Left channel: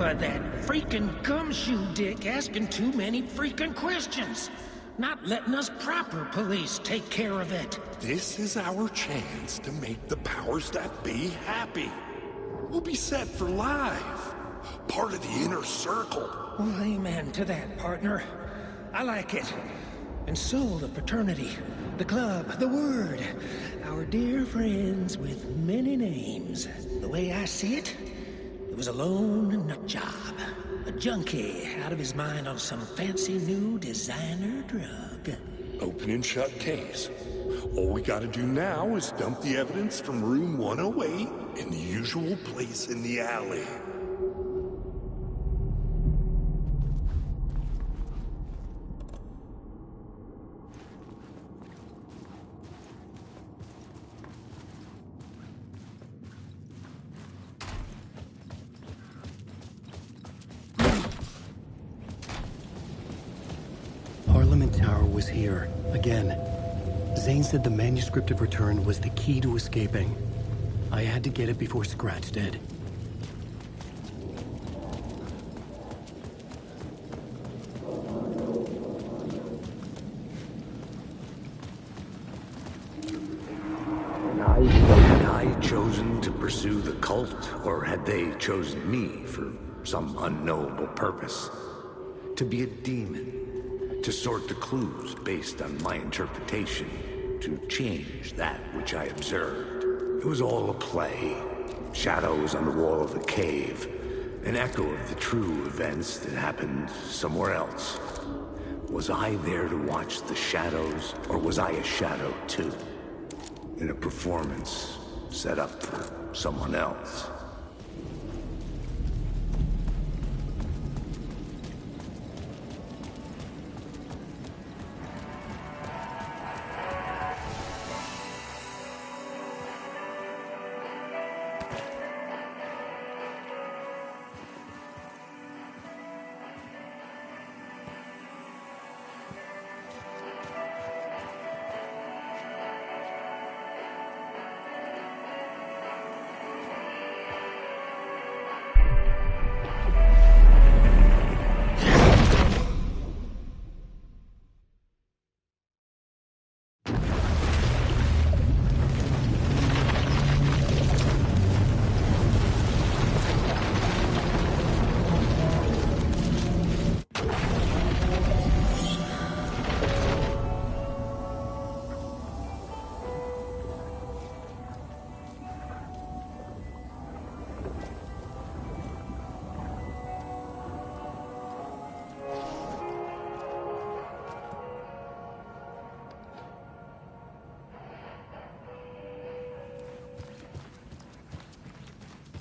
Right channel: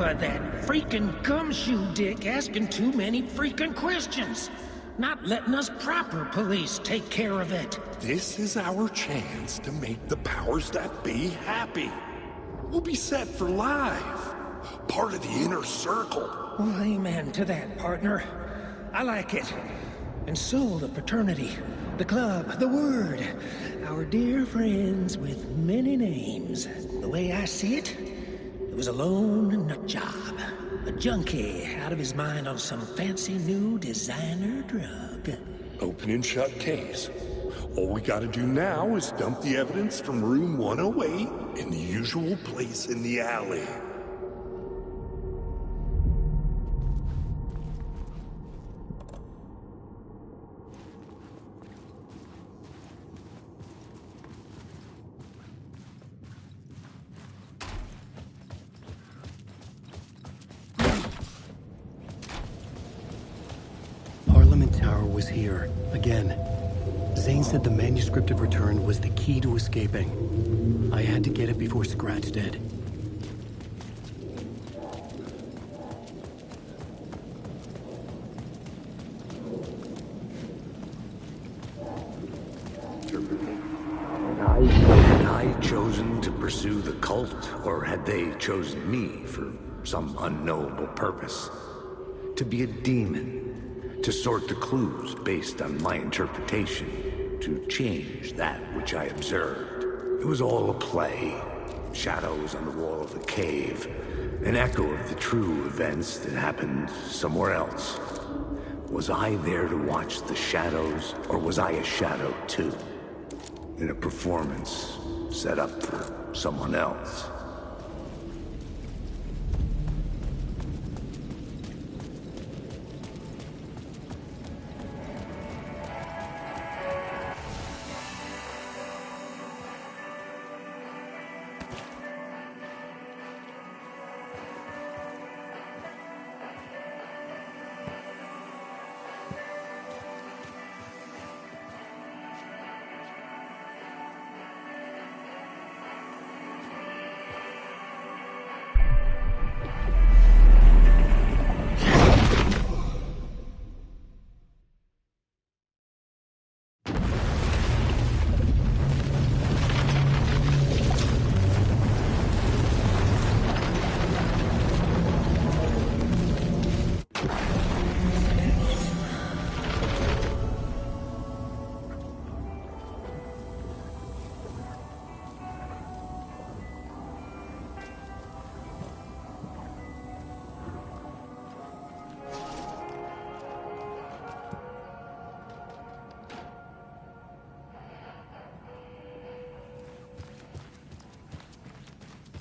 of that freaking gumshoe dick asking too many freaking questions. Not letting us proper police take care of it. This is our chance to make the powers that be happy. We'll be set for life. Part of the inner circle. Well, amen to that, partner. I like it. And so the fraternity, the club, the word. Our dear friends with many names. The way I see it, it was a lone nut job. A junkie out of his mind on some fancy new designer drug. Open and shut case. All we gotta do now is dump the evidence from room 108 in the usual place in the alley. Parliament Tower was here, again. Zane said the manuscript of return was the key to escaping. I had to get it before Scratch did. Had I chosen to pursue the cult, or had they chosen me for some unknowable purpose? To be a demon, to sort the clues based on my interpretation, to change that which I observed. It was all a play. Shadows on the wall of the cave, an echo of the true events that happened somewhere else. Was I there to watch the shadows, or was I a shadow too? In a performance set up for someone else.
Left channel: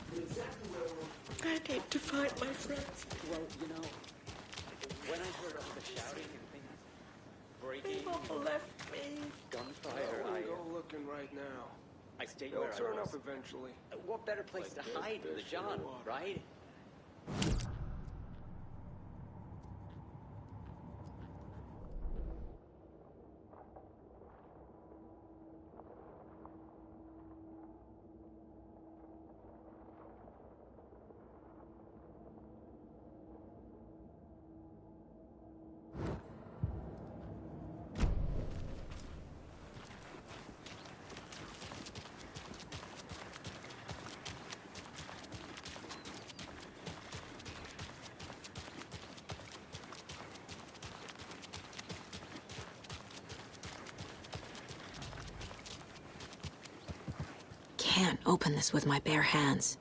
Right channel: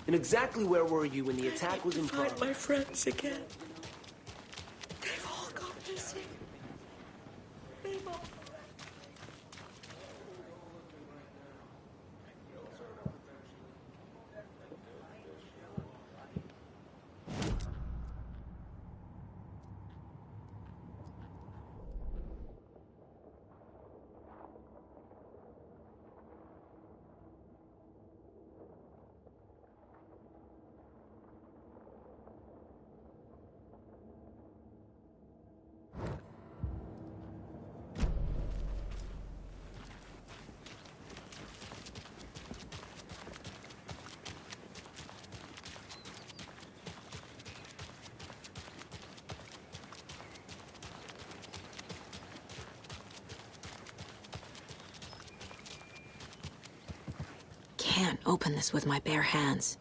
And exactly where were you when the attack was in find progress? my friends again. Well, you know, They've all gone missing. They both left me. We'll go looking right now. They'll turn up eventually. what better place to hide than the John, right? Can't open this with my bare hands.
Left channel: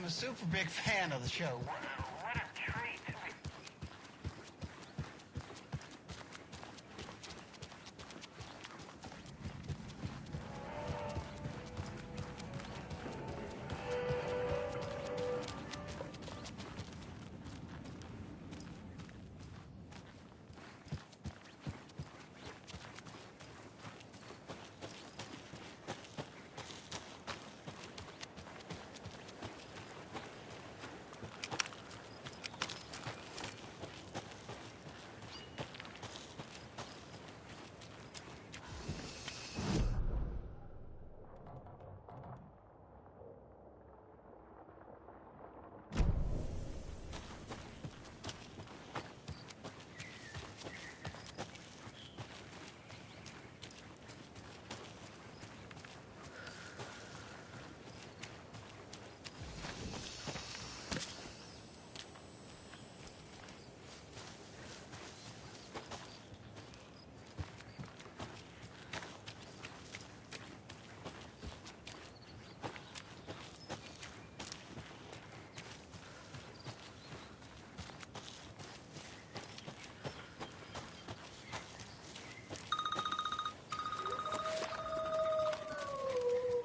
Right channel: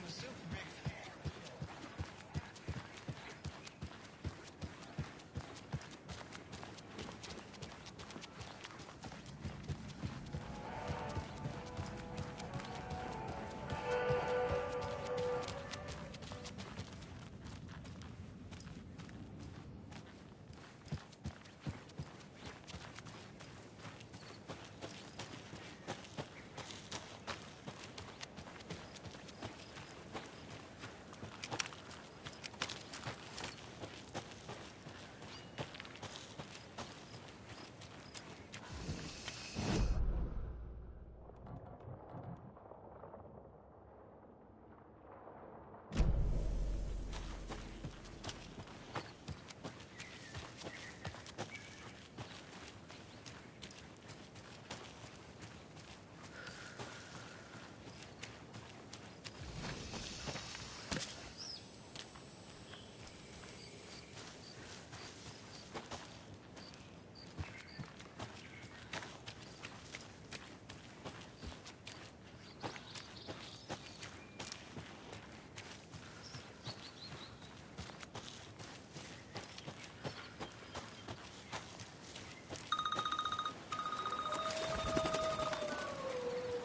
I'm a super big fan of the show. What a treat.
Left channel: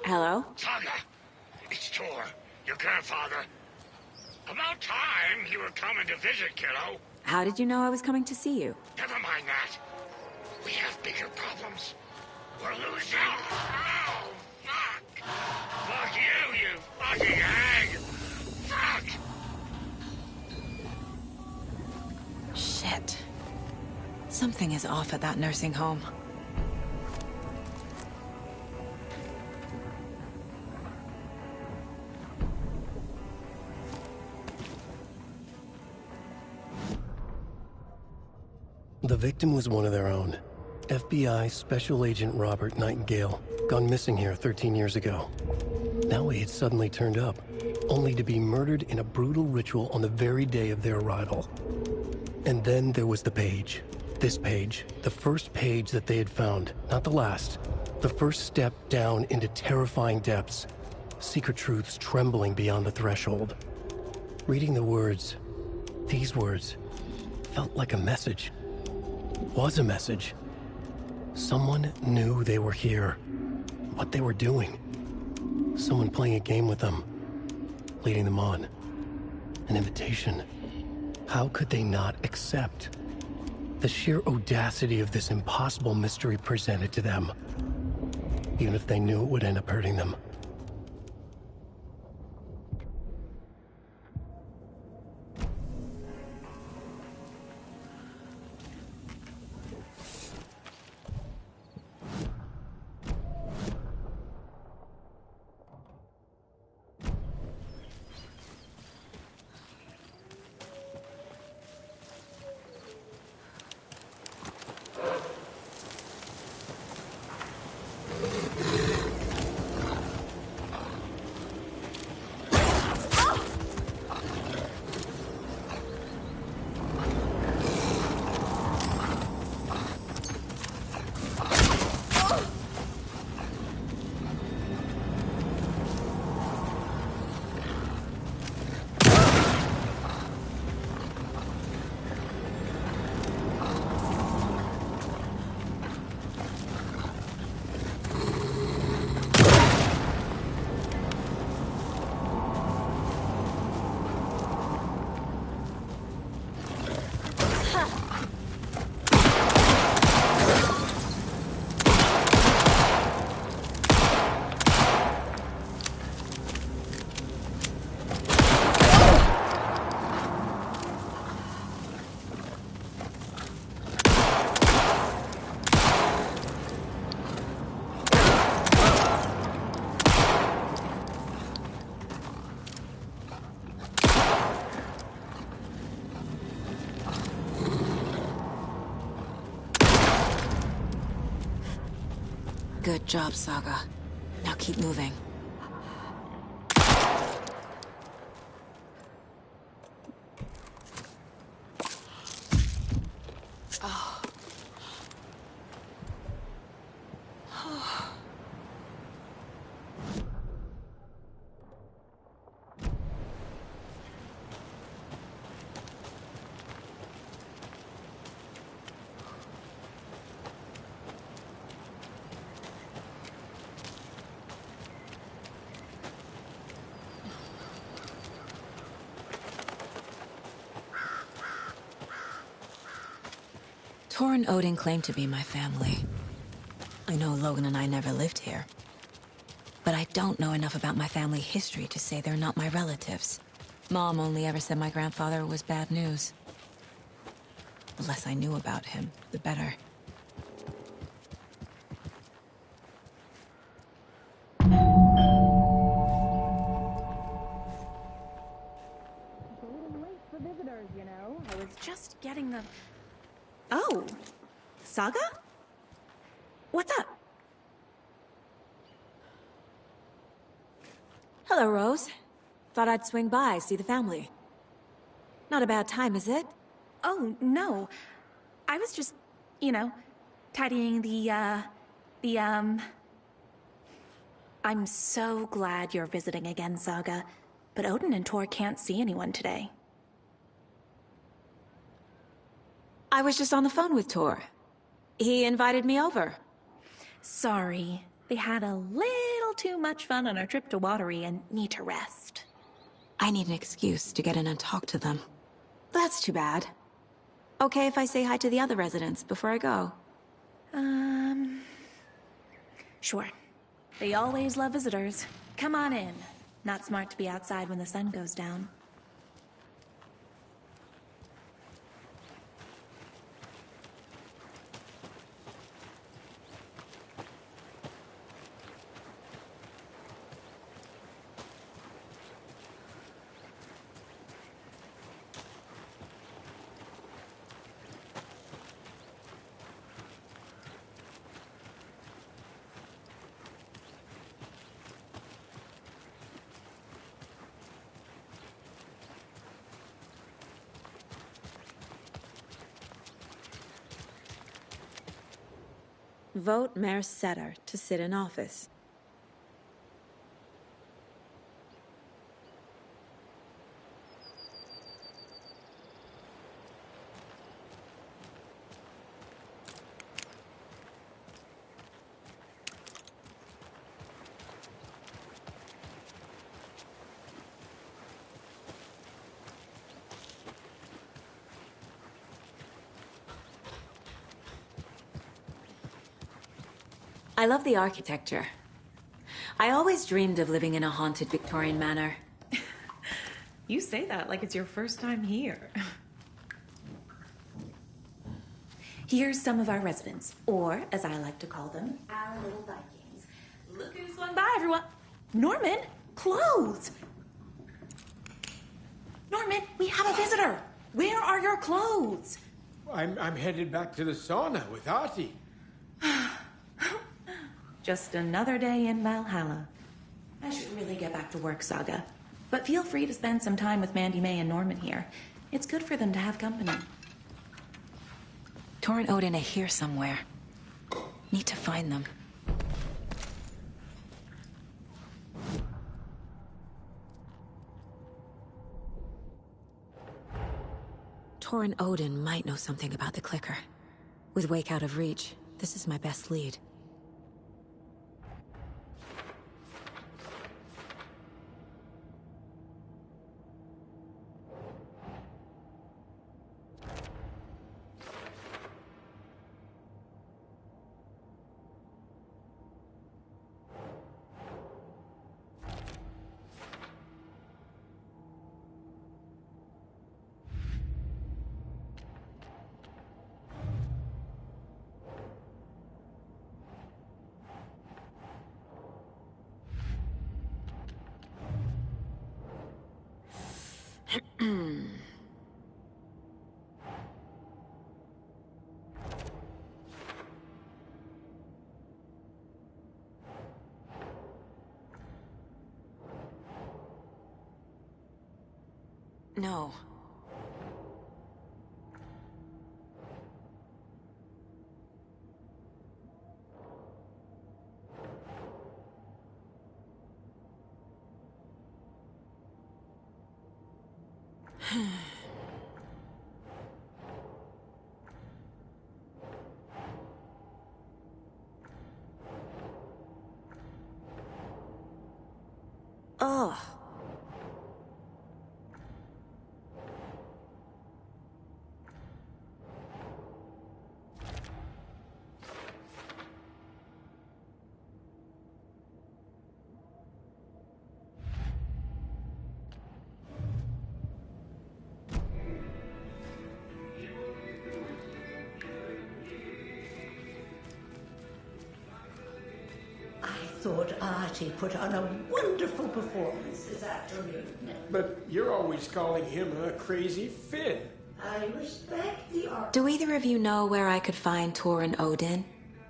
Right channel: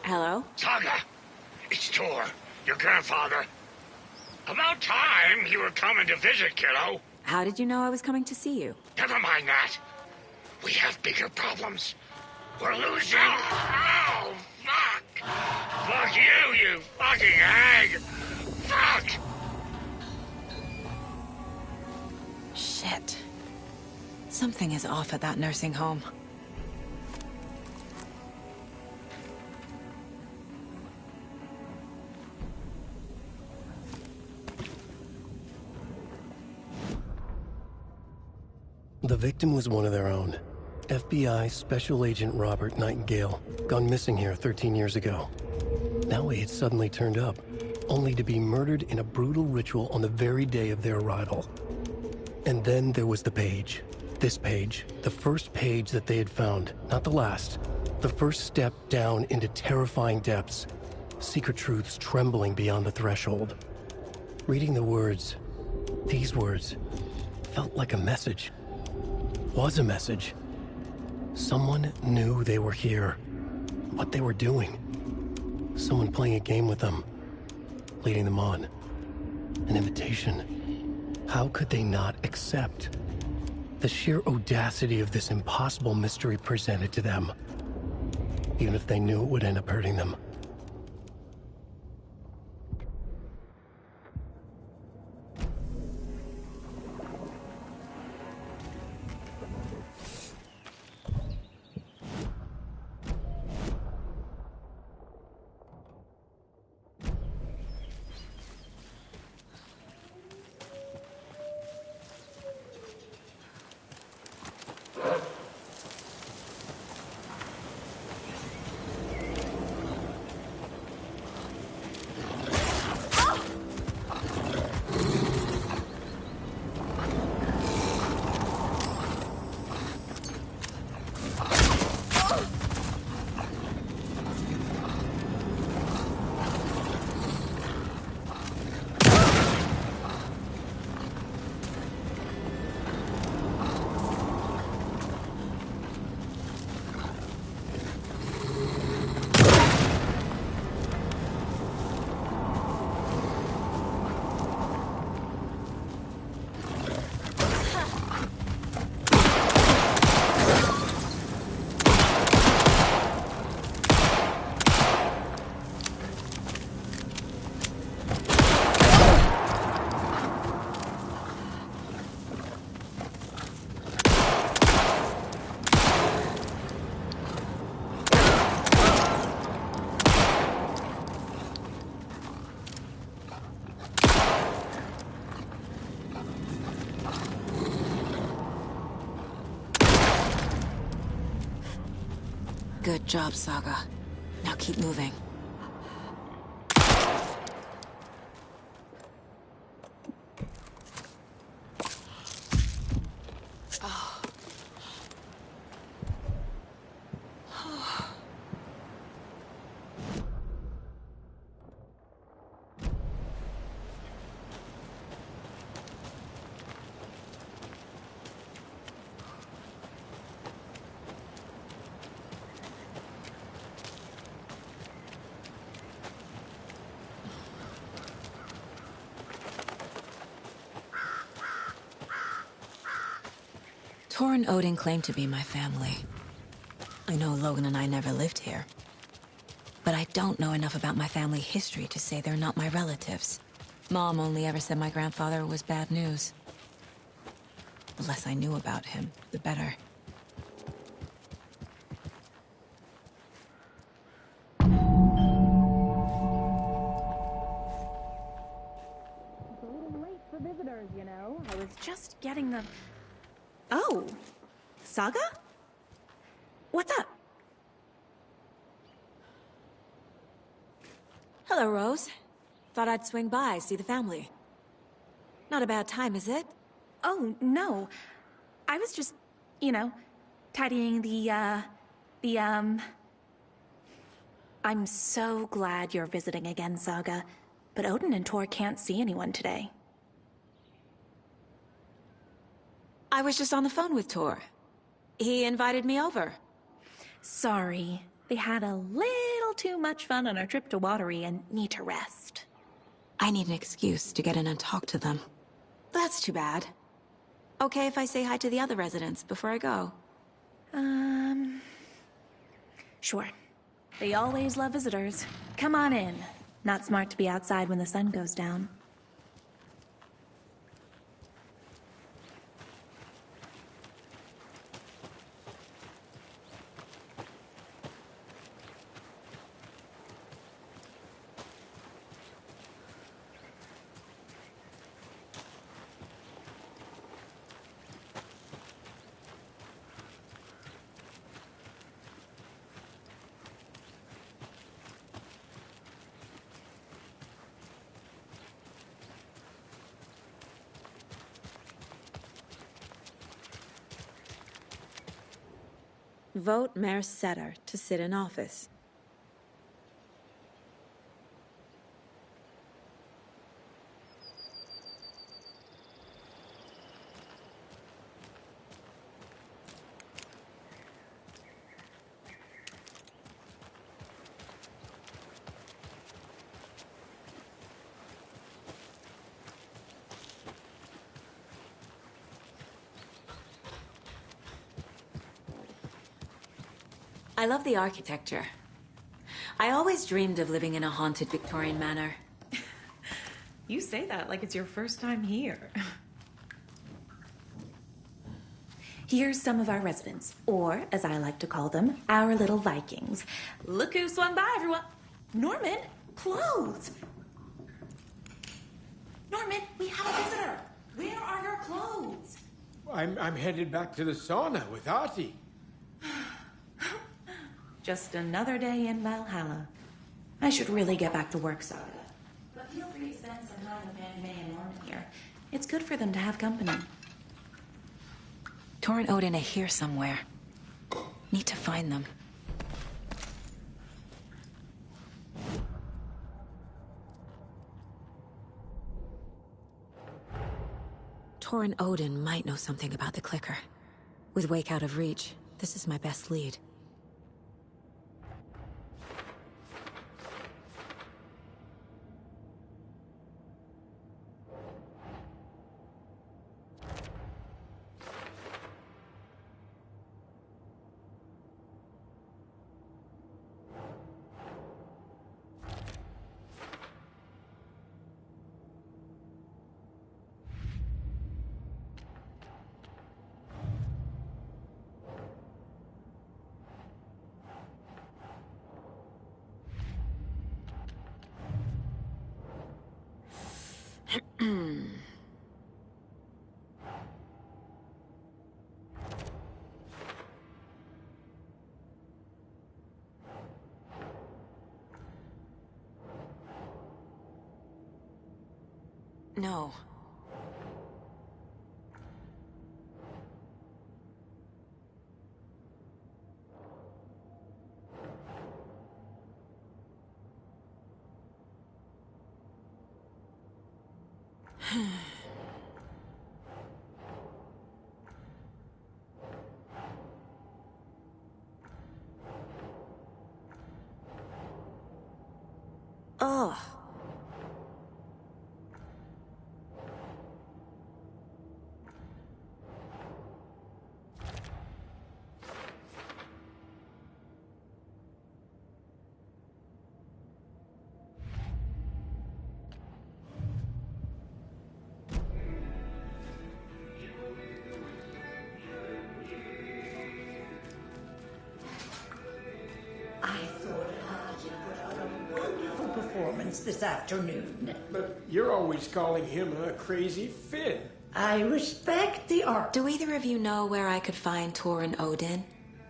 Hello? Saga, it's Tor, your grandfather. About time you were coming to visit, kiddo. How did you know I was coming to see you? Never mind that. We have bigger problems. We're losing. Oh, fuck. Fuck you, you fucking hag. Fuck. Shit. Something is off at that nursing home. The victim was one of their own. FBI Special Agent Robert Nightingale, gone missing here 13 years ago. Now he had suddenly turned up, only to be murdered in a brutal ritual on the very day of their arrival. And then there was the page. This page, the first page that they had found, not the last. The first step down into terrifying depths. Secret truths trembling beyond the threshold. Reading the words, these words, felt like a message. Was a message. Someone knew they were here, what they were doing. Someone playing a game with them, leading them on. An invitation. How could they not accept? The sheer audacity of this impossible mystery presented to them, even if they knew it would end up hurting them. Good job, Saga. Now keep moving. Tor and Odin claim to be my family. I know Logan and I never lived here. But I don't know enough about my family history to say they're not my relatives. Mom only ever said my grandfather was bad news. The less I knew about him, the better. It's a little late for visitors, you know. I was just getting the... Oh, Saga? What's up? Hello, Rose. Thought I'd swing by, see the family. Not a bad time, is it? Oh, no. I was just, you know, tidying I'm so glad you're visiting again, Saga. But Odin and Tor can't see anyone today. I was just on the phone with Tor. He invited me over. Sorry. They had a little too much fun on our trip to Watery and need to rest. I need an excuse to get in and talk to them. That's too bad. Okay if I say hi to the other residents before I go? Sure. They always love visitors. Come on in. Not smart to be outside when the sun goes down. Vote Mayor Setter to sit in office. I love the architecture. I always dreamed of living in a haunted Victorian manor. You say that like it's your first time here. Here's some of our residents, or as I like to call them, our little Vikings. Look who swung by, everyone. Norman, clothes. Norman, we have a visitor. Where are your clothes? I'm headed back to the sauna with Artie. Just another day in Valhalla. I should really get back to work, Saga. But feel free to spend some time with Mandy May and Norman here. It's good for them to have company. Tor and Odin are here somewhere. Need to find them. Tor and Odin might know something about the clicker. With Wake out of reach, this is my best lead. No. Oh. I thought Artie put on a wonderful performance this afternoon. But you're always calling him a crazy Finn. I respect the art. Do either of you know where I could find Tor and Odin?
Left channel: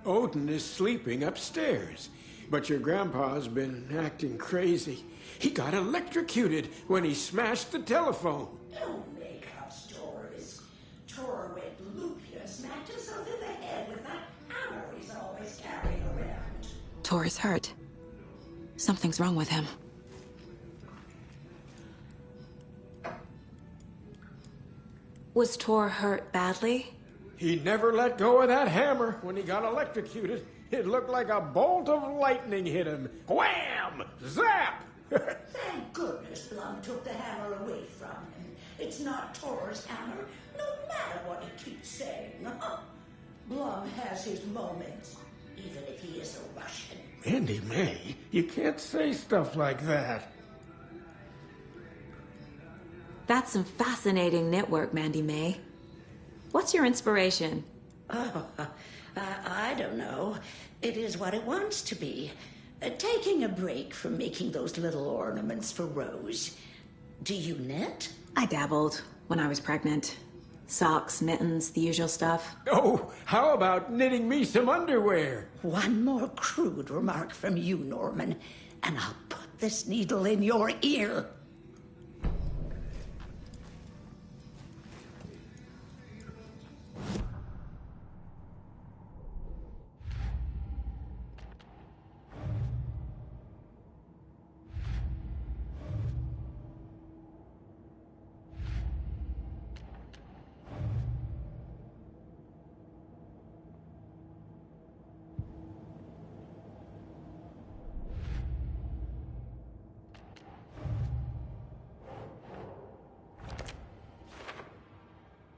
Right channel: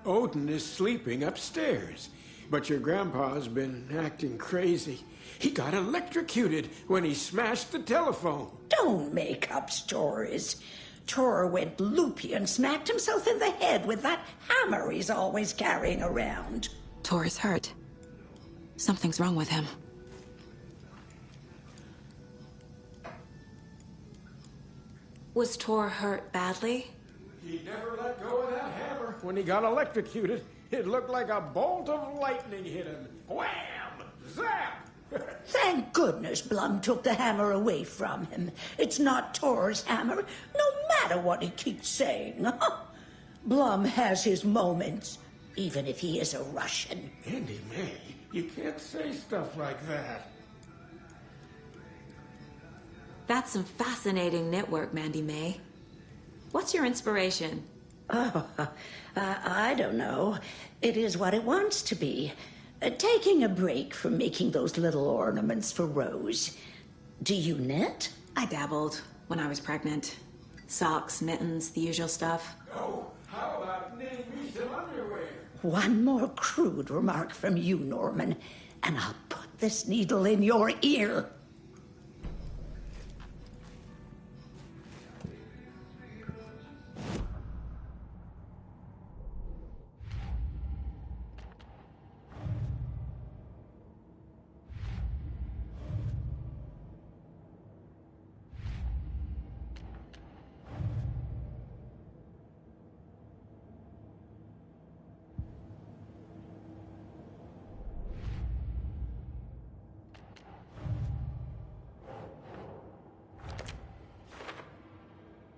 Odin is sleeping upstairs, but your grandpa's been acting crazy. He got electrocuted when he smashed the telephone. Don't make up stories. Tor went loopy and smacked himself in the head with that hammer he's always carrying around. Tor is hurt. Something's wrong with him. Was Tor hurt badly? He never let go of that hammer when he got electrocuted. It looked like a bolt of lightning hit him. Wham! Zap! Thank goodness Blum took the hammer away from him. It's not Tor's hammer, no matter what he keeps saying. Blum has his moments, even if he is a Russian. Mandy May, you can't say stuff like that. That's some fascinating knitwork, Mandy May. What's your inspiration? Oh, I don't know. It is what it wants to be. Taking a break from making those little ornaments for Rose. Do you knit? I dabbled when I was pregnant. Socks, mittens, the usual stuff. Oh, how about knitting me some underwear? One more crude remark from you, Norman, and I'll put this needle in your ear.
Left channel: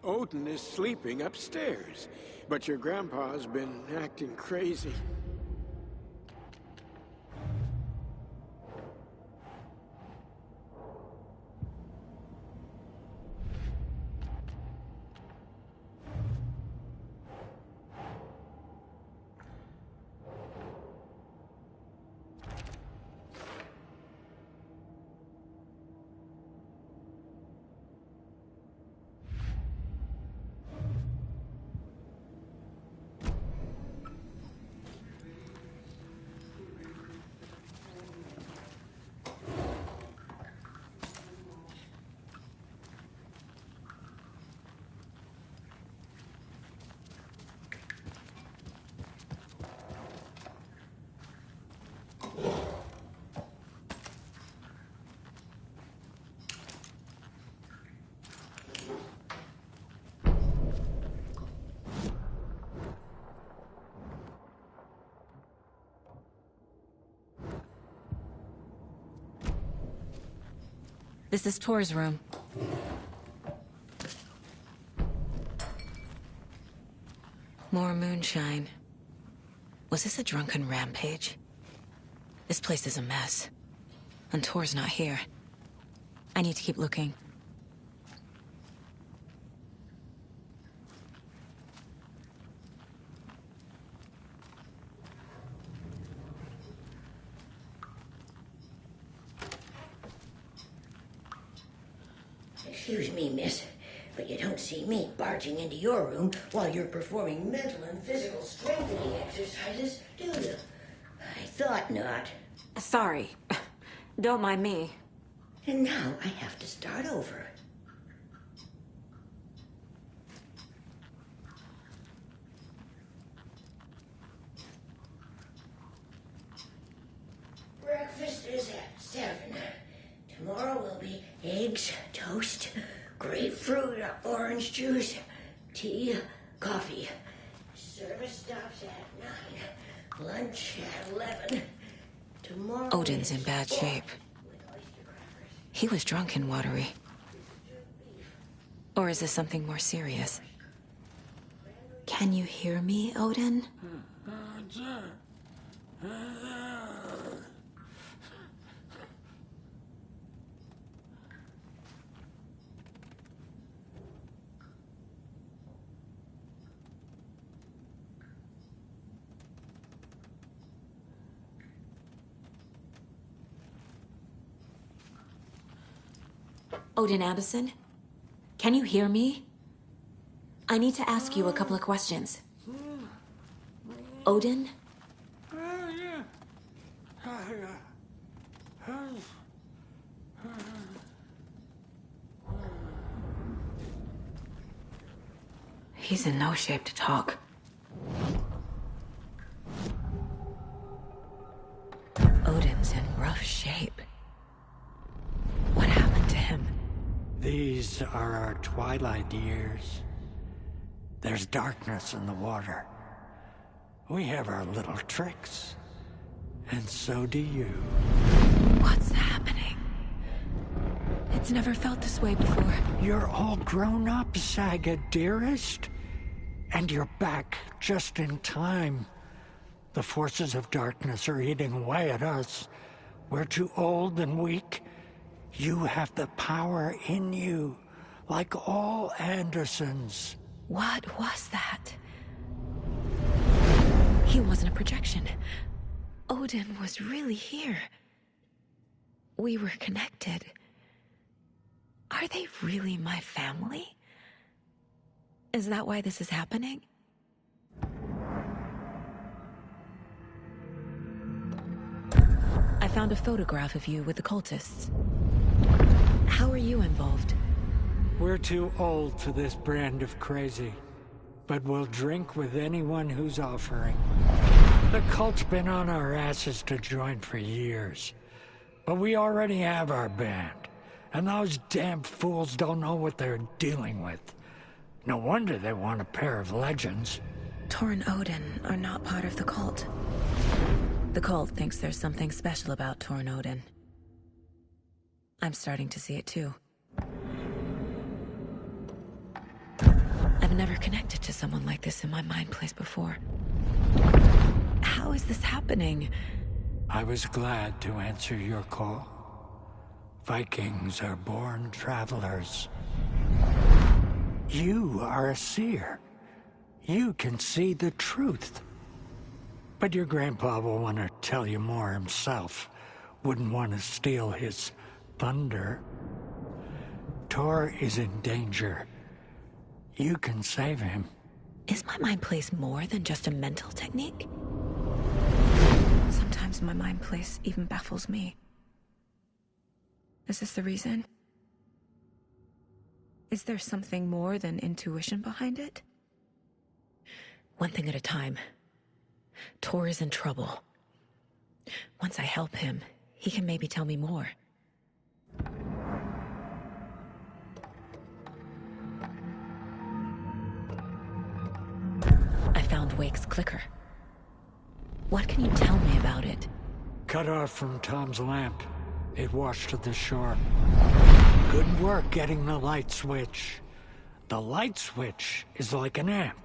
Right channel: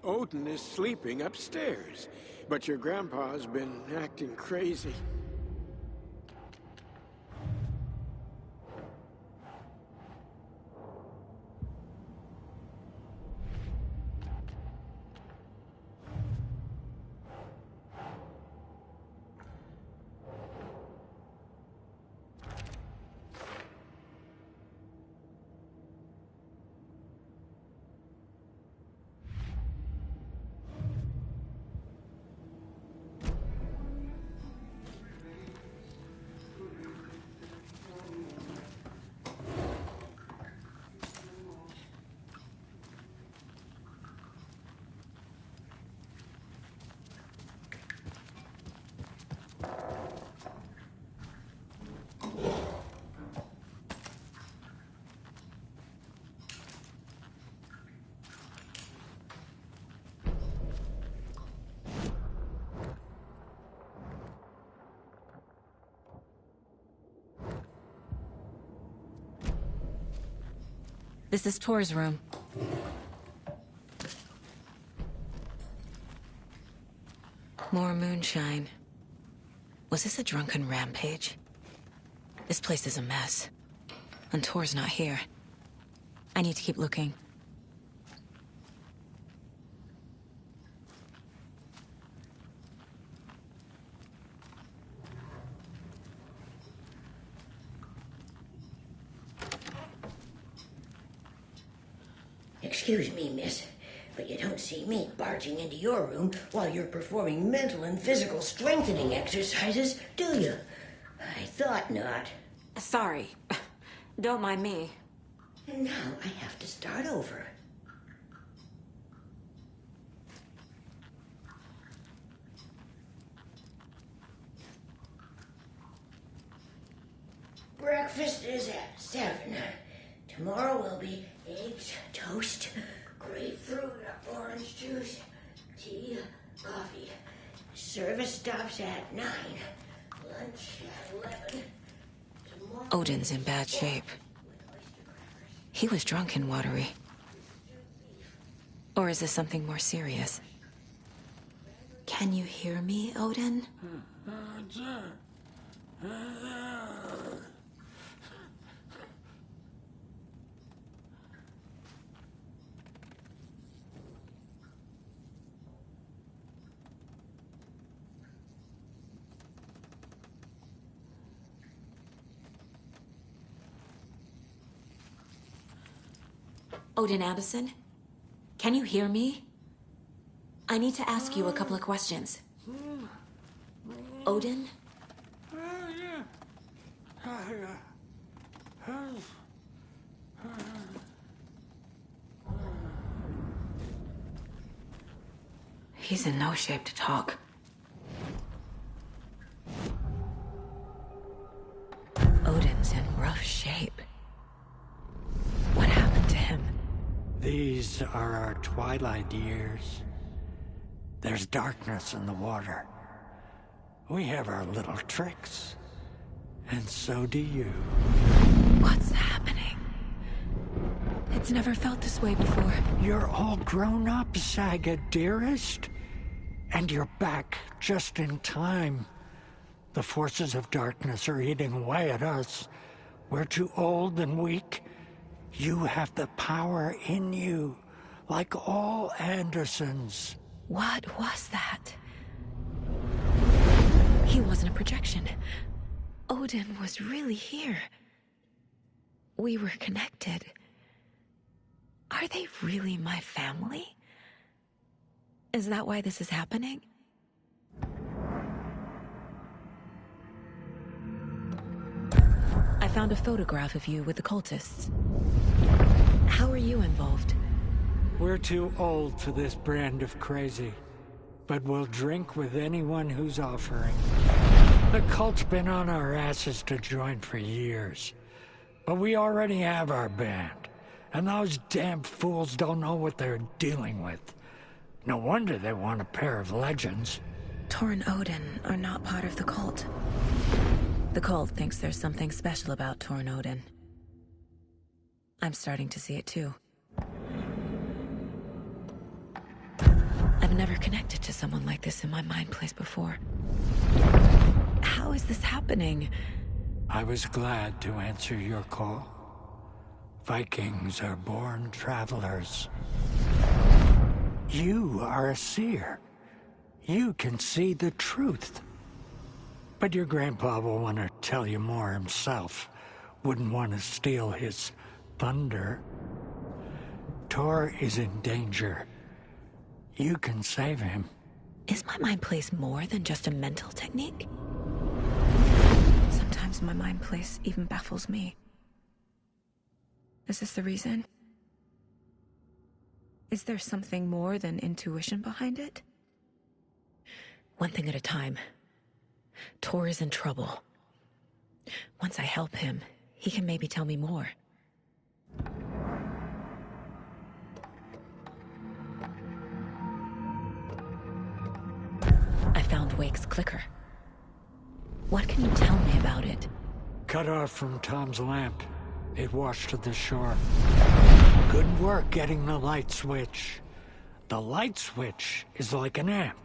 Odin is sleeping upstairs, but your grandpa's been acting crazy. This is Tor's room. More moonshine. Was this a drunken rampage? This place is a mess. And Tor's not here. I need to keep looking. Excuse me, miss, but you don't see me barging into your room while you're performing mental and physical strengthening exercises, do you? I thought not. Sorry. Don't mind me. And now I have to start over. Breakfast is at 7. Tomorrow will be eggs, toast, grapefruit, orange juice, tea, coffee. Service stops at 9. Lunch at 11. Tomorrow... Odin's in bad shape. He was drunk and watery. Or is this something more serious? Can you hear me, Odin? Odin Anderson? Can you hear me? I need to ask you a couple of questions. Odin? He's in no shape to talk. Odin's in rough shape. What happened to him? These are our twilight years. There's darkness in the water. We have our little tricks. And so do you. What's happening? It's never felt this way before. You're all grown up, Saga, dearest. And you're back just in time. The forces of darkness are eating away at us. We're too old and weak. You have the power in you, like all Andersons. What was that? He wasn't a projection. Odin was really here. We were connected. Are they really my family? Is that why this is happening? I found a photograph of you with the cultists. How are you involved? We're too old for this brand of crazy, but we'll drink with anyone who's offering. The cult's been on our asses to join for years, but we already have our band, and those damn fools don't know what they're dealing with. No wonder they want a pair of legends. Tor and Odin are not part of the cult. The cult thinks there's something special about Tor and Odin. I'm starting to see it too. I've never connected to someone like this in my mind place before. How is this happening? I was glad to answer your call. Vikings are born travelers. You are a seer. You can see the truth. But your grandpa will want to tell you more himself. Wouldn't want to steal his thunder. Tor is in danger. You can save him. Is my mind place more than just a mental technique? Sometimes my mind place even baffles me. Is this the reason? Is there something more than intuition behind it? One thing at a time. Tor is in trouble. Once I help him, he can maybe tell me more. I found Wake's clicker. What can you tell me about it? Cut off from Tom's lamp. It washed to the shore. Good work getting the light switch. The light switch is like an amp.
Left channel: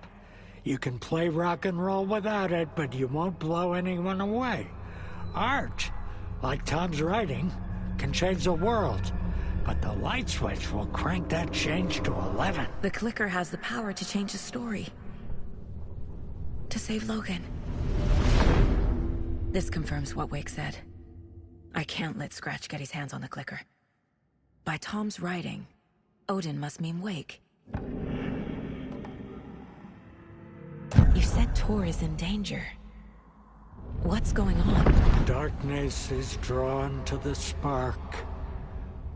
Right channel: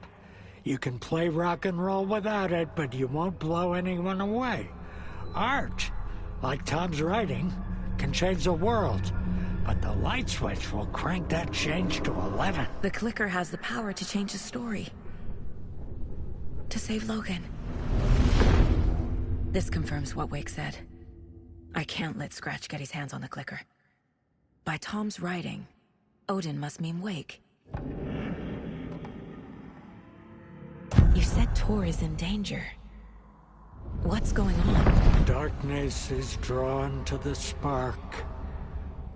You can play rock and roll without it, but you won't blow anyone away. Art, like Tom's writing, can change the world. But the light switch will crank that change to 11. The clicker has the power to change the story. To save Logan. This confirms what Wake said. I can't let Scratch get his hands on the clicker. By Tom's writing, Odin must mean Wake. You said Tor is in danger. What's going on? Darkness is drawn to the spark.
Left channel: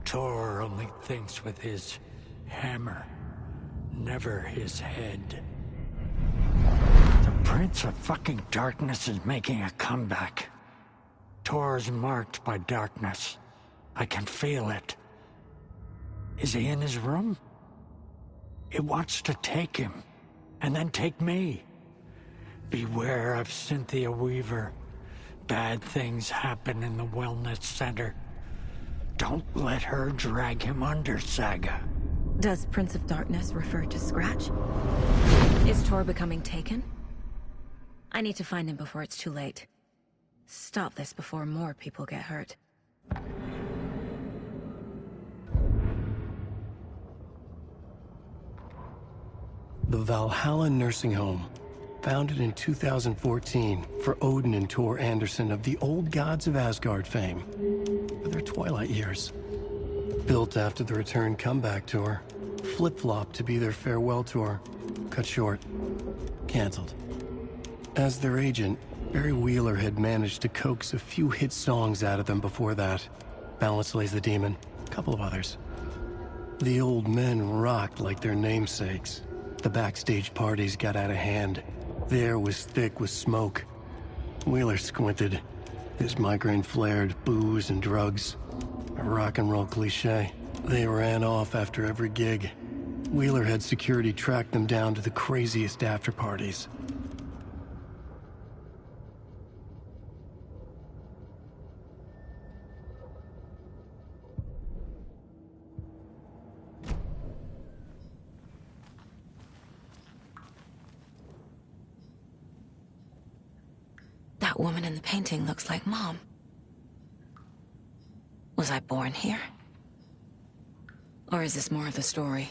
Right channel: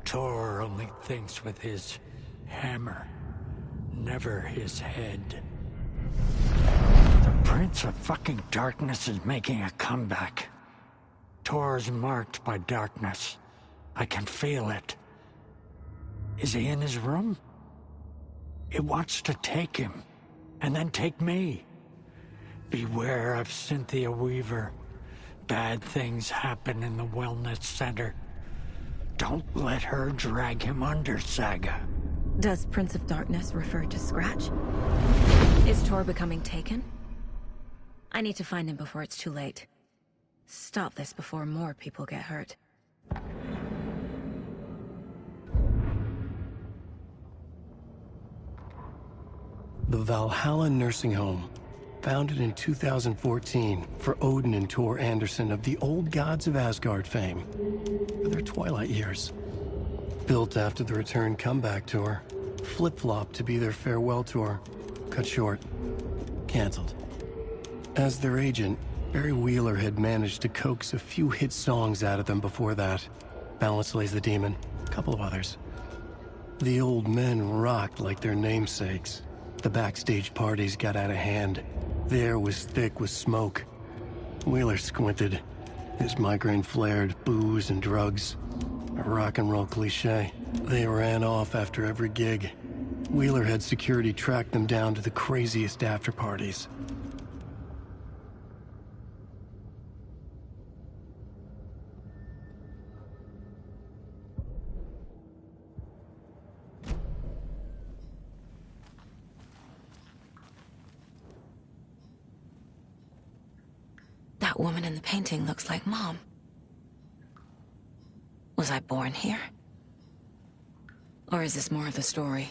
Tor only thinks with his hammer, never his head. The Prince of fucking Darkness is making a comeback. Tor's marked by darkness. I can feel it. Is he in his room? It wants to take him, and then take me. Beware of Cynthia Weaver. Bad things happen in the wellness center. Don't let her drag him under, Saga. Does Prince of Darkness refer to Scratch? Is Tor becoming taken? I need to find him before it's too late. Stop this before more people get hurt. The Valhalla Nursing Home, founded in 2014 for Odin and Tor Anderson of the Old Gods of Asgard fame, for their twilight years. Built after the return comeback tour, flip-flopped to be their farewell tour, cut short, canceled. As their agent, Barry Wheeler had managed to coax a few hit songs out of them before that. Balance Lays the Demon, a couple of others. The old men rocked like their namesakes. The backstage parties got out of hand. The air was thick with smoke. Wheeler squinted. His migraine flared, booze and drugs. A rock and roll cliche. They ran off after every gig. Wheeler had security track them down to the craziest after parties. That woman in the painting looks like Mom. Was I born here? Or is this more of the story?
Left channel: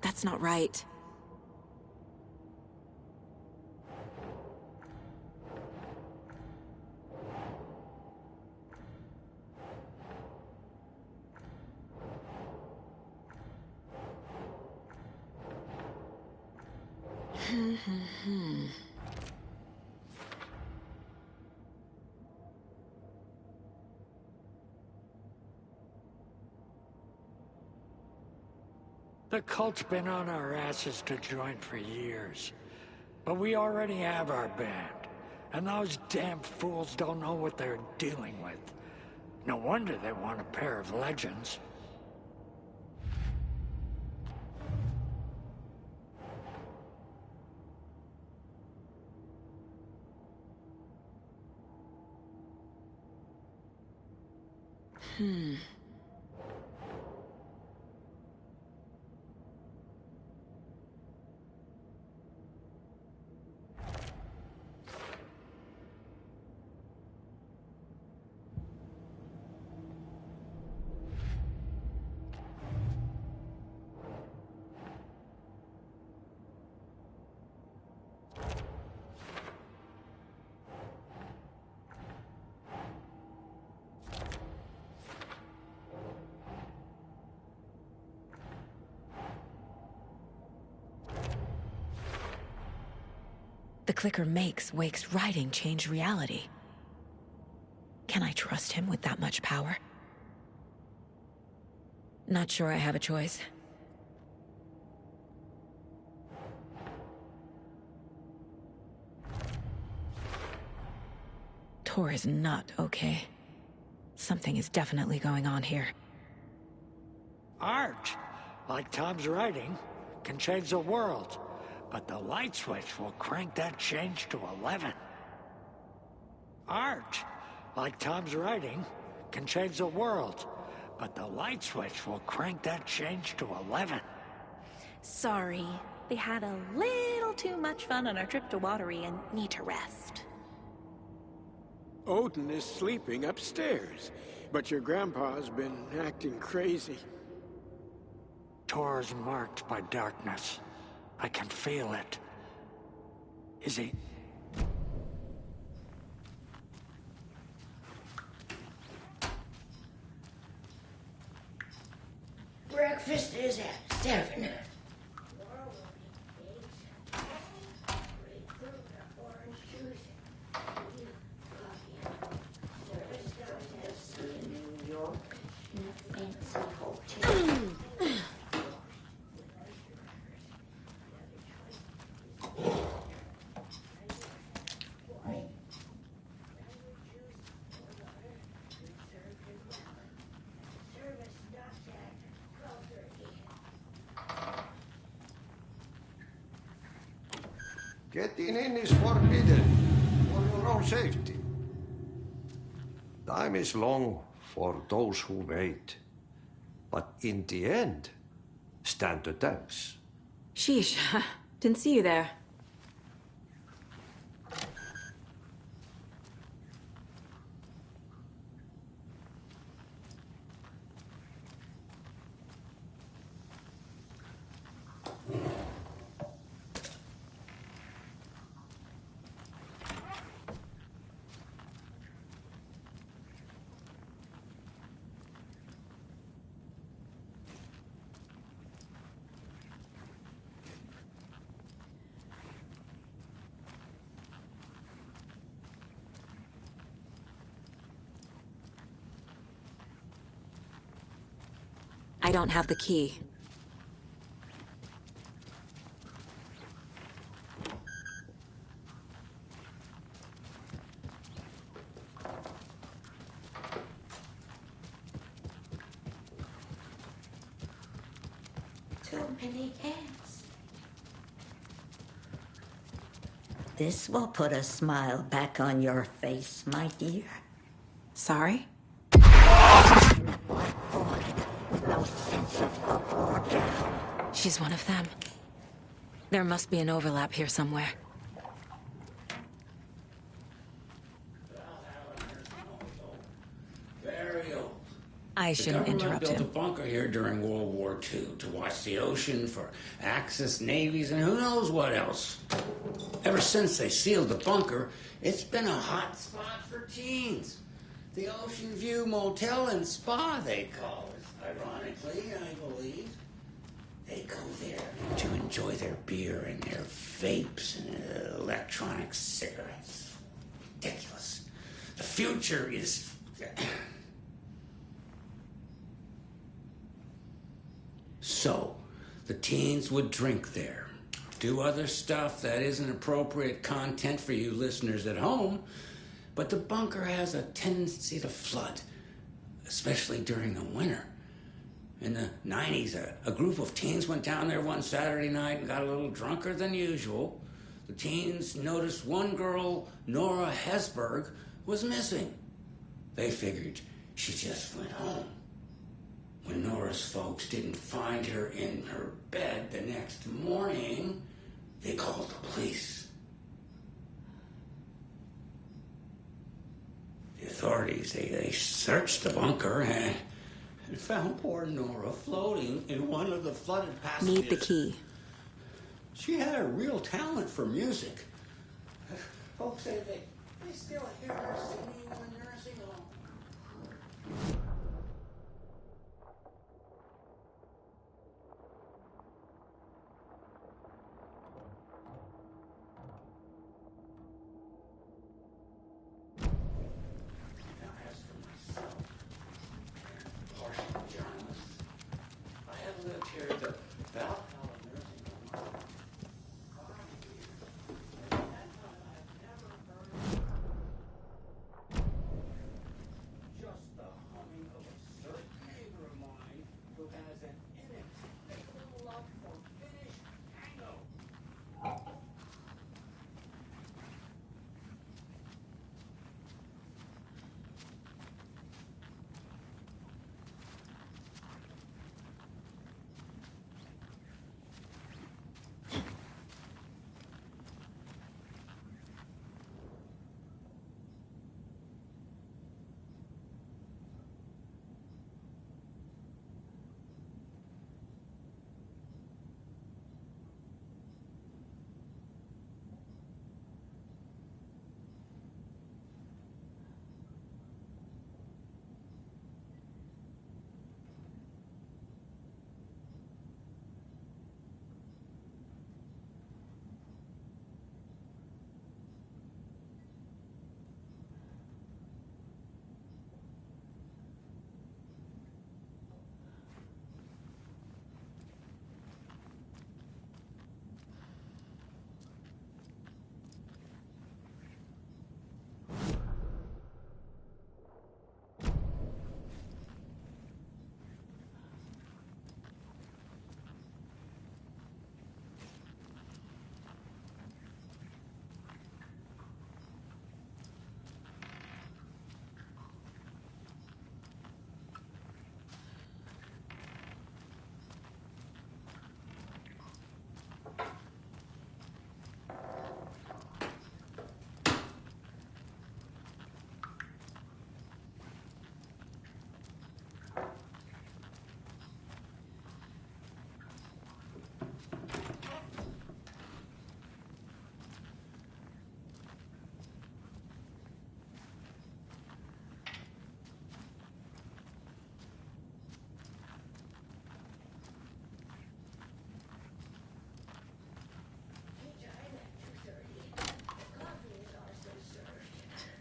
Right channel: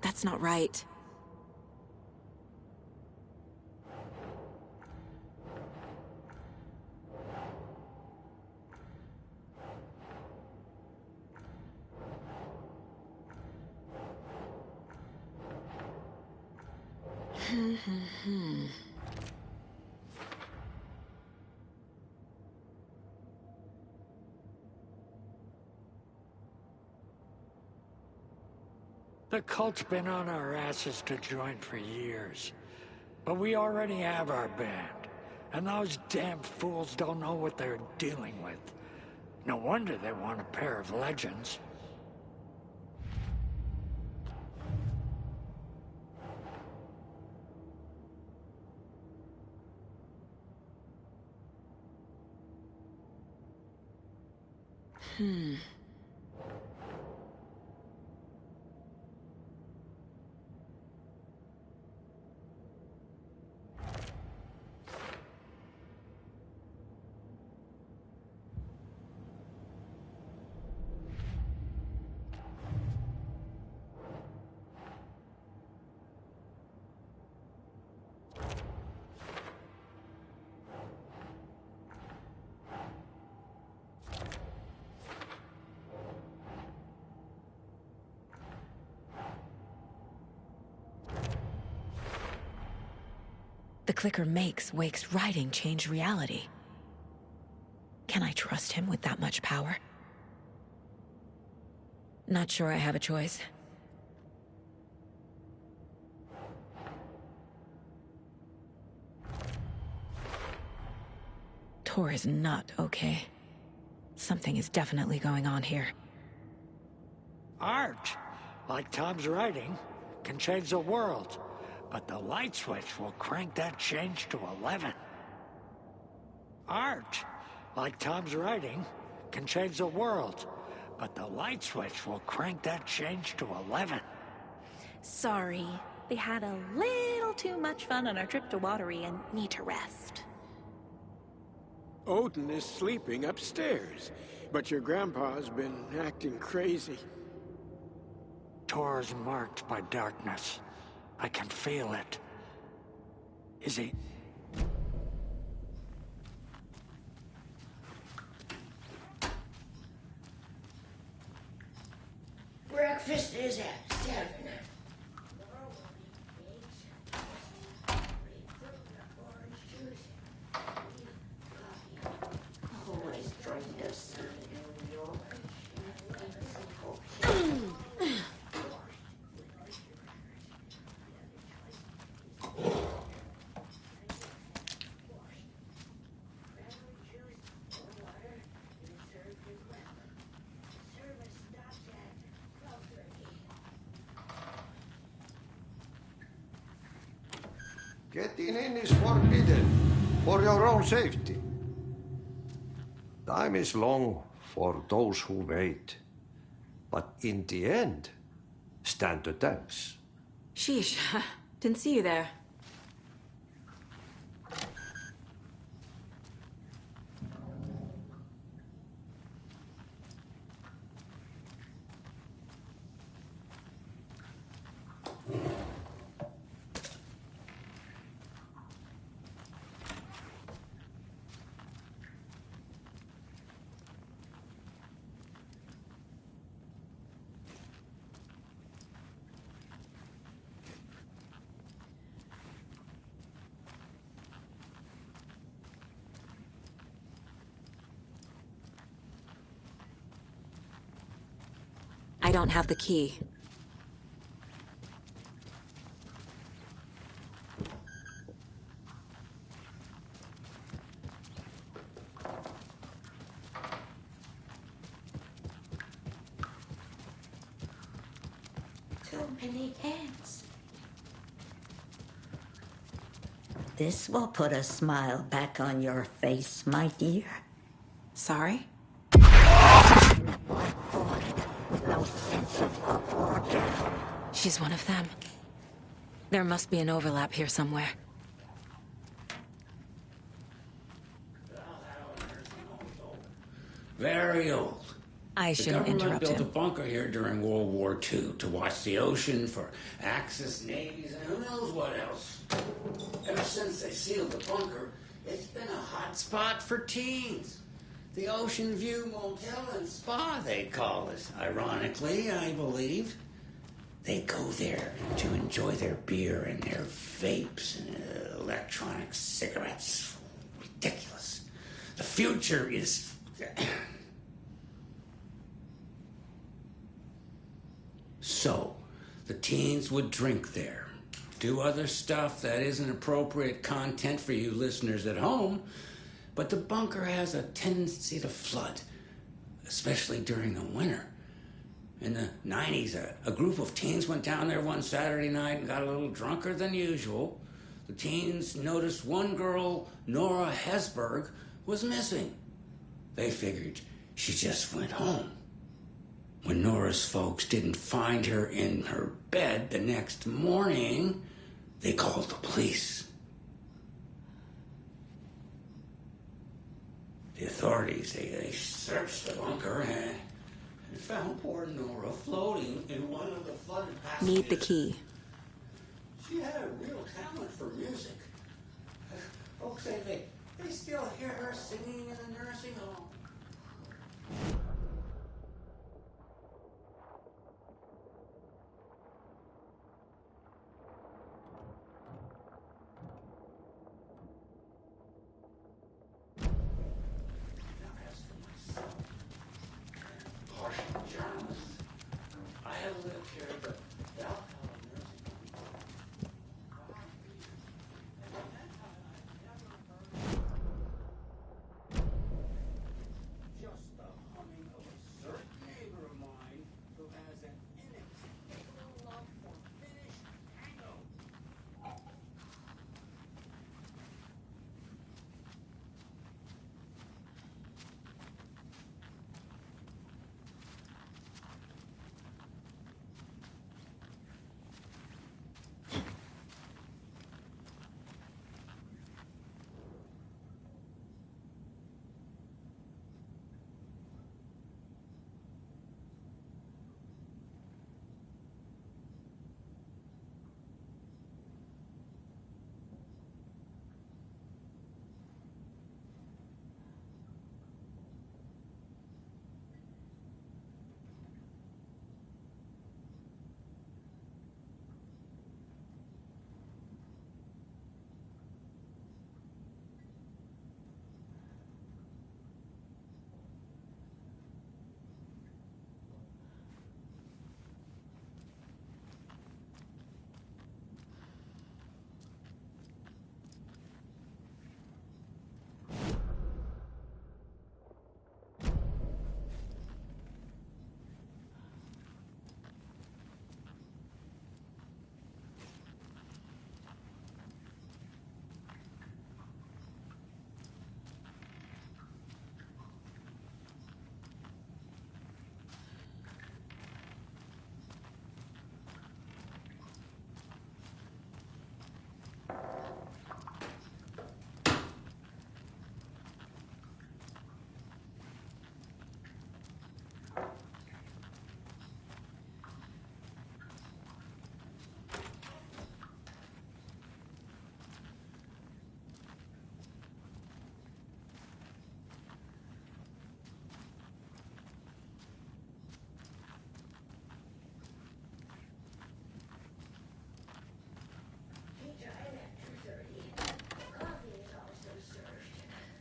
That's not right. The cult's been on our asses to join for years. But we already have our band. And those damn fools don't know what they're dealing with. No wonder they want a pair of legends. The clicker makes Wake's writing change reality. Can I trust him with that much power? Not sure I have a choice. Tor is not okay. Something is definitely going on here. Art, like Tom's writing, can change the world. But the light switch will crank that change to 11. Art, like Tom's writing, can change the world. But the light switch will crank that change to 11. Sorry. They had a little too much fun on our trip to Watery and need to rest. Odin is sleeping upstairs, but your grandpa's been acting crazy. Tor's marked by darkness. I can feel it. Is he... Breakfast is at 7. Getting in is forbidden, for your own safety. Time is long for those who wait. But in the end, stand the test. Sheesh, didn't see you there. I don't have the key. Too many hands. This will put a smile back on your face, my dear. Sorry? No sense of proportion. She's one of them. There must be an overlap here somewhere. Very old. I shouldn't interrupt The government built him. a bunker here during World War II to watch the ocean for Axis navies and who knows what else. Ever since they sealed the bunker, it's been a hot spot for teens. The Ocean View Motel and Spa, they call it. Ironically, I believe. They go there to enjoy their beer and their vapes and electronic cigarettes. Ridiculous. The future is... So, the teens would drink there, do other stuff that isn't appropriate content for you listeners at home, but the bunker has a tendency to flood, especially during the winter. In the 90s, a group of teens went down there one Saturday night and got a little drunker than usual. The teens noticed one girl, Nora Hesberg, was missing. They figured she just went home. When Nora's folks didn't find her in her bed the next morning, they called the police. The authorities, they searched the bunker and found poor Nora floating in one of the flooded passages. Need the key. She had a real talent for music. Folks say they still hear her singing in the nursing home.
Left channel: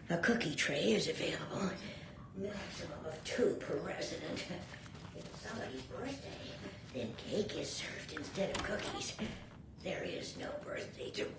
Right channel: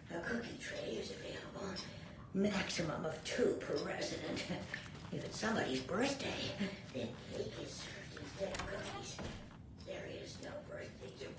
A cookie tray is available. Maximum of 2 per resident. If it's somebody's birthday, then cake is served instead of cookies. There is no birthday tomorrow.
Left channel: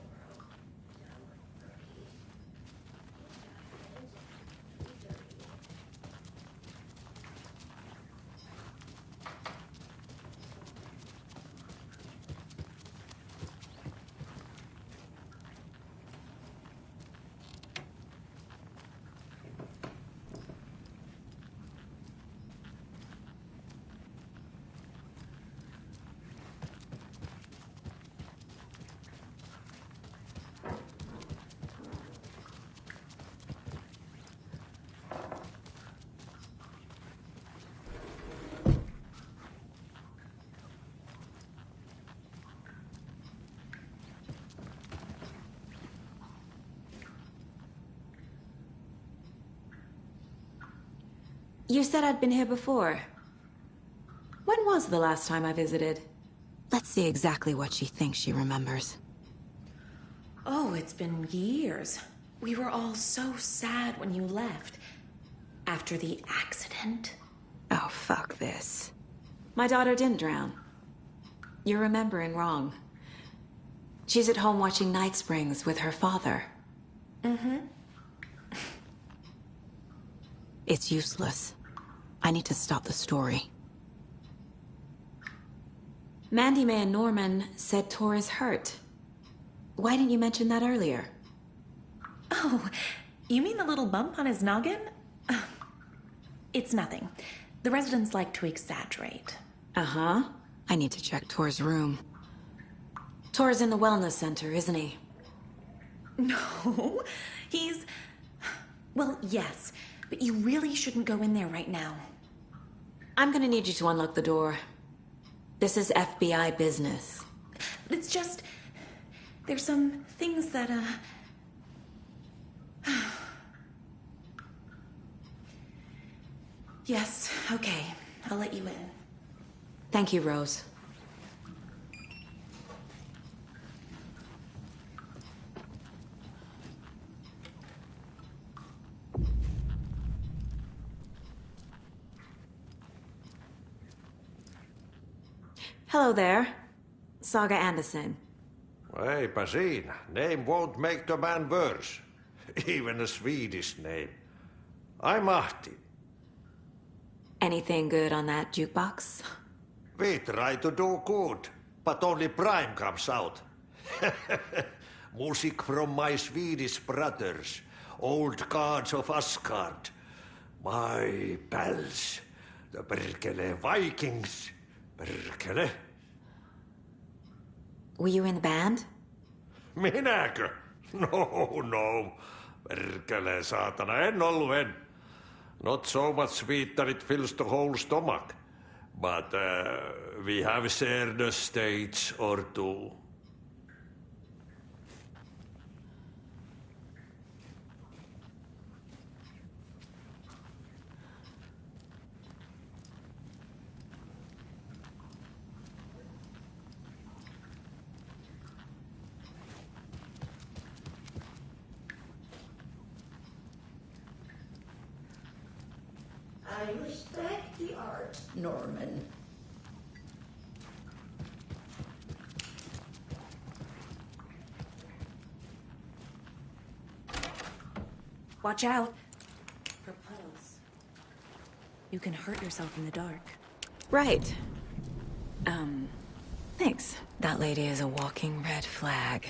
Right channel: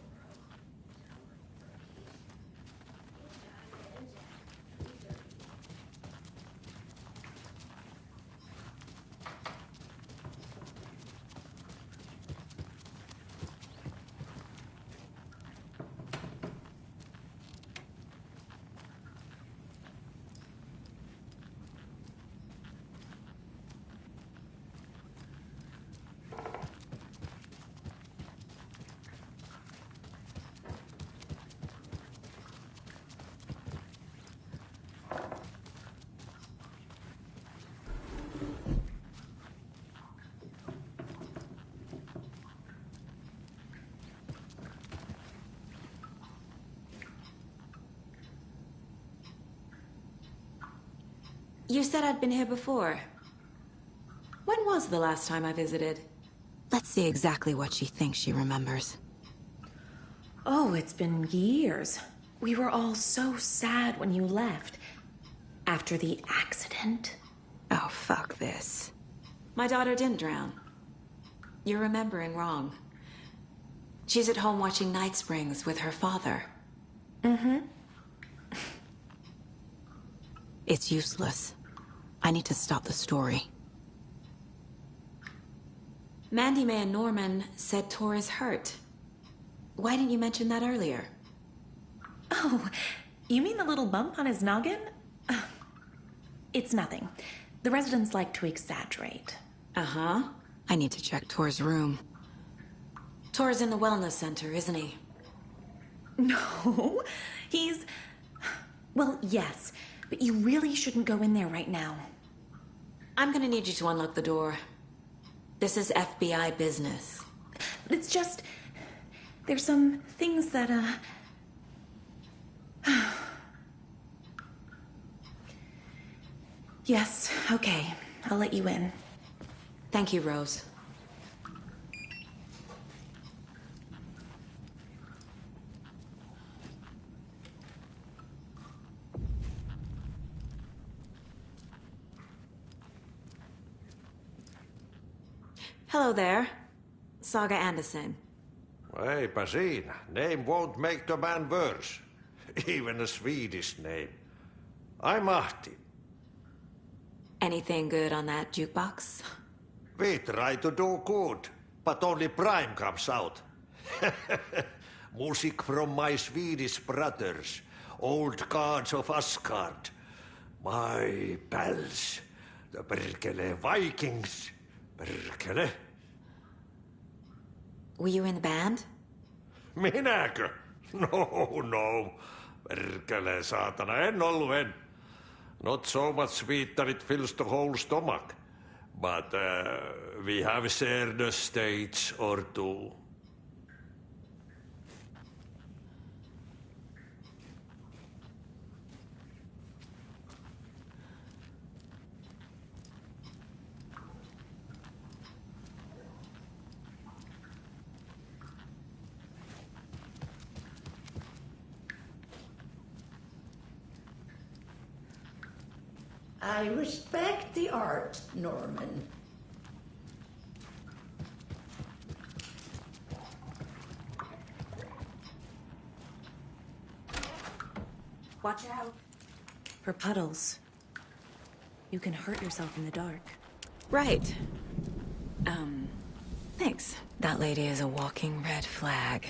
You said I'd been here before. When was the last time I visited? Let's see exactly what she thinks she remembers. Oh, it's been years. We were all so sad when you left. After the accident. Oh, fuck this. My daughter didn't drown. You're remembering wrong. She's at home watching Night Springs with her father. Mm-hmm. It's useless. I need to stop the story. Mandy May and Norman said Tor is hurt. Why didn't you mention that earlier? Oh, you mean the little bump on his noggin? It's nothing. The residents like to exaggerate. Uh-huh. I need to check Tor's room. Tor's in the wellness center, isn't he? No, he's... Well, yes, but you really shouldn't go in there right now. I'm gonna need you to unlock the door. This is FBI business. It's just... There's some things that, Yes, okay. I'll let you in. Thank you, Rose. Hello there. Saga Anderson. Eipä siinä. Name won't make the man worse. Even a Swedish name. I'm Ahti. Anything good on that jukebox? We try to do good, but only Prime comes out. Music from my Swedish brothers, old gods of Asgard. My pals, the Perkele Vikings. Perkele. Were you in the band? Minäkö? No. Perkele, saatana, en ollut en. Not so much sweet that it fills the whole stomach. But we have shared a stage or two. I respect the art, Norman. Watch out for puddles. You can hurt yourself in the dark. Right. Thanks. That lady is a walking red flag.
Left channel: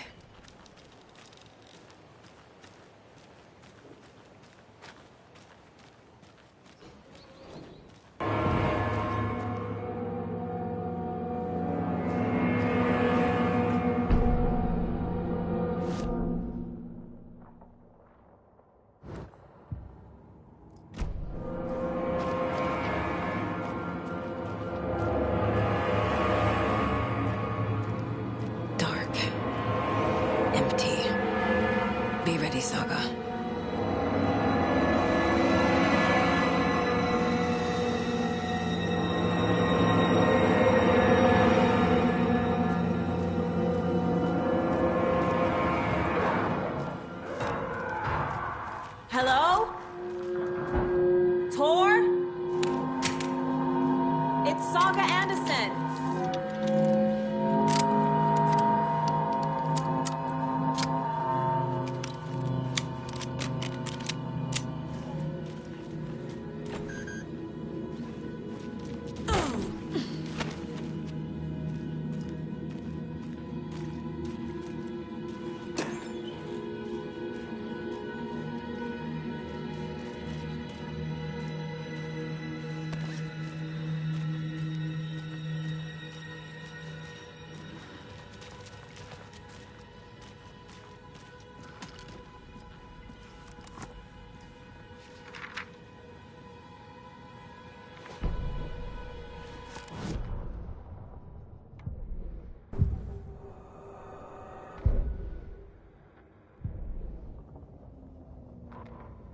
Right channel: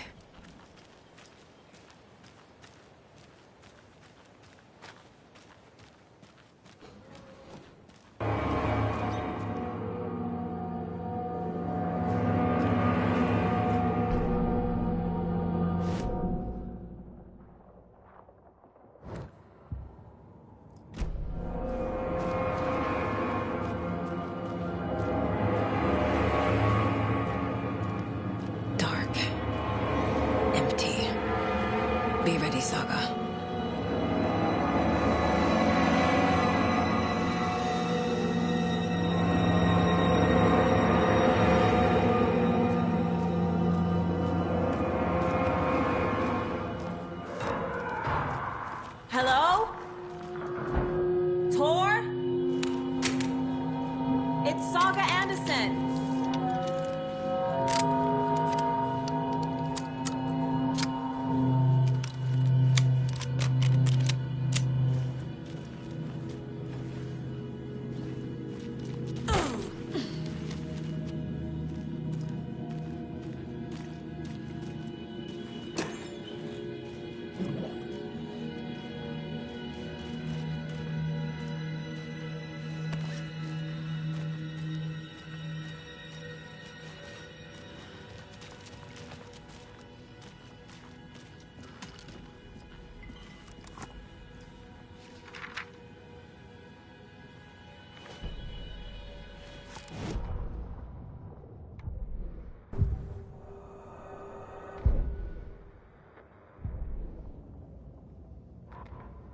Be ready, Saga. Hello? Tor? It's Saga Anderson.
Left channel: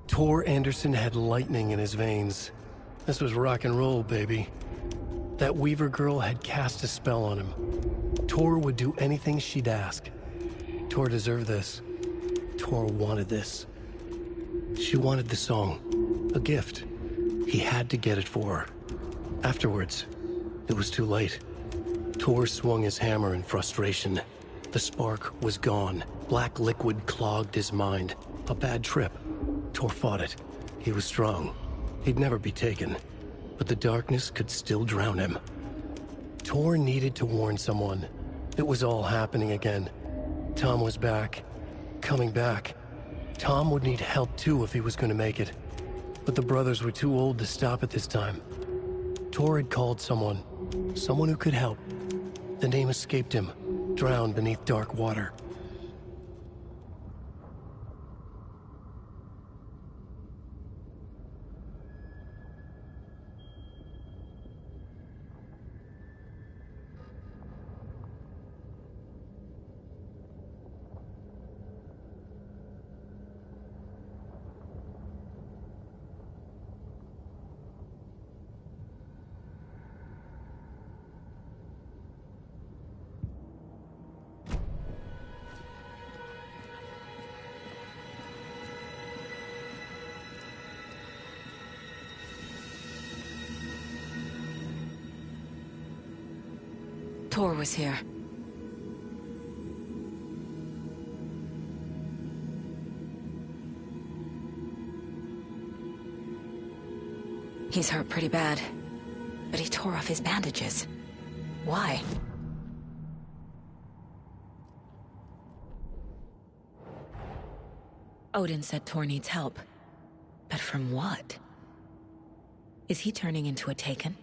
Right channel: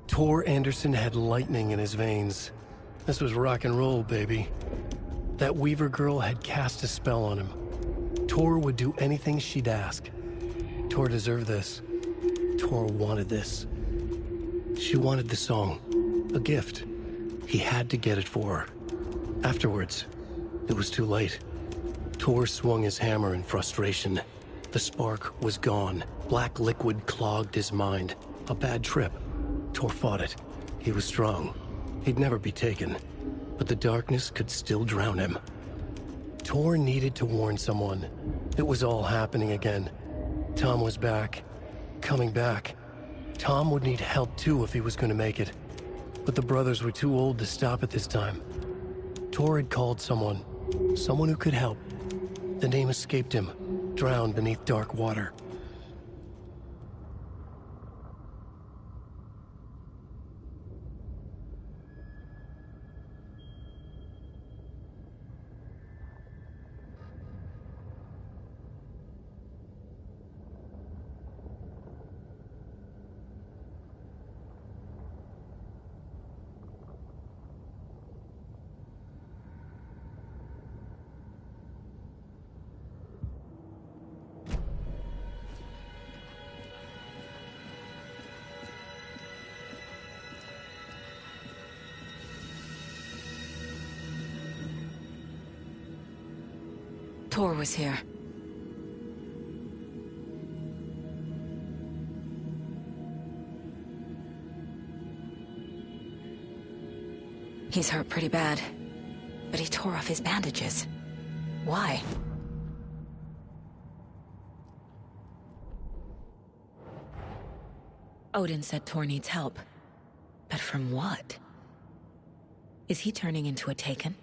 Tor Anderson had lightning in his veins. This was rock and roll, baby. That Weaver girl had cast a spell on him. Tor would do anything she'd ask. Tor deserved this. Tor wanted this. She wanted the song. A gift. He had to get it for her. Afterwards, it was too late. Tor swung his hammer in frustration. The spark was gone. Black liquid clogged his mind. A bad trip. Tor fought it. He was strong. He'd never be taken. But the darkness could still drown him. Tor needed to warn someone. It was all happening again. Tom was back. Coming back. Tom would need help too if he was going to make it. But the brothers were too old to stop it this time. Tor had called someone. Someone who could help. The name escaped him. Drowned beneath dark water. Tor was here. He's hurt pretty bad, but he tore off his bandages. Why? Odin said Tor needs help. But from what? Is he turning into a Taken?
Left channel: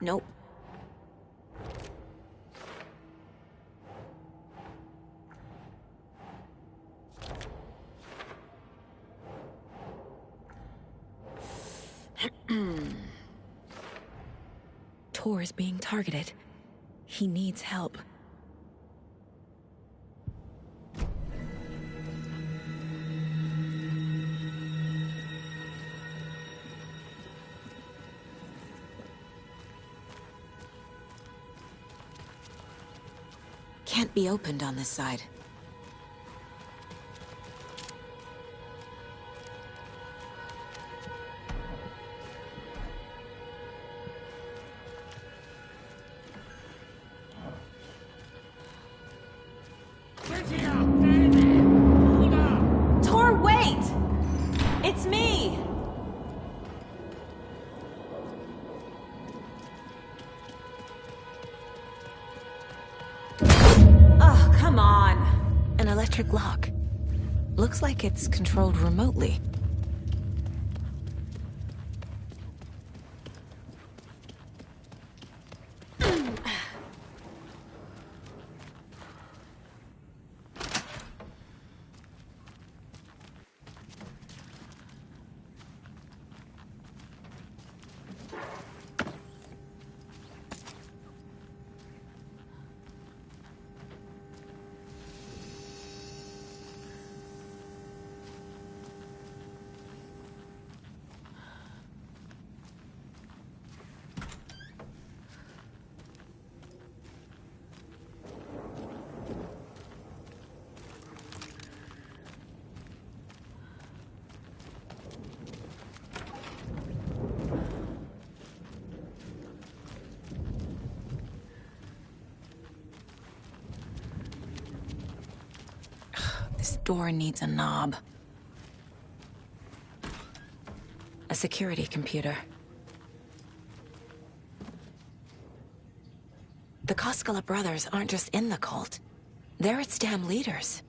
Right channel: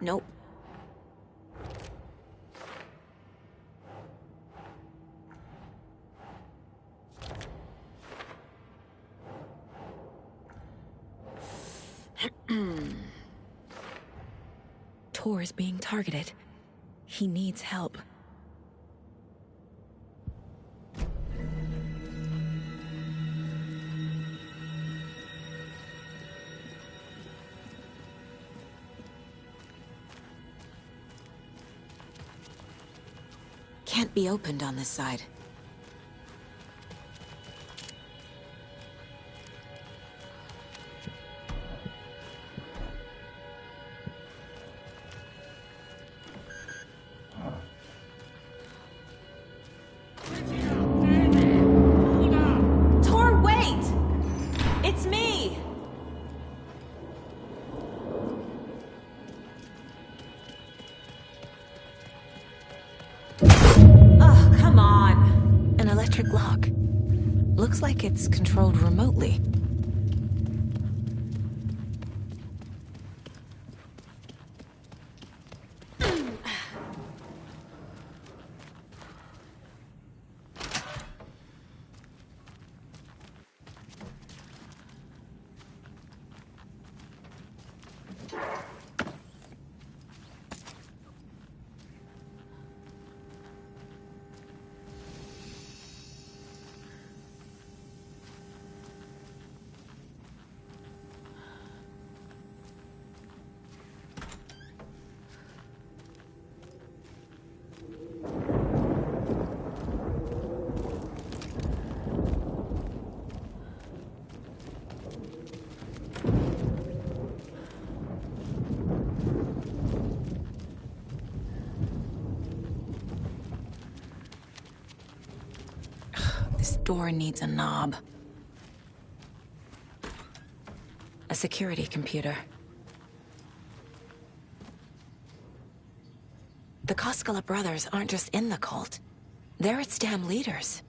Nope. Tor is being targeted. He needs help. Can't be opened on this side. Tor, wait! It's me! Oh, come on. An electric lock. Looks like it's controlled remotely. door needs a knob. A security computer. The Koskela brothers aren't just in the cult. They're its damn leaders.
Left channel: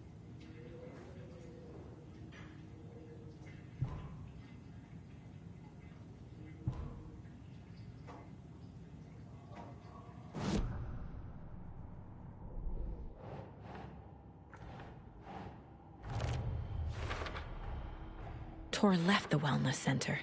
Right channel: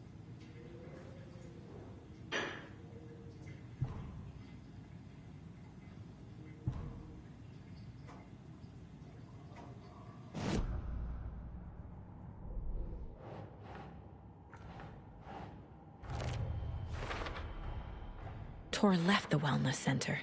Tor left the wellness center.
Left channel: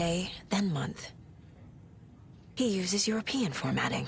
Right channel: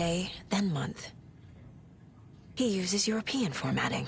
day, then month. He uses European formatting.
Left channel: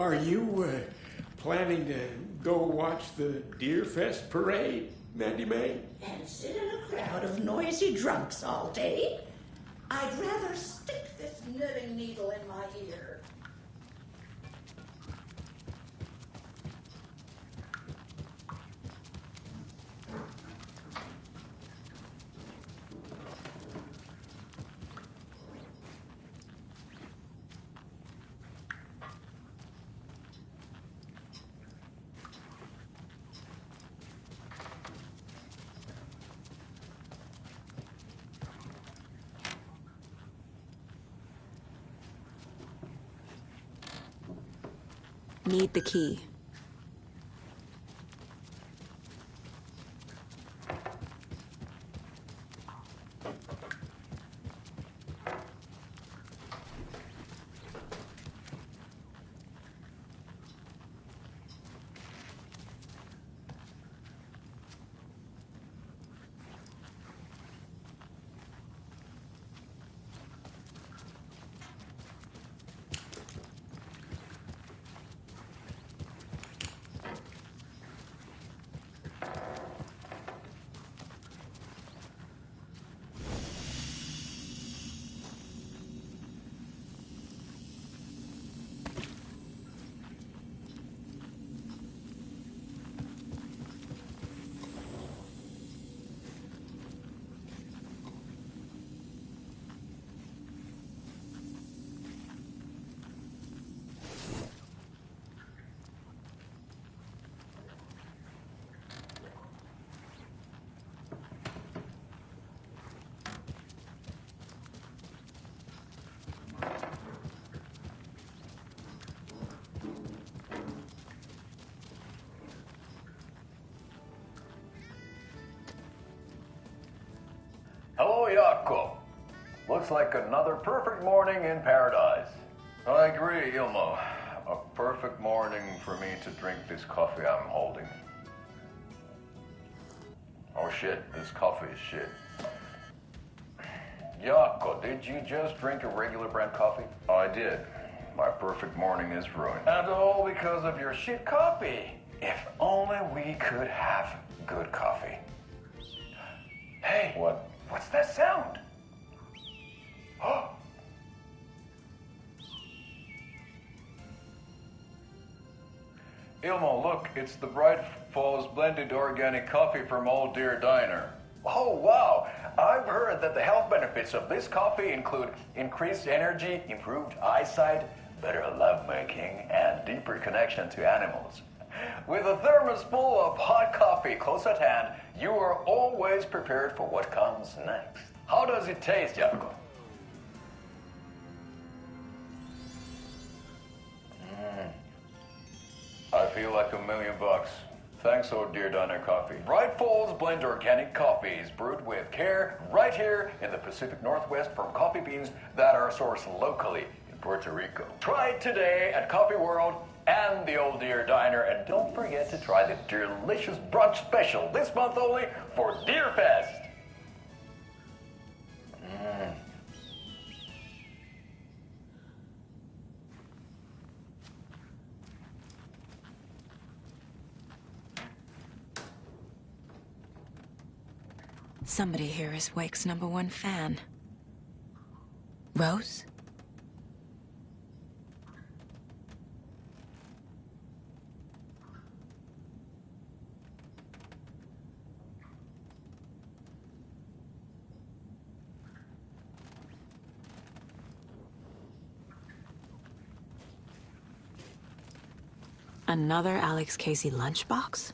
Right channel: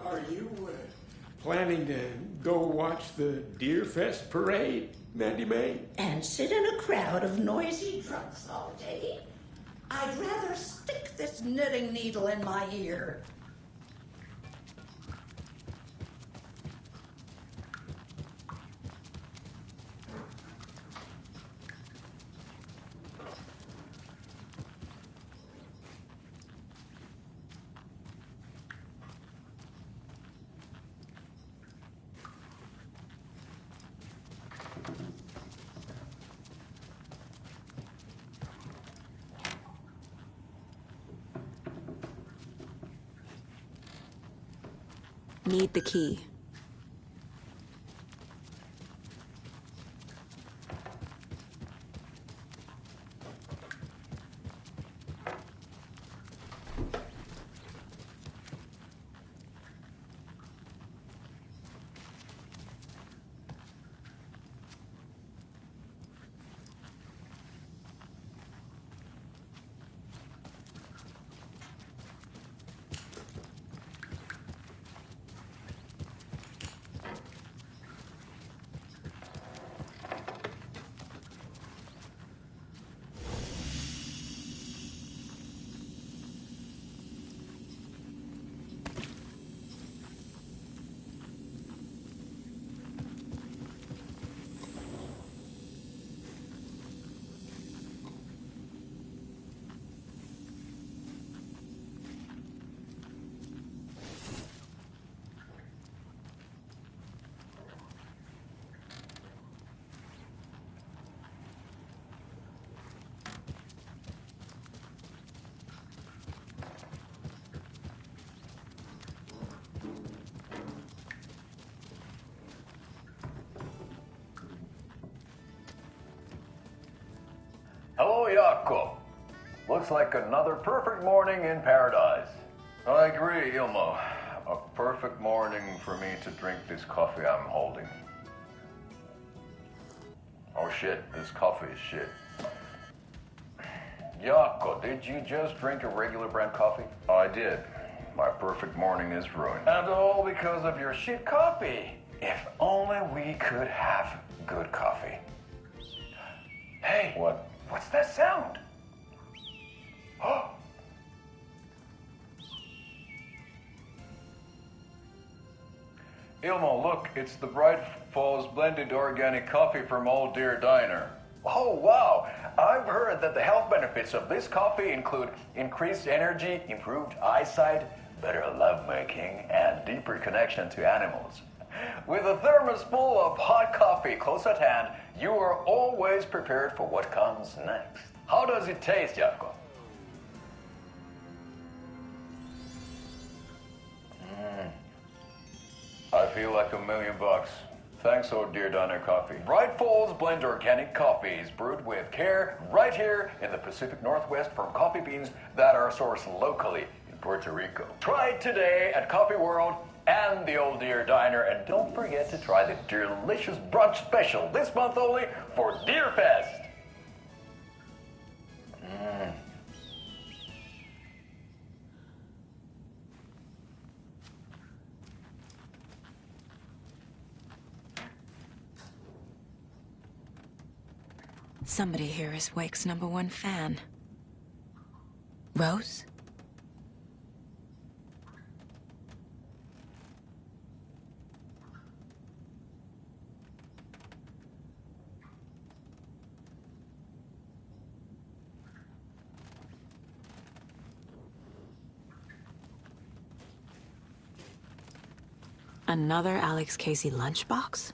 Are you planning to go watch the Deer Fest parade, Mandy May? And sit in a crowd of noisy drunks all day? I'd rather stick this knitting needle in my ear. Need the key. Hello, Jakob. Looks like another perfect morning in paradise. I agree, Ilmo. A perfect morning for me to drink this coffee I'm holding. Oh shit, this coffee is shit. Jaakko, did you just drink a regular brand coffee? I did. My perfect morning is ruined. And all because of your shit coffee. If only we could have good coffee. Hey. What? What's that sound? Oh. Ilmo, look, it's the Bright Falls blended organic coffee from Old Deer Diner. Oh, wow. I've heard that the health benefits of this coffee include increased energy, improved eyesight, better lovemaking, and deeper connection to animals. With a thermos full of hot coffee close at hand, you are always prepared for what comes next. How does it taste, Jaakko? I feel like $1 million. Thanks, Old Deer Diner Coffee. Bright Falls Blend Organic Coffee is brewed with care right here in the Pacific Northwest from coffee beans that are sourced locally in Puerto Rico. Try it today at Coffee World and the Old Deer Diner, and don't forget to try the delicious brunch special this month only for Deer Fest. Somebody here is Wake's #1 fan. Rose? Another Alex Casey lunchbox?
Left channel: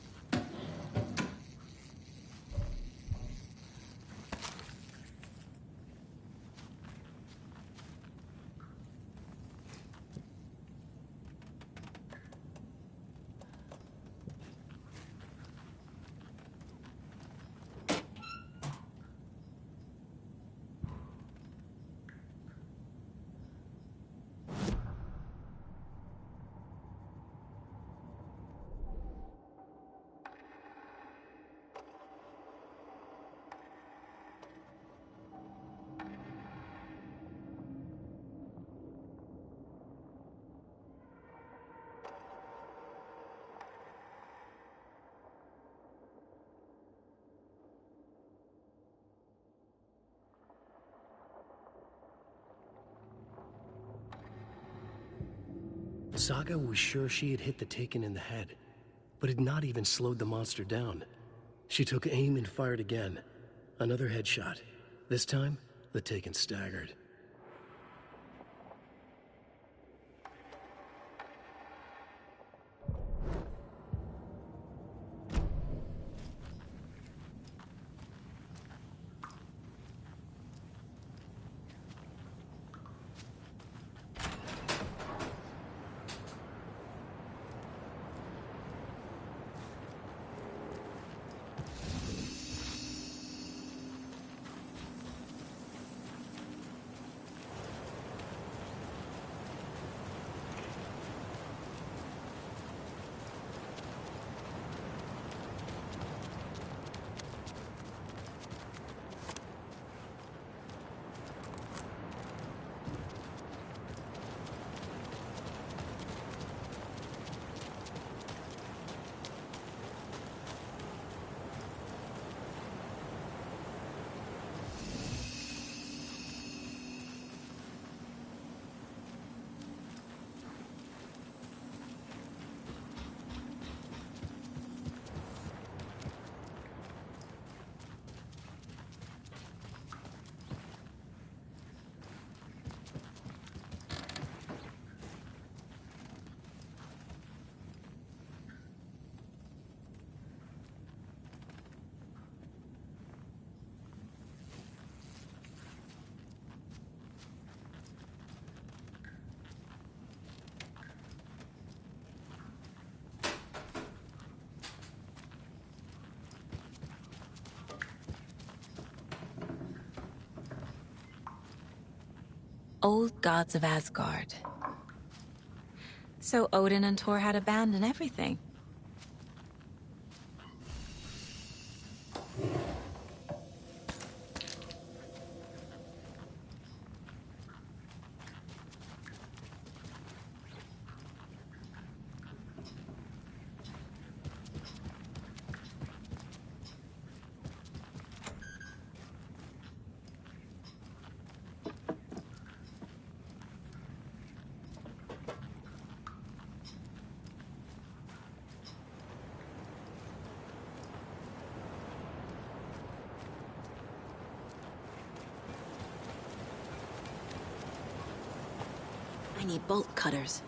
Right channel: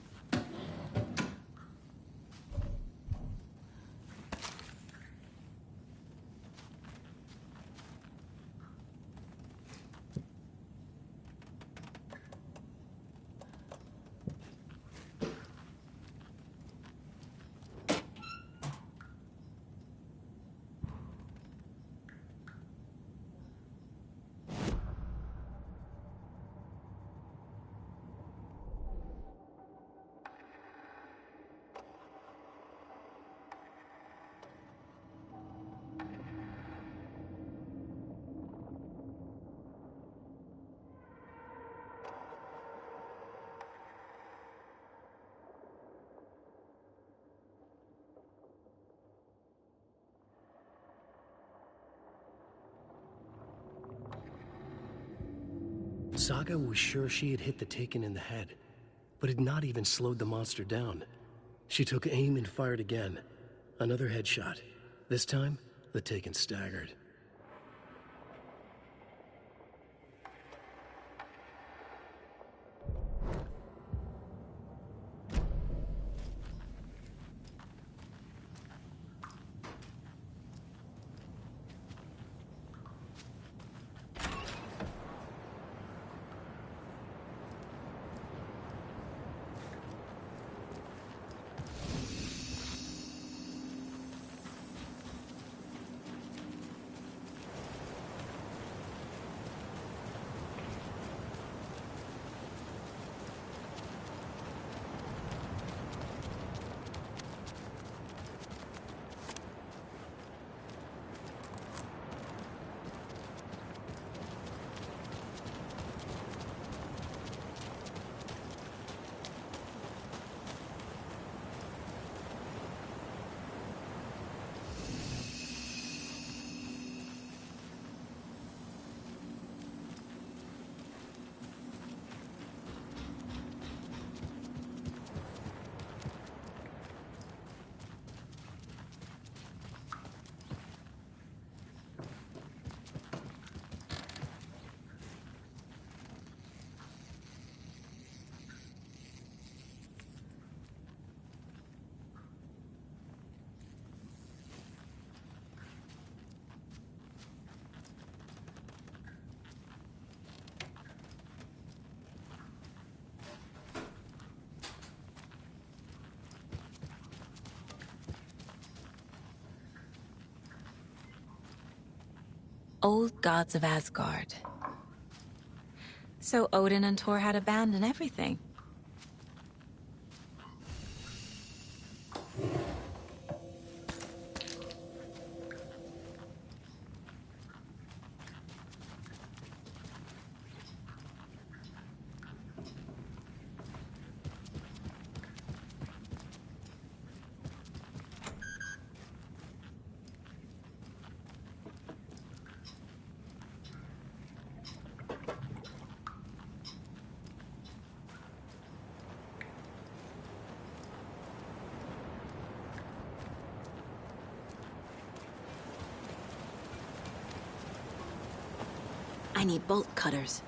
Saga was sure she had hit the Taken in the head, but had not even slowed the monster down. She took aim and fired again. Another headshot. This time, the Taken staggered. Old gods of Asgard. So Odin and Thor had abandoned everything. need bolt cutters.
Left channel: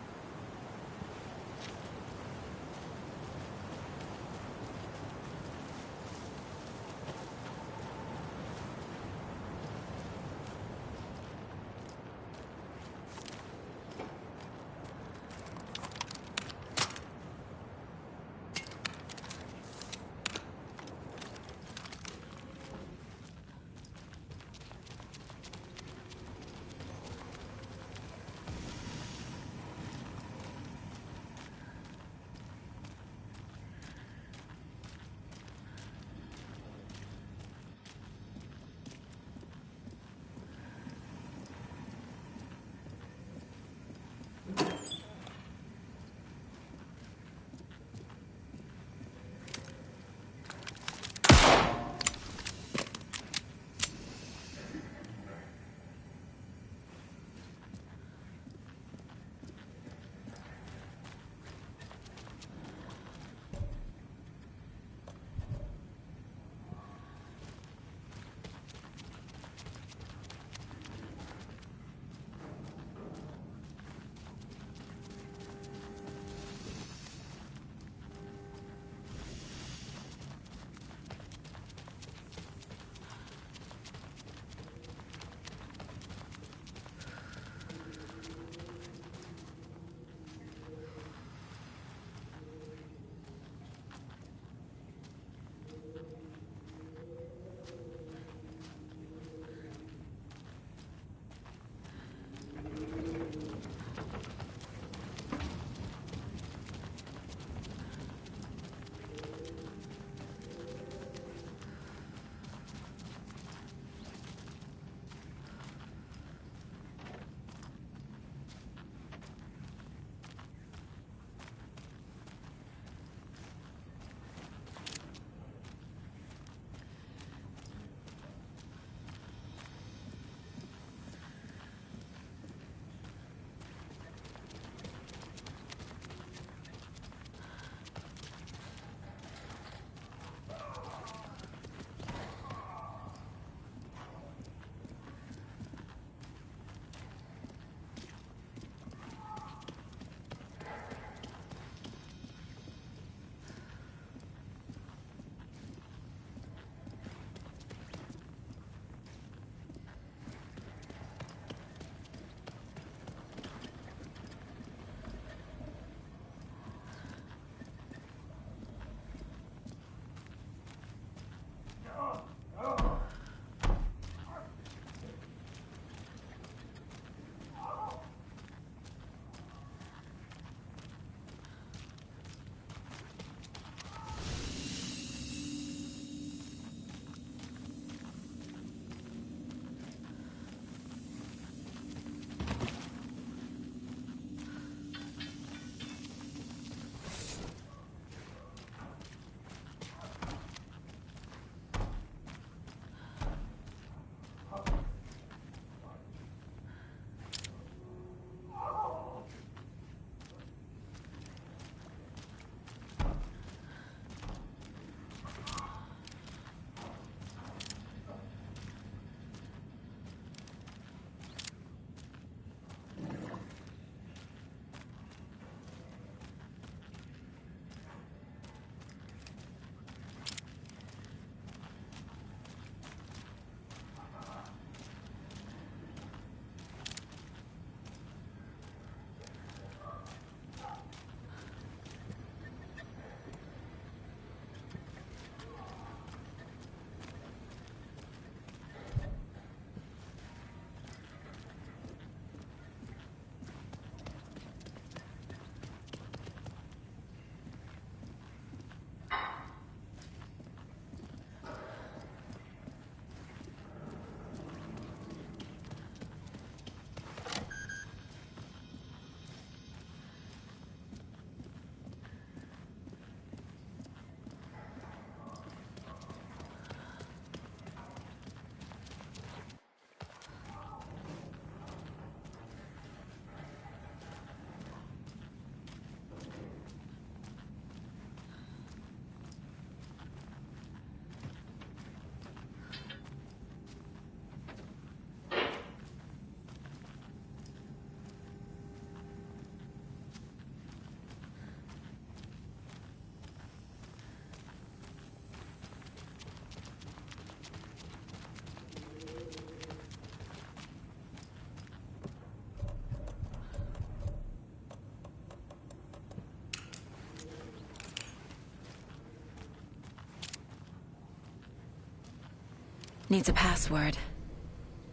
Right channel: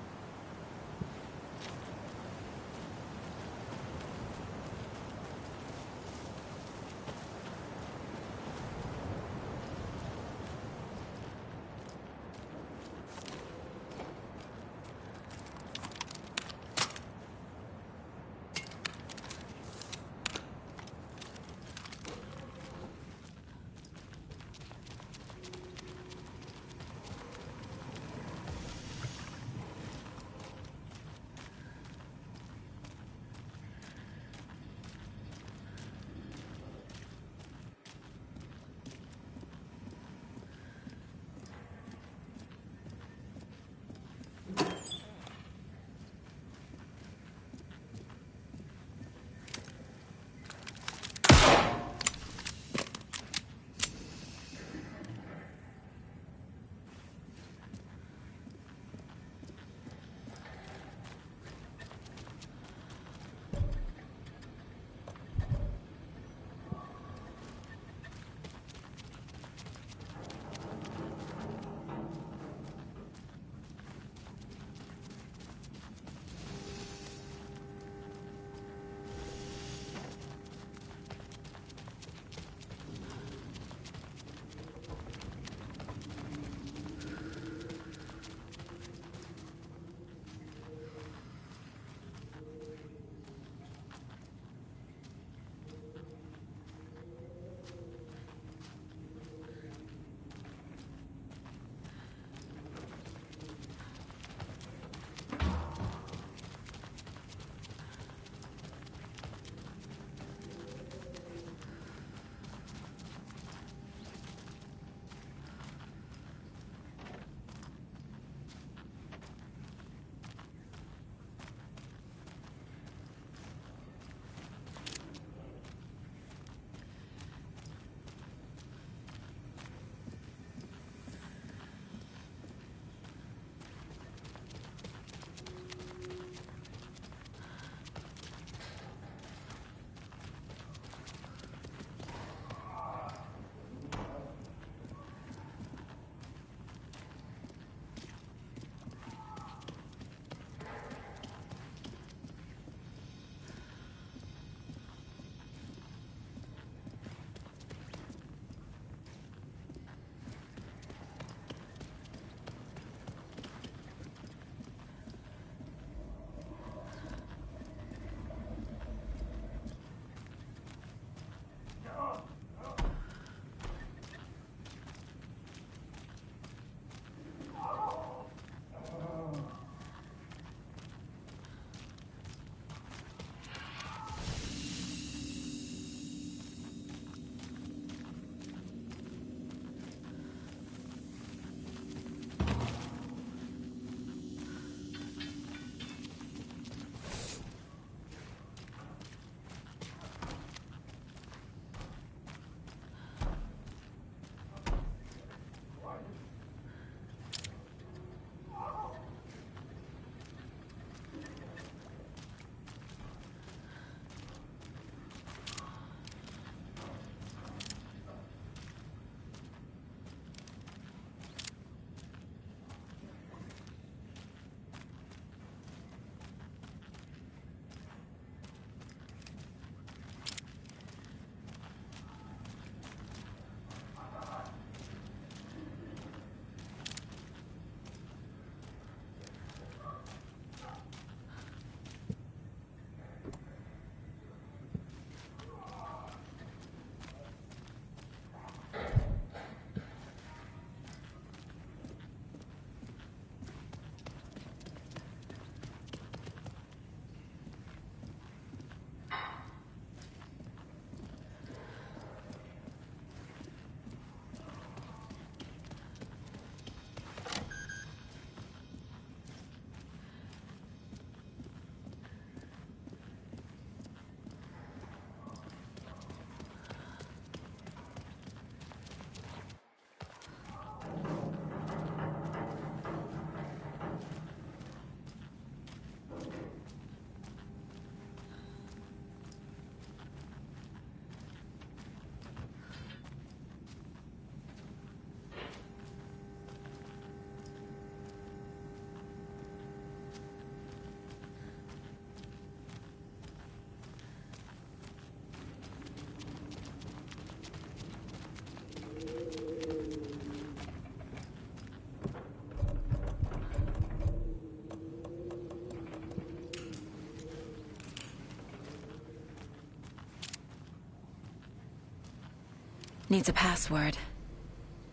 Needs a password.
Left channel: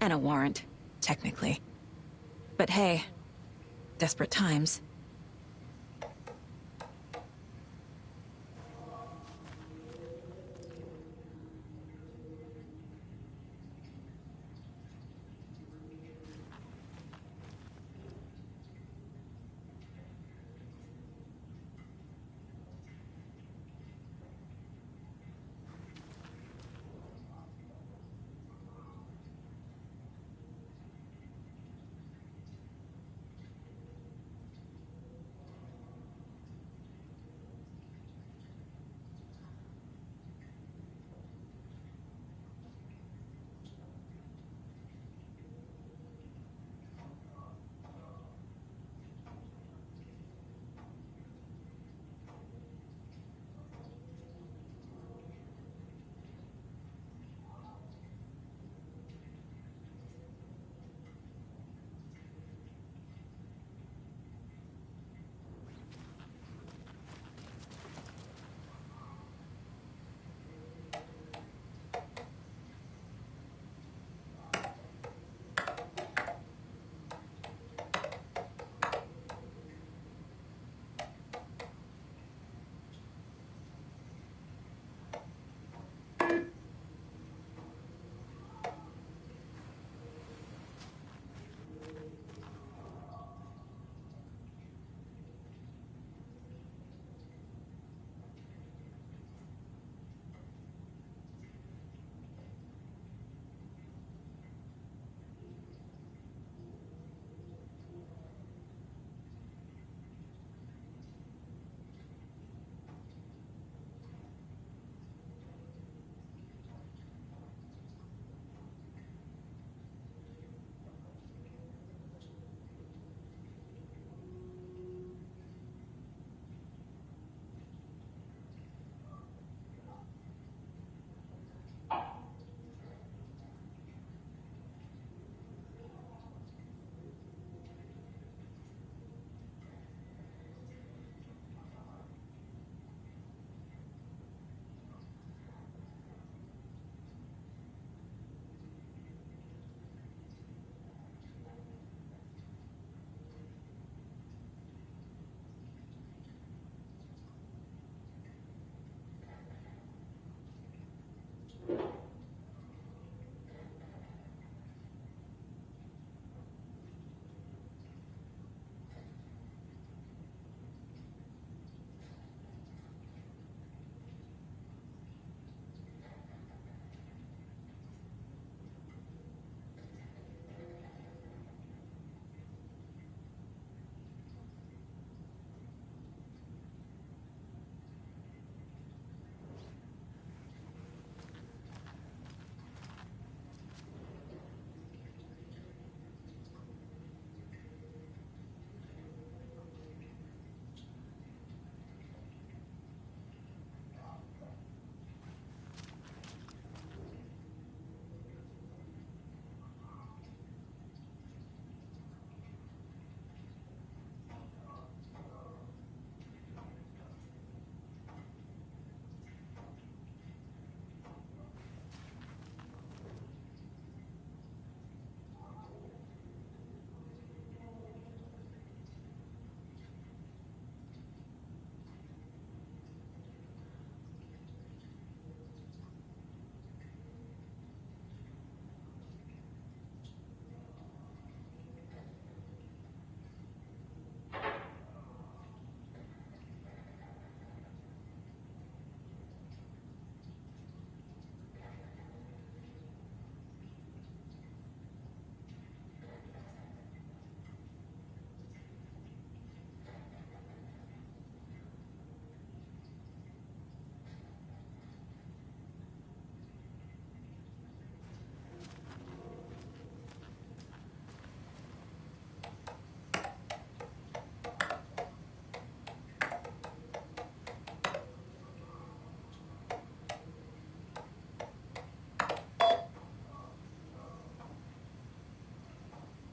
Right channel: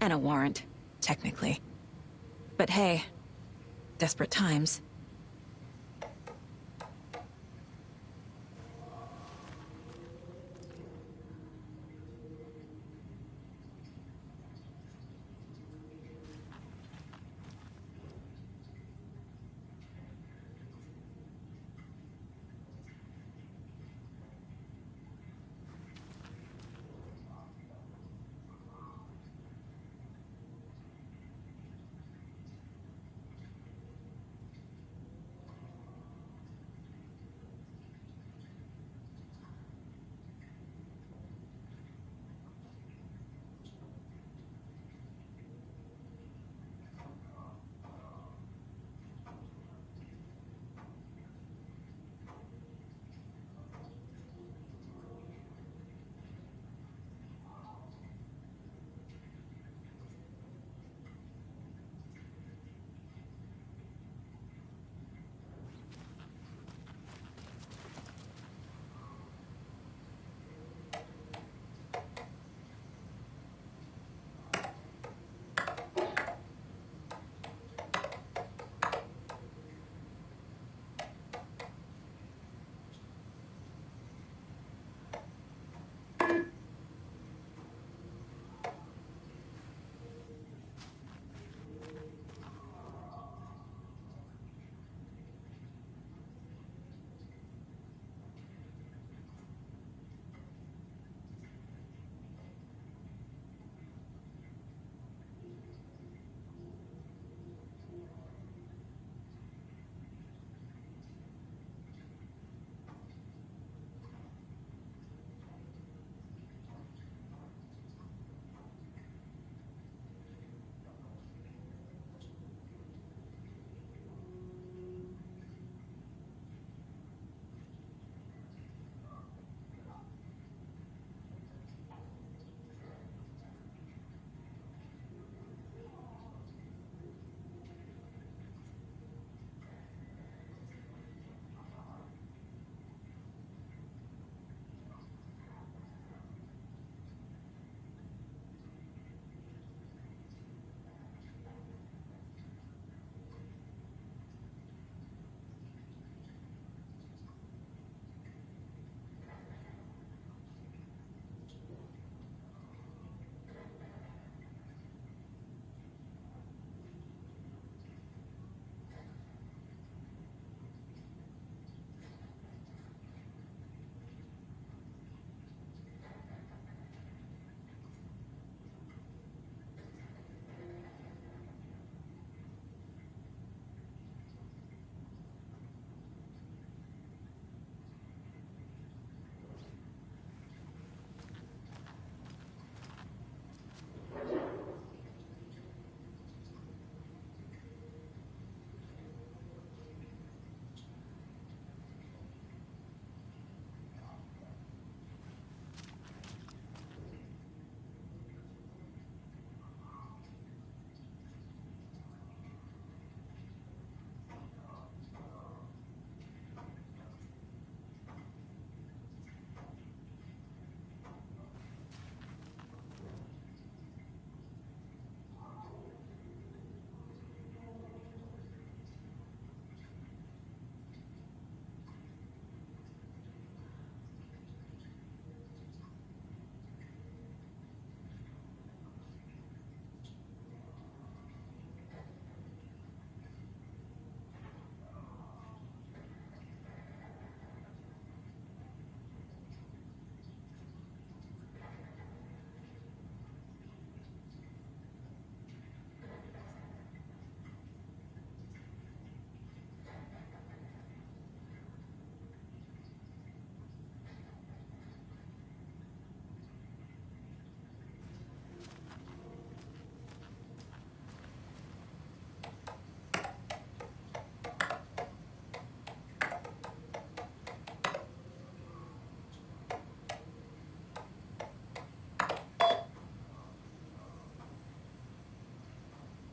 And a warrant, technically. But hey, desperate times.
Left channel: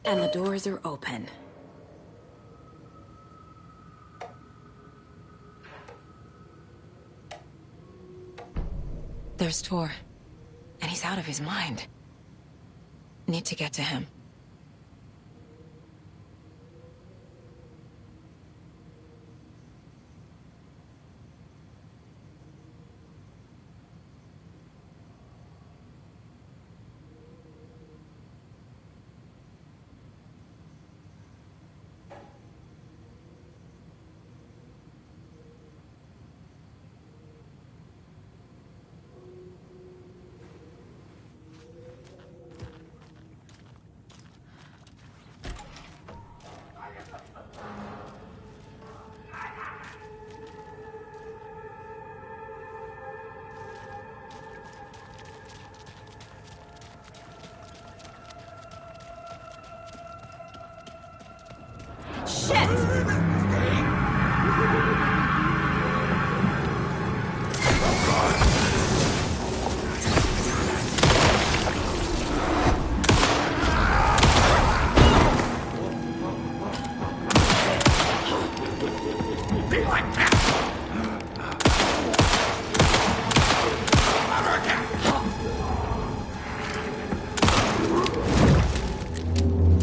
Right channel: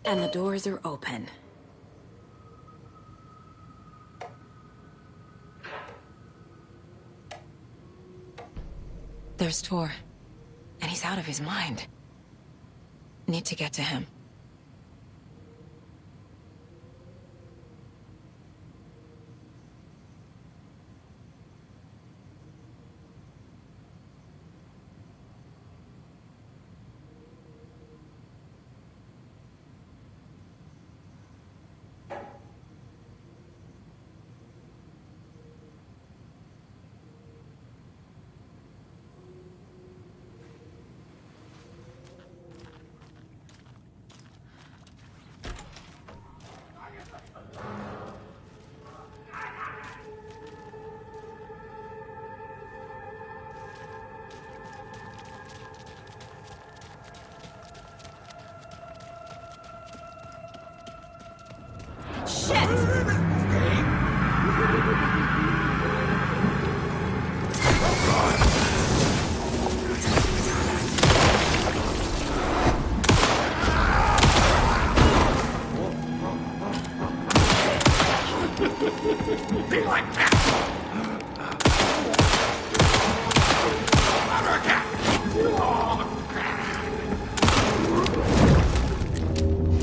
And the doors are open. There's Tor. And He's out of his mind. Need to get to him.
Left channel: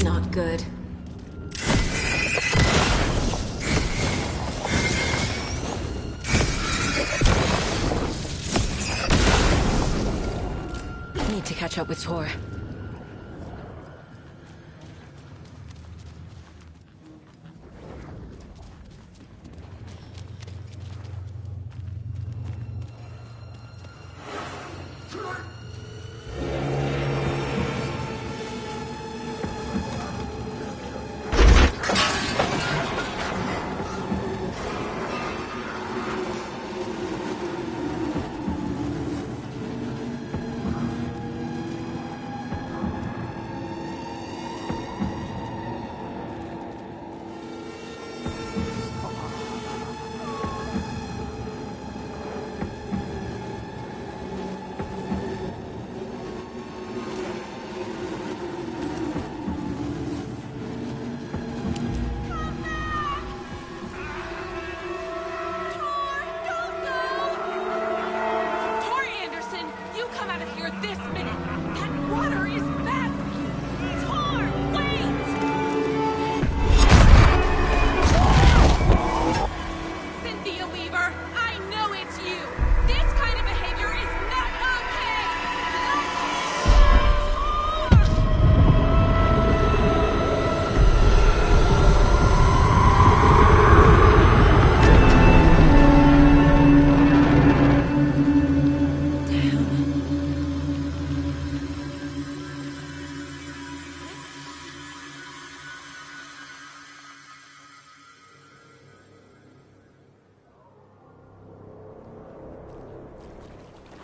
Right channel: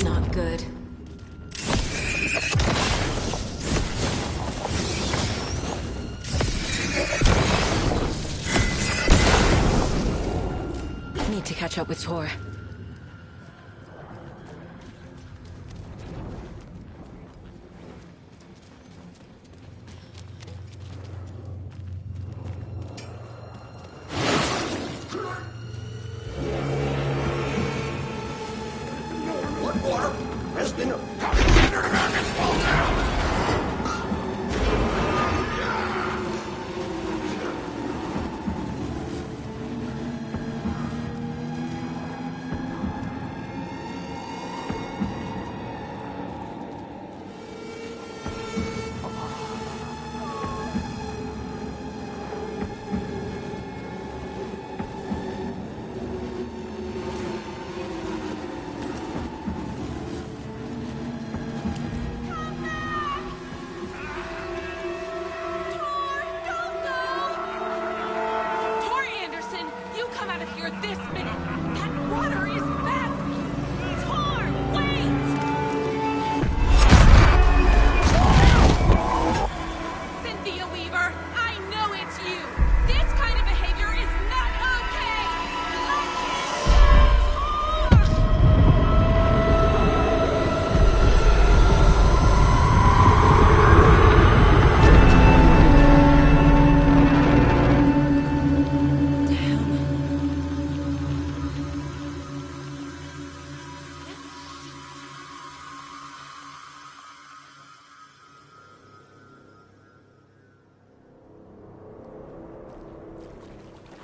Not good. Need to catch up with Tor.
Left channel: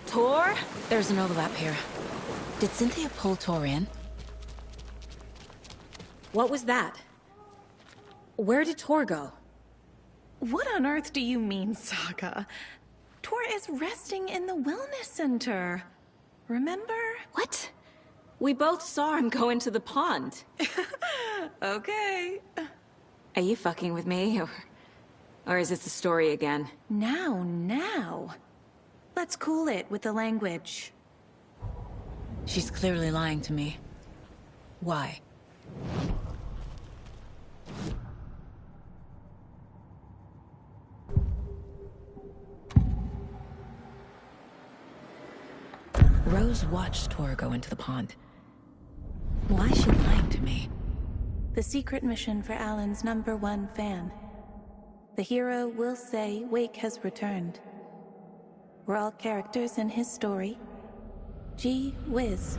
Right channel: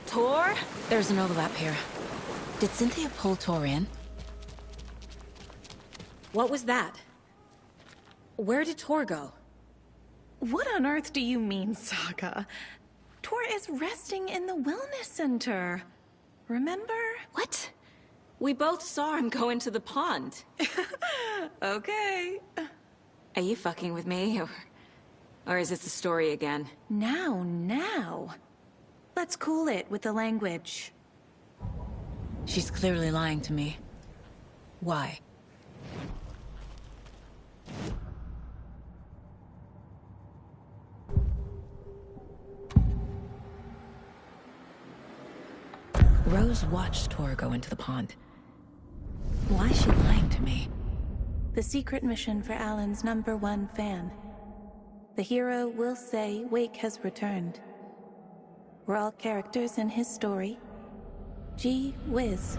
Tor? There's an overlap here. Did Cynthia pull Tor in? What was that? Where did Tor go? What on earth do you mean, Saga? Tor is resting in the wellness center. Remember? What? We both saw him go into the pond. Okay. Are you fucking with me, or is this the story again? Now. Let's cool it with the language. She's clearly lying to me. Why? Rose watched Tor go into the pond. Why is she lying to me? The secret mission for Alan's #1 fan. The hero will say Wake has returned. We're all characters in his story. Gee whiz.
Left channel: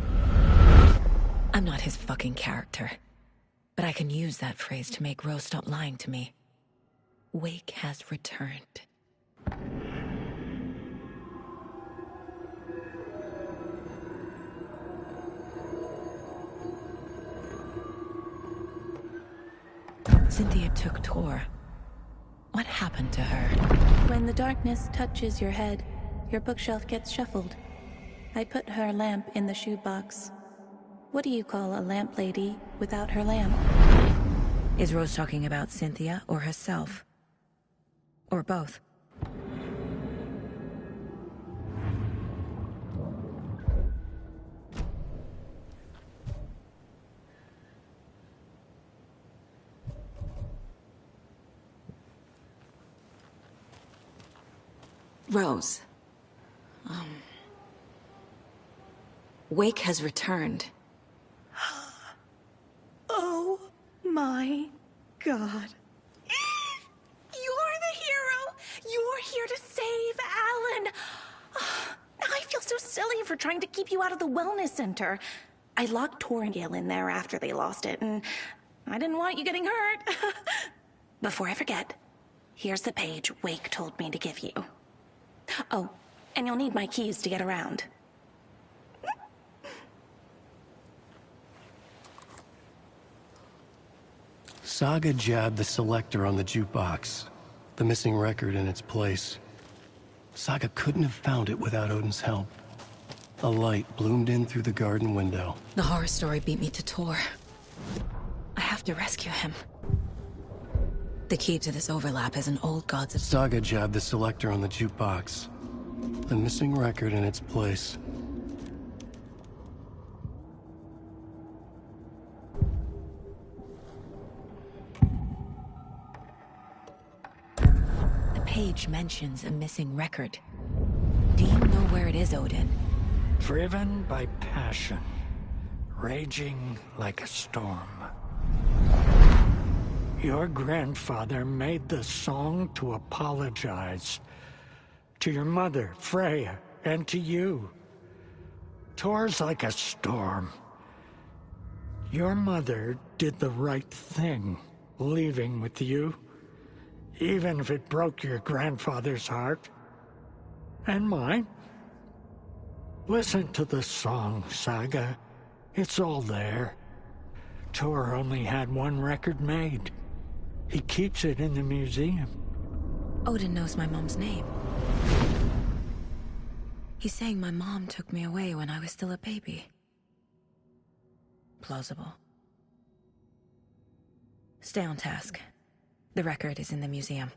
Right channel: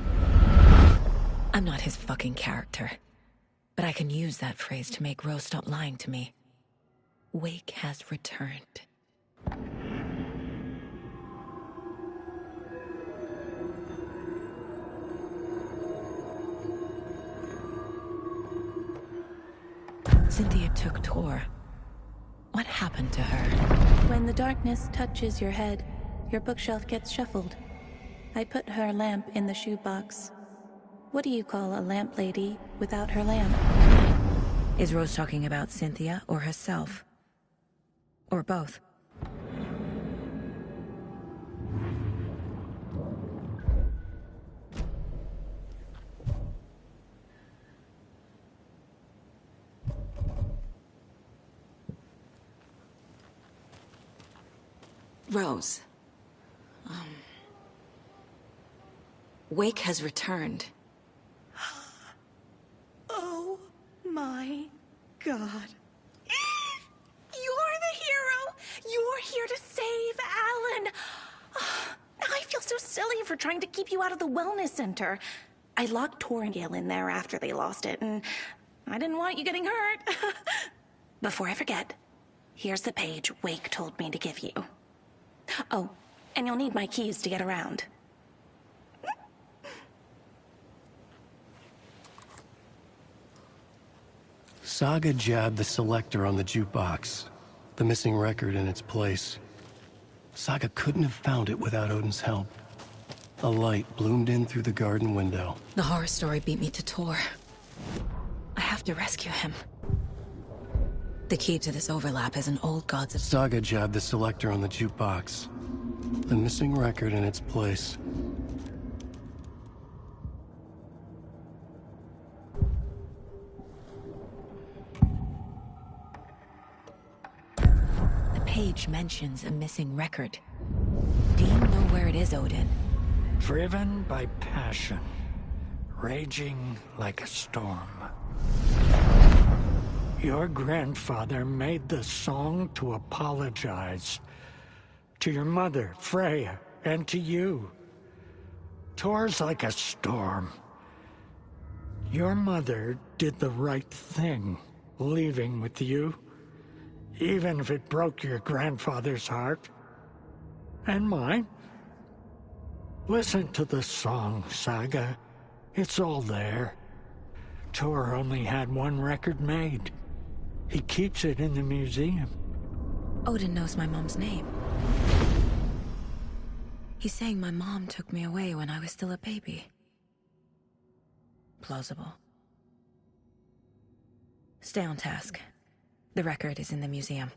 I'm not his fucking character. But I can use that phrase to make Rose stop lying to me. Wake has returned. Cynthia took Tor. What happened to her? When the darkness touches your head, your bookshelf gets shuffled. I put her lamp in the shoebox. What do you call a lamp lady without her lamp? Is Rose talking about Cynthia or herself? Or both? Rose. Wake has returned. Oh my God. You're the hero! You're here to save Alan! I feel so silly for trying to keep you out of the wellness center. I locked Tor and Gale in there after they lost it, and I didn't want you getting hurt. Before I forget, here's the page Wake told me to give you. Oh, and you'll need my keys to get around. Saga jabbed the selector on the jukebox, the missing record in its place. Saga couldn't have found it without Odin's help. A light bloomed in through the garden window. The horror story beat me to Tor. I have to rescue him. The key to this overlap is an old gods of... Saga jabbed the selector on the jukebox, the missing record in its place. The page mentions a missing record. Do you know where it is, Odin? Driven by passion, raging like a storm. Your grandfather made the song to apologize. To your mother, Freya, and to you. Tor's like a storm. Your mother did the right thing, leaving with you. Even if it broke your grandfather's heart. And mine. Listen to the song, Saga. It's all there. Tor only had one record made. He keeps it in the museum. Odin knows my mom's name. He's saying my mom took me away when I was still a baby. Plausible. Stay on task. The record is in the museum.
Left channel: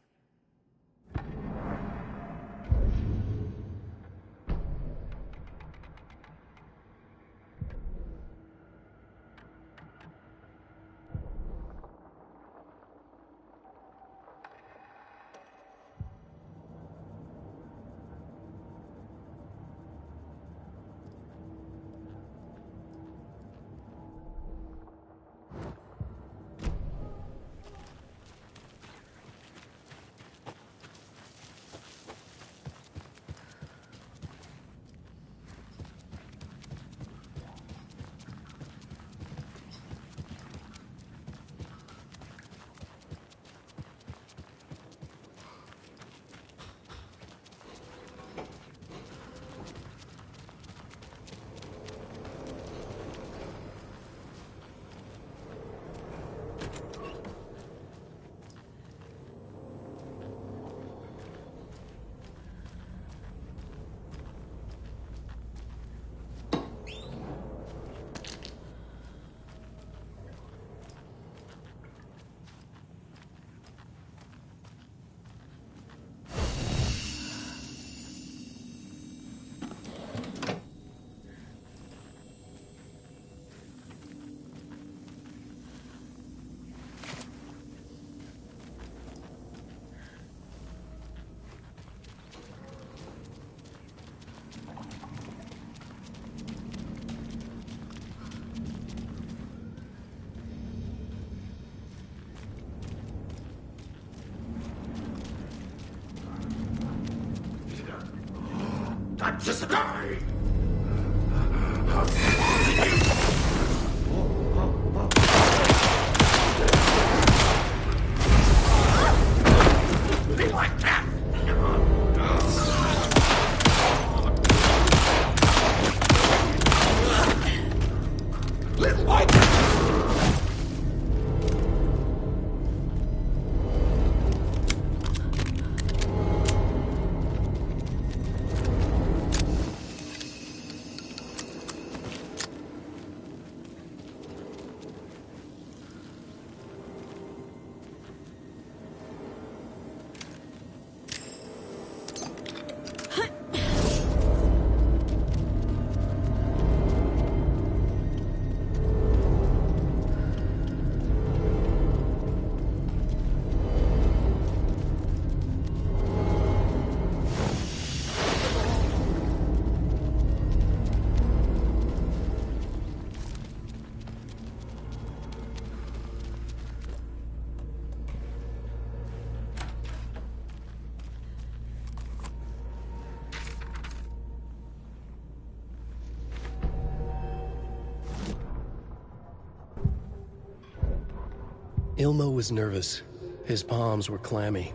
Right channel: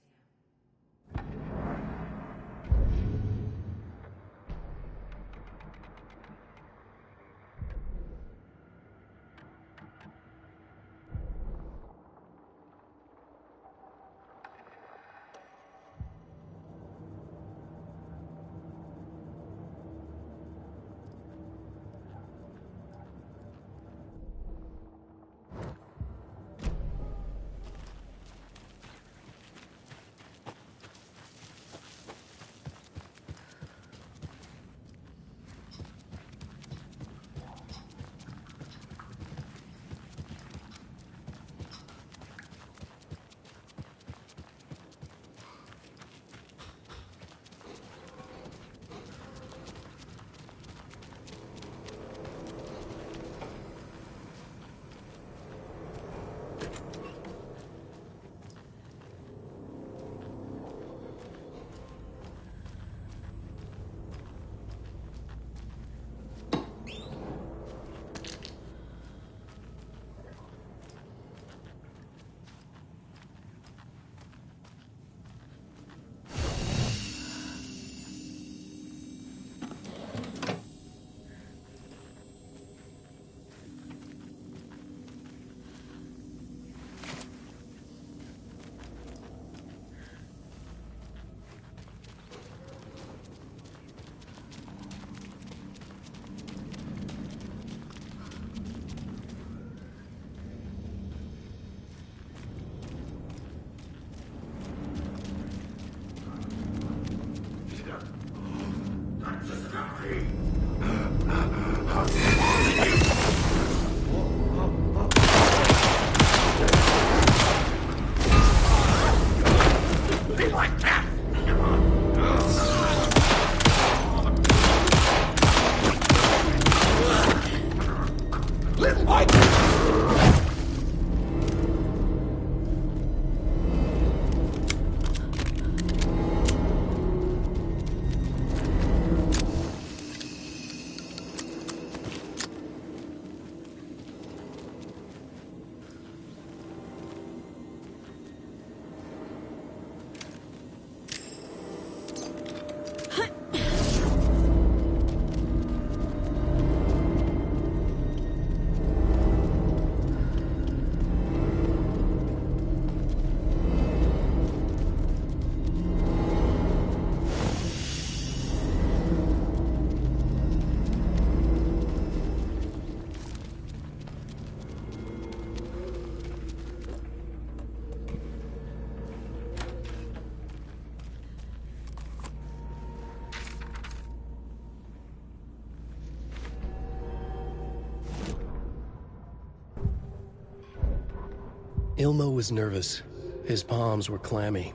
Ilmo was nervous. His palms were clammy.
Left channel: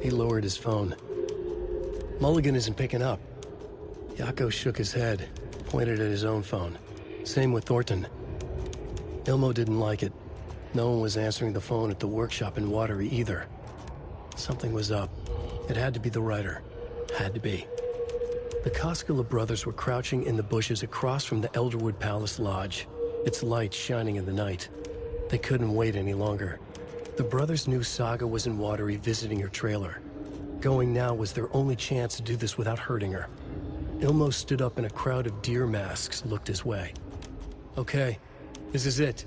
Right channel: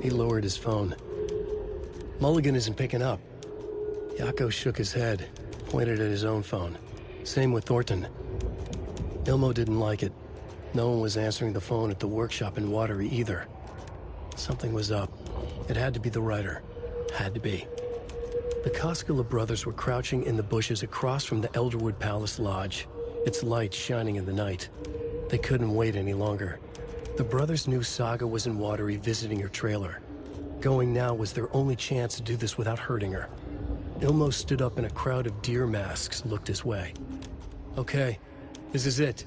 He lowered his phone. Mulligan isn't picking up. Yako shook his head, pointed at his own phone. Same with Thornton. Ilmo didn't like it. No one was answering the phone at the workshop in Watery either. Something was up. It had to be the writer. Had to be. The Koskela brothers were crouching in the bushes across from the Elderwood Palace Lodge, its light shining in the night. They couldn't wait any longer. The brothers knew Saga was in Watery visiting her trailer. Going now was their only chance to do this without hurting her. Ilmo stood up and a crowd of deer masks looked his way. Okay, this is it.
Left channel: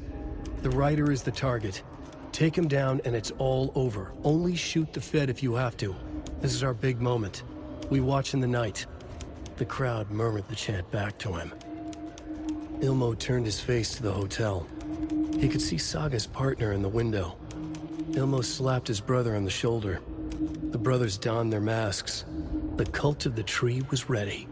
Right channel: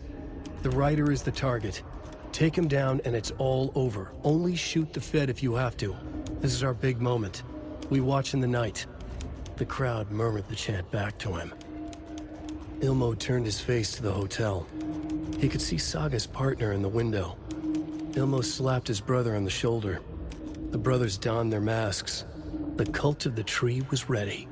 The writer is the target. Take him down and it's all over. Only shoot the Fed if you have to. This is our big moment. We watch in the night. The crowd murmured the chant back to him. Ilmo turned his face to the hotel. He could see Saga's partner in the window. Ilmo slapped his brother on the shoulder. The brothers donned their masks. The cult of the tree was ready.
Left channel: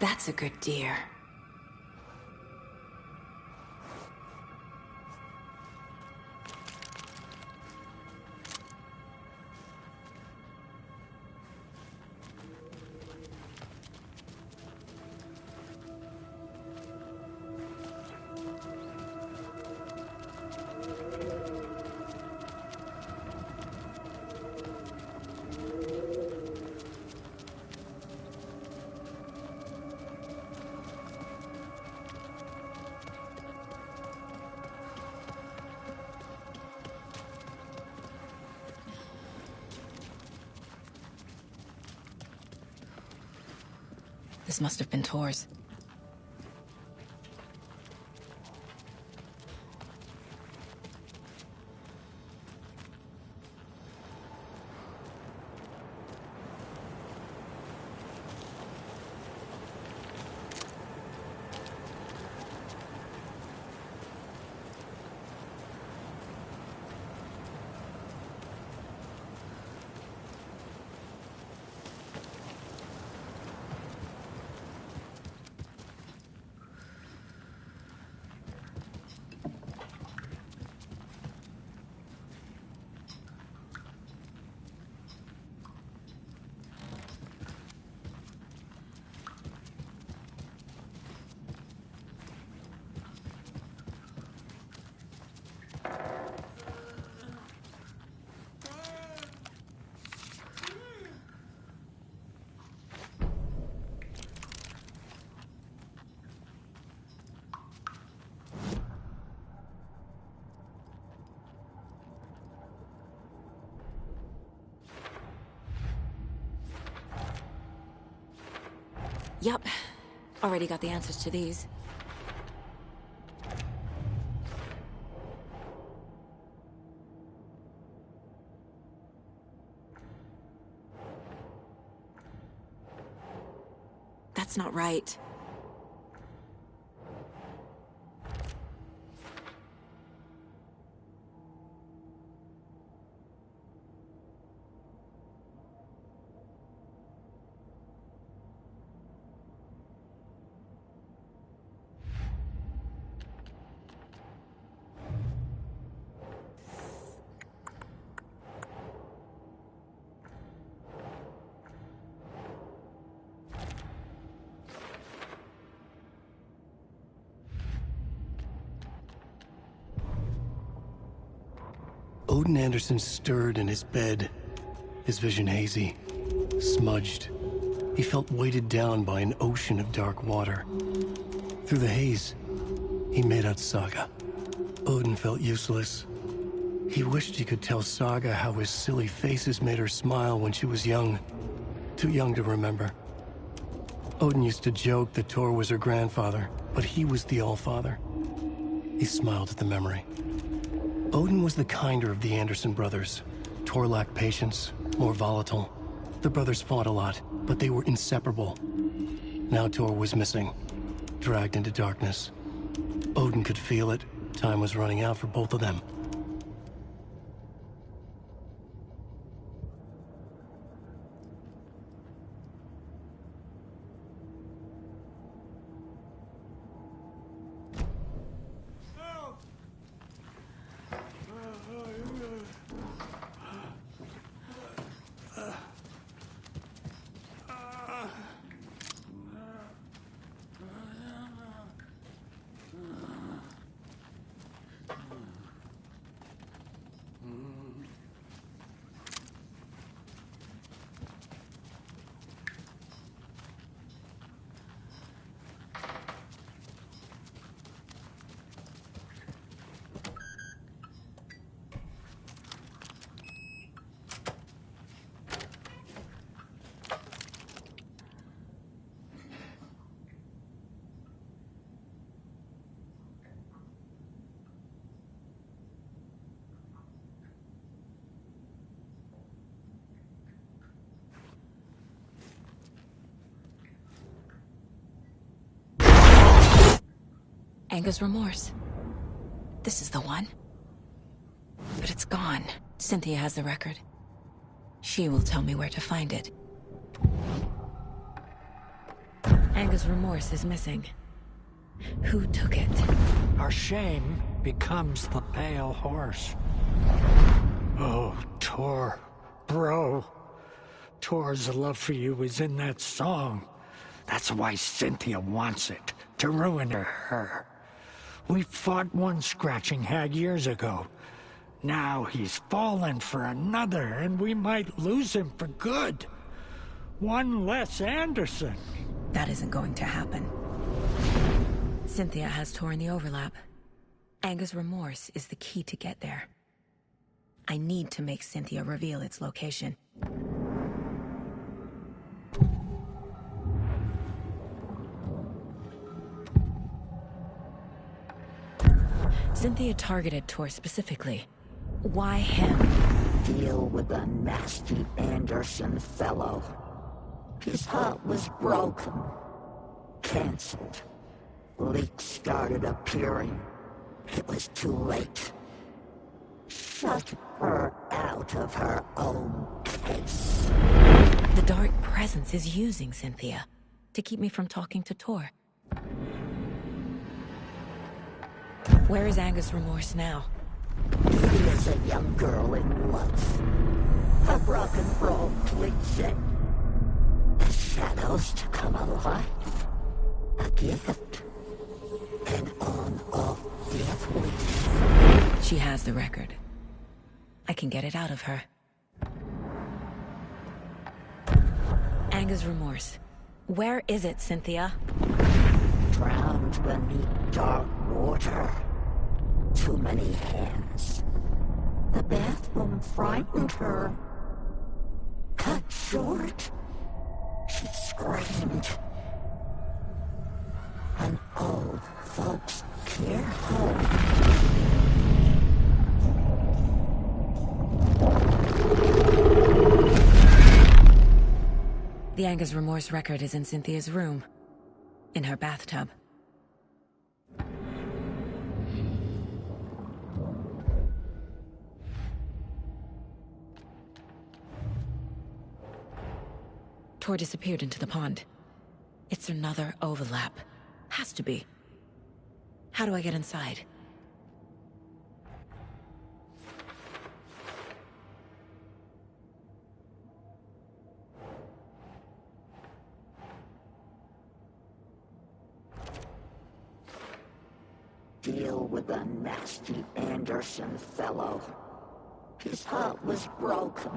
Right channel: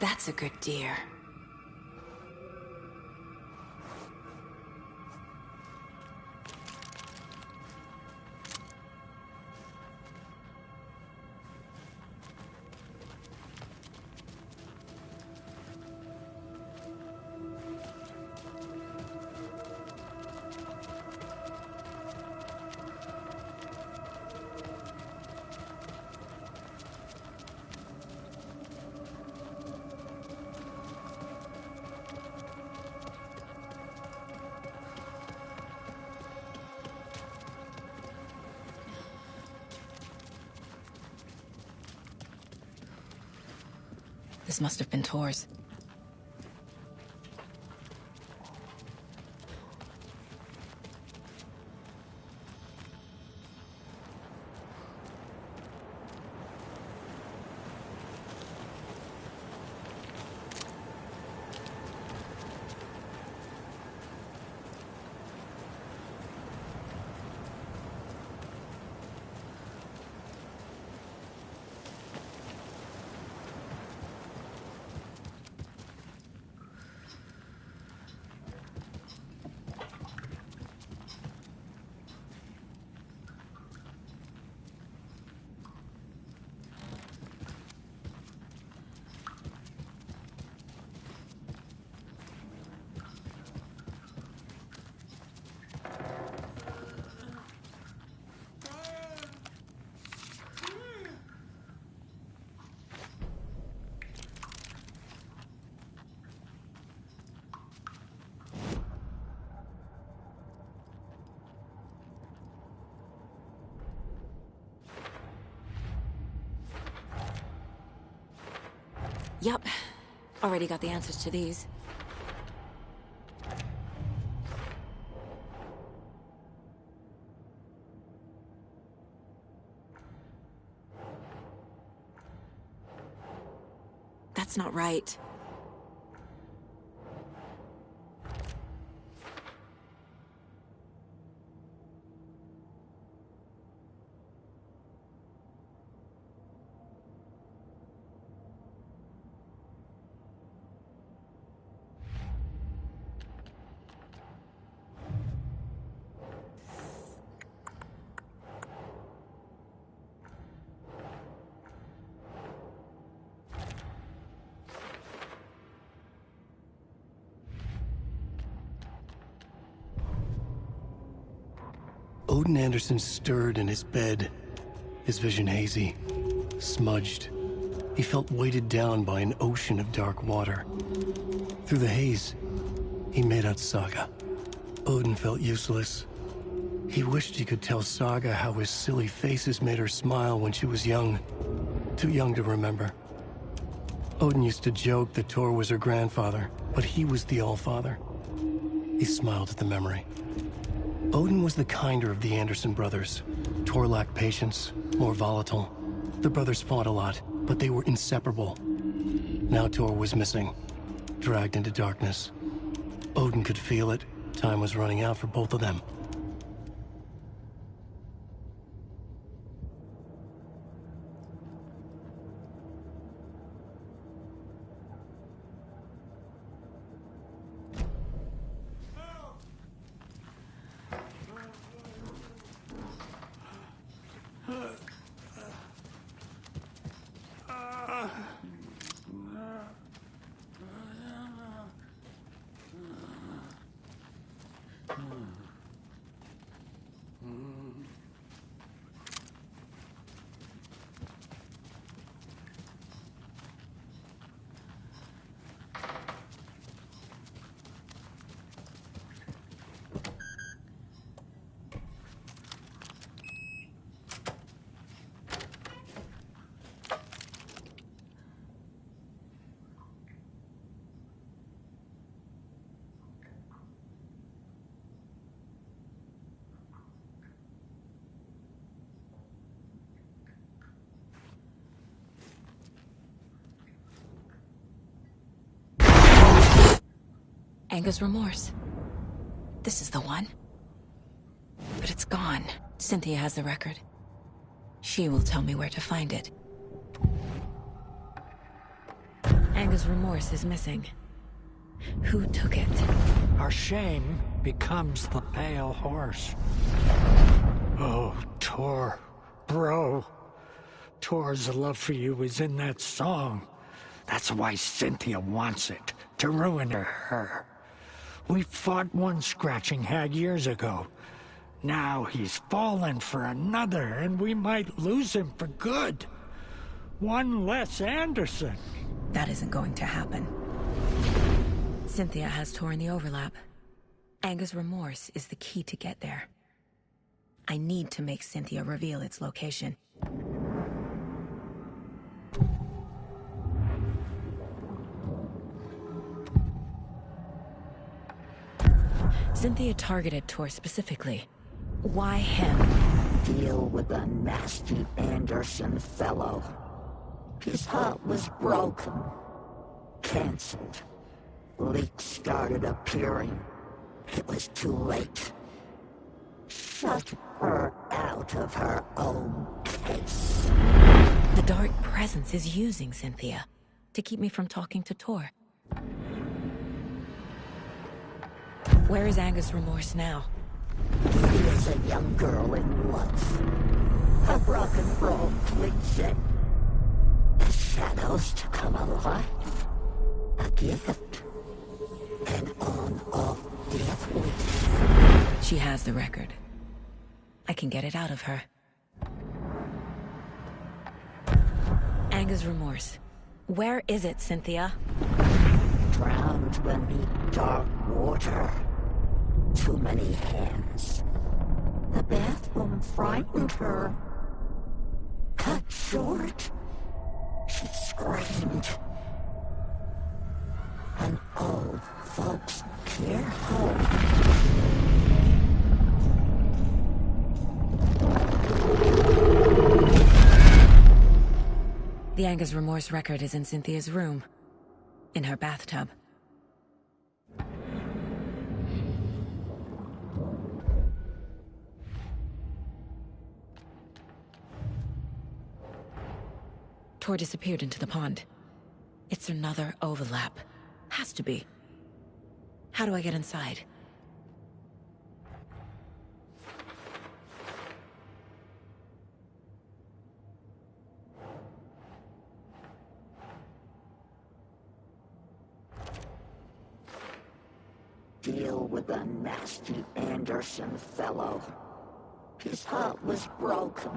That's a good deer. This must have been Tor's. Yup. Already got the answers to these. That's not right. Odin Anderson stirred in his bed, his vision hazy, smudged. He felt weighted down by an ocean of dark water. Through the haze, he made out Saga. Odin felt useless. He wished he could tell Saga how his silly faces made her smile when she was young. Too young to remember. Odin used to joke that Tor was her grandfather, but he was the Allfather. He smiled at the memory. Odin was the kinder of the Anderson brothers. Tor lacked patience, more volatile. The brothers fought a lot, but they were inseparable. Now Tor was missing, dragged into darkness. Odin could feel it. Time was running out for both of them. Anger's remorse. This is the one. But it's gone. Cynthia has the record. She will tell me where to find it. Anger's remorse is missing. Who took it? Our shame becomes the pale horse. Oh, Tor. Bro. Tor's love for you is in that song. That's why Cynthia wants it. To ruin her. We fought one scratching hag years ago. Now he's fallen for another, and we might lose him for good. One less Anderson. That isn't going to happen. Cynthia has Tor in the overlap. Anger's remorse is the key to get there. I need to make Cynthia reveal its location. Cynthia targeted Tor specifically. Why him? Deal with the nasty Anderson fellow. His heart was broken. Cancelled. Leaks started appearing. It was too late. Shut her out of her own case. The Dark Presence is using Cynthia to keep me from talking to Tor. Where is Anger's remorse now? She is a young girl in love. A rock and roll cliche. The shadows to come alive. A gift. An on-off death wish. She has the record. I can get it out of her. Anger's remorse. Where is it, Cynthia? Drowned beneath dark water. Too many hands. The bathroom frightened her. Cut short. She screamed. An old folks care home. The Anger's remorse record is in Cynthia's room. In her bathtub. Tor disappeared into the pond. It's another overlap. Has to be. How do I get inside? Deal with the nasty Anderson fellow. His heart was broken.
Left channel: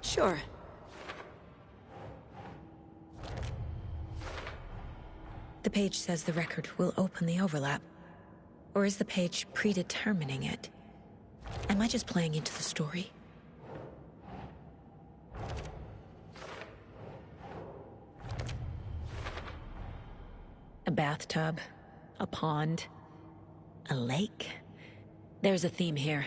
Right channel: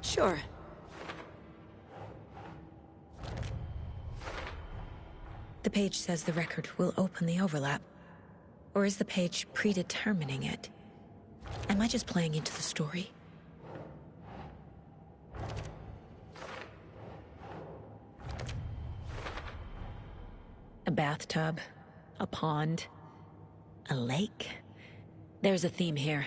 Sure. The page says the record will open the overlap. Or is the page predetermining it? Am I just playing into the story? A bathtub, a pond, a lake. There's a theme here.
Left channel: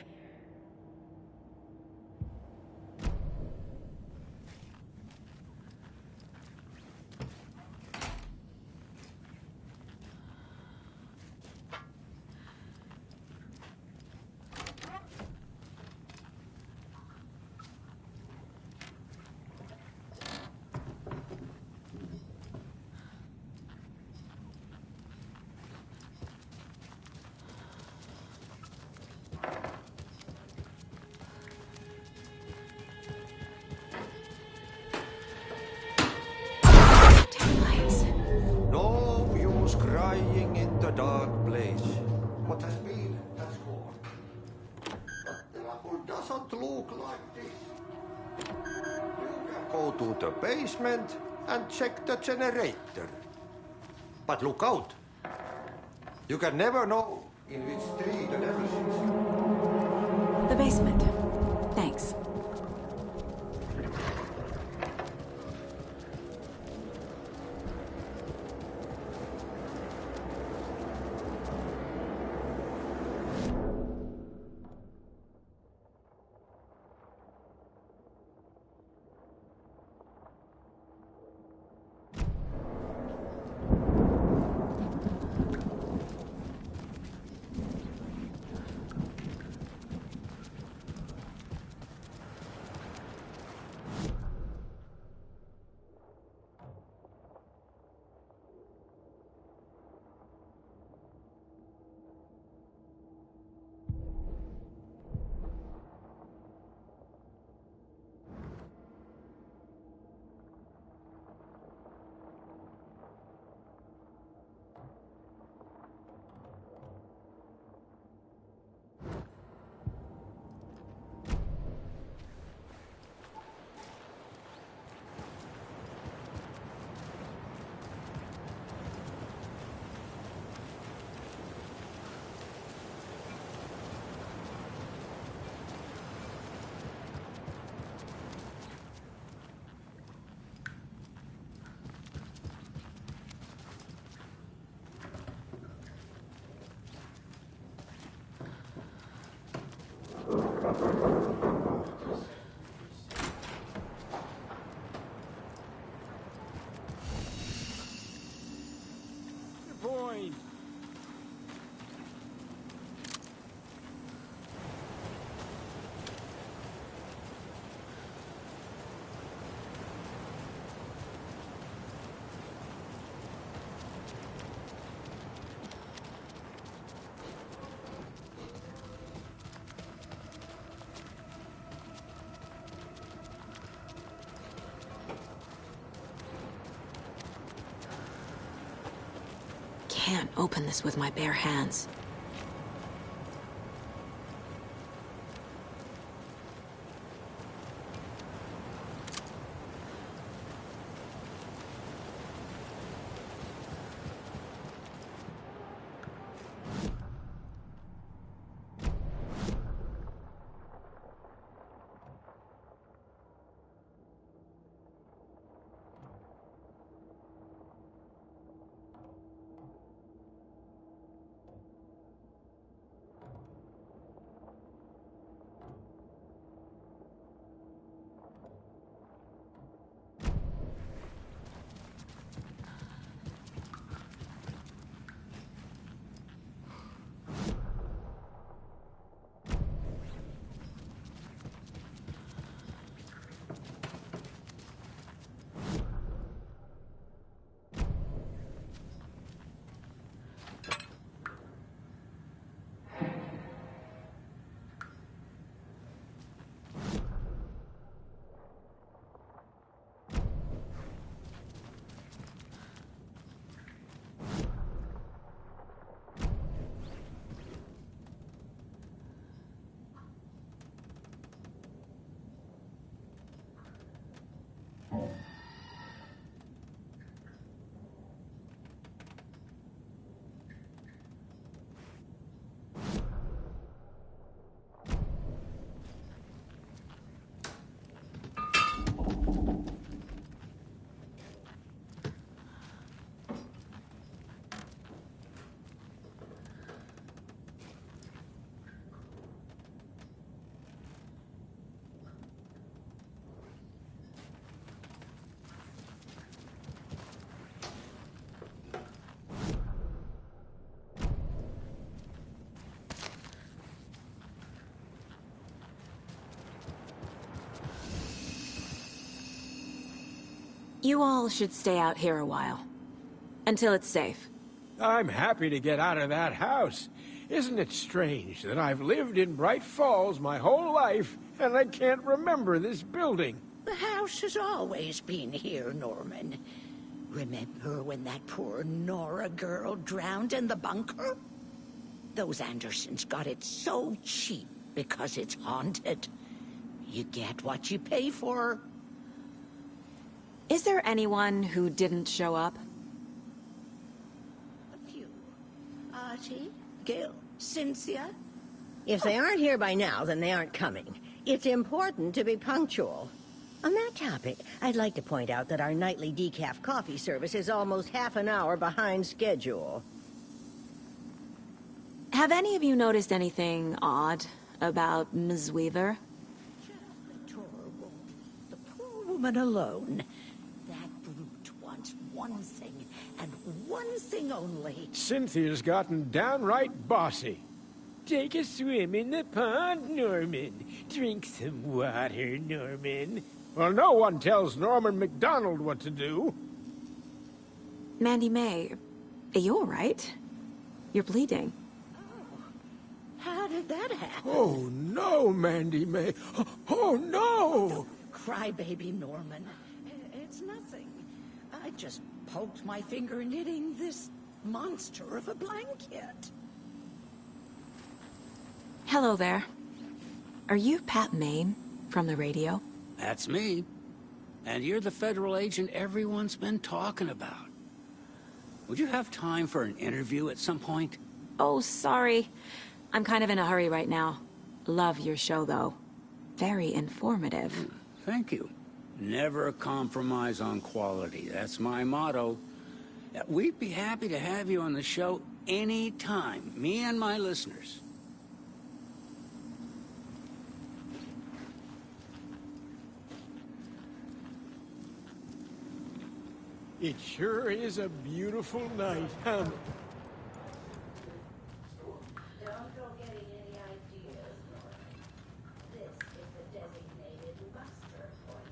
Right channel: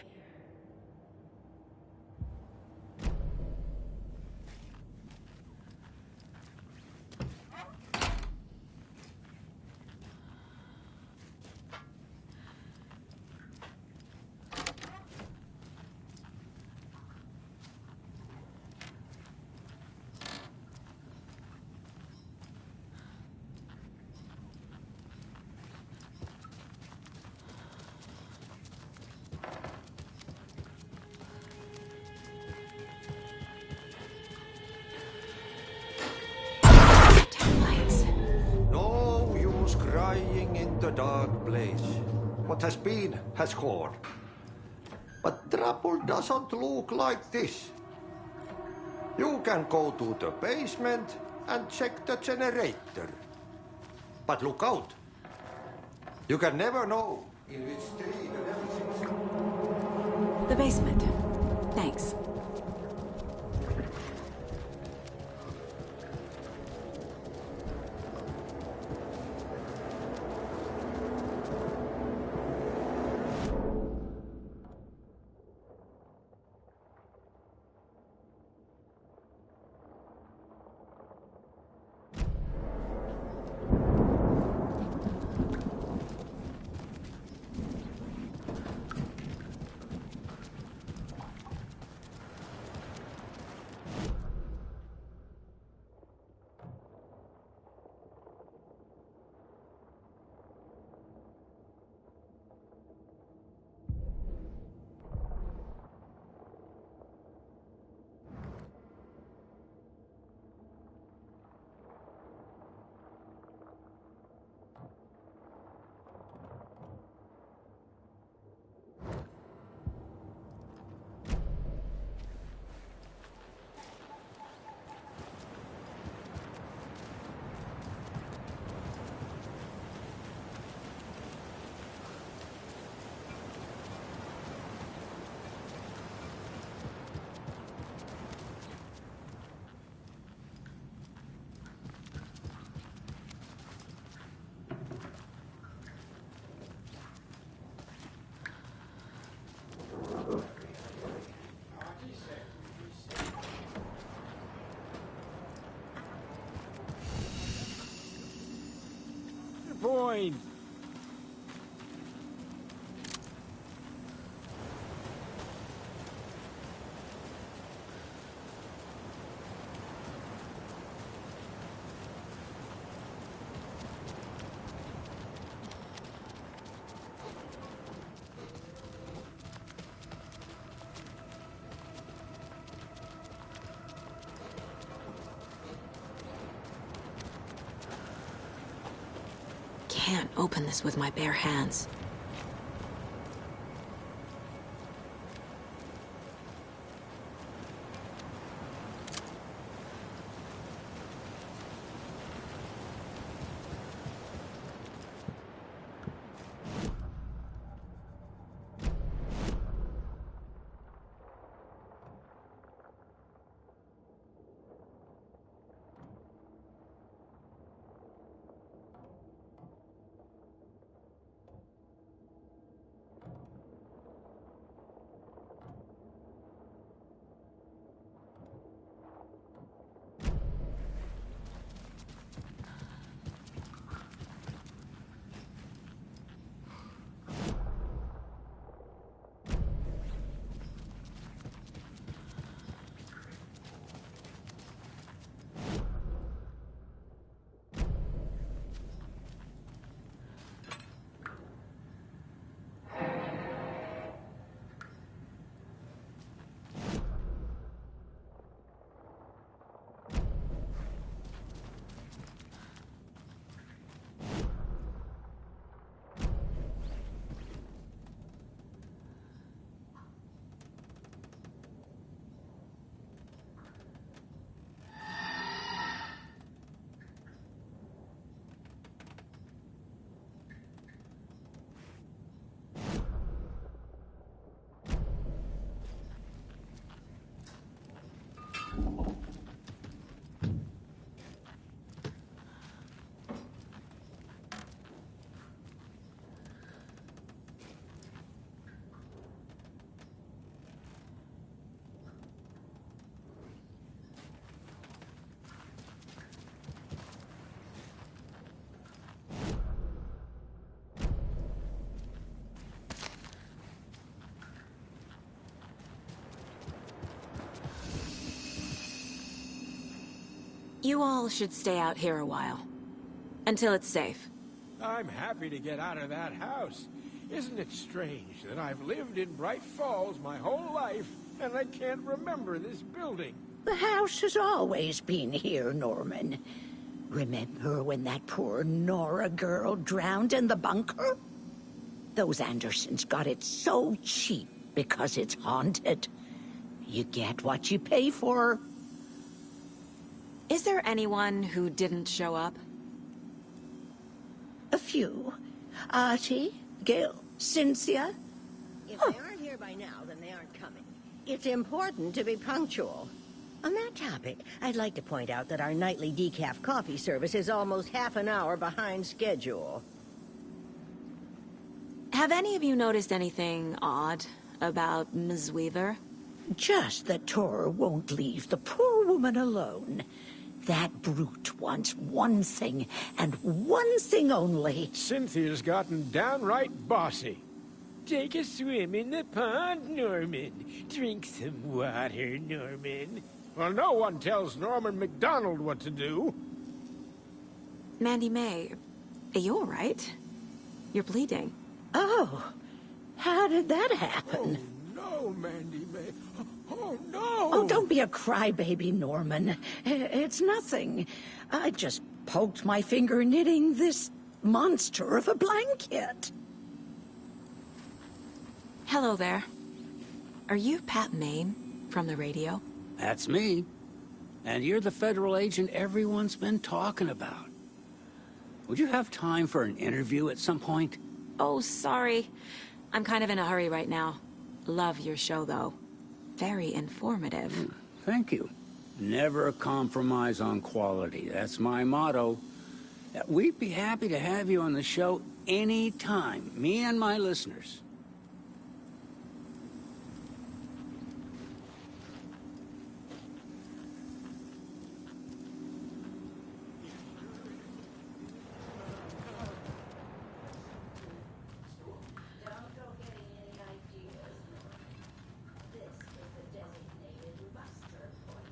Dark place. What has been has gone. But trouble doesn't look like this. You can go to the basement and check the generator. But look out. You can never know in which tree the nemesis is. The basement. Thanks. Point. Can't open this with my bare hands. You all should stay out here a while. Until it's safe. I'm happy to get out of that house. Isn't it strange that I've lived in Bright Falls my whole life, and I can't remember this building? The house has always been here, Norman. Remember when that poor Nora girl drowned in the bunker? Those Andersons got it so cheap because it's haunted. You get what you pay for. Is there anyone who didn't show up? A few. Artie, Gil, Cynthia. If they aren't here by now, then they aren't coming. It's important to be punctual. On that topic, I'd like to point out that our nightly decaf coffee service is almost half an hour behind schedule. Have any of you noticed anything odd about Ms. Weaver? Just that Tor won't leave the poor woman alone. That brute wants one thing, and one thing only. Cynthia's gotten downright bossy. Take a swim in the pond, Norman. Drink some water, Norman. Well, no one tells Norman MacDonald what to do. Mandy May, are you all right? You're bleeding. Oh, how did that happen? Oh, no, Mandy May. Oh, no! Oh, don't be a crybaby, Norman. It's nothing. I just poked my finger knitting this monster of a blanket. Hello there. Are you Pat Maine from the radio? That's me. And you're the federal agent everyone's been talking about. Would you have time for an interview at some point? Oh, sorry. I'm kind of in a hurry right now. Love your show, though. Very informative. Thank you. Never compromise on quality. That's my motto. We'd be happy to have you on the show anytime, me and my listeners. It sure is a beautiful night, huh? Don't go getting any ideas. This is the designated muster point.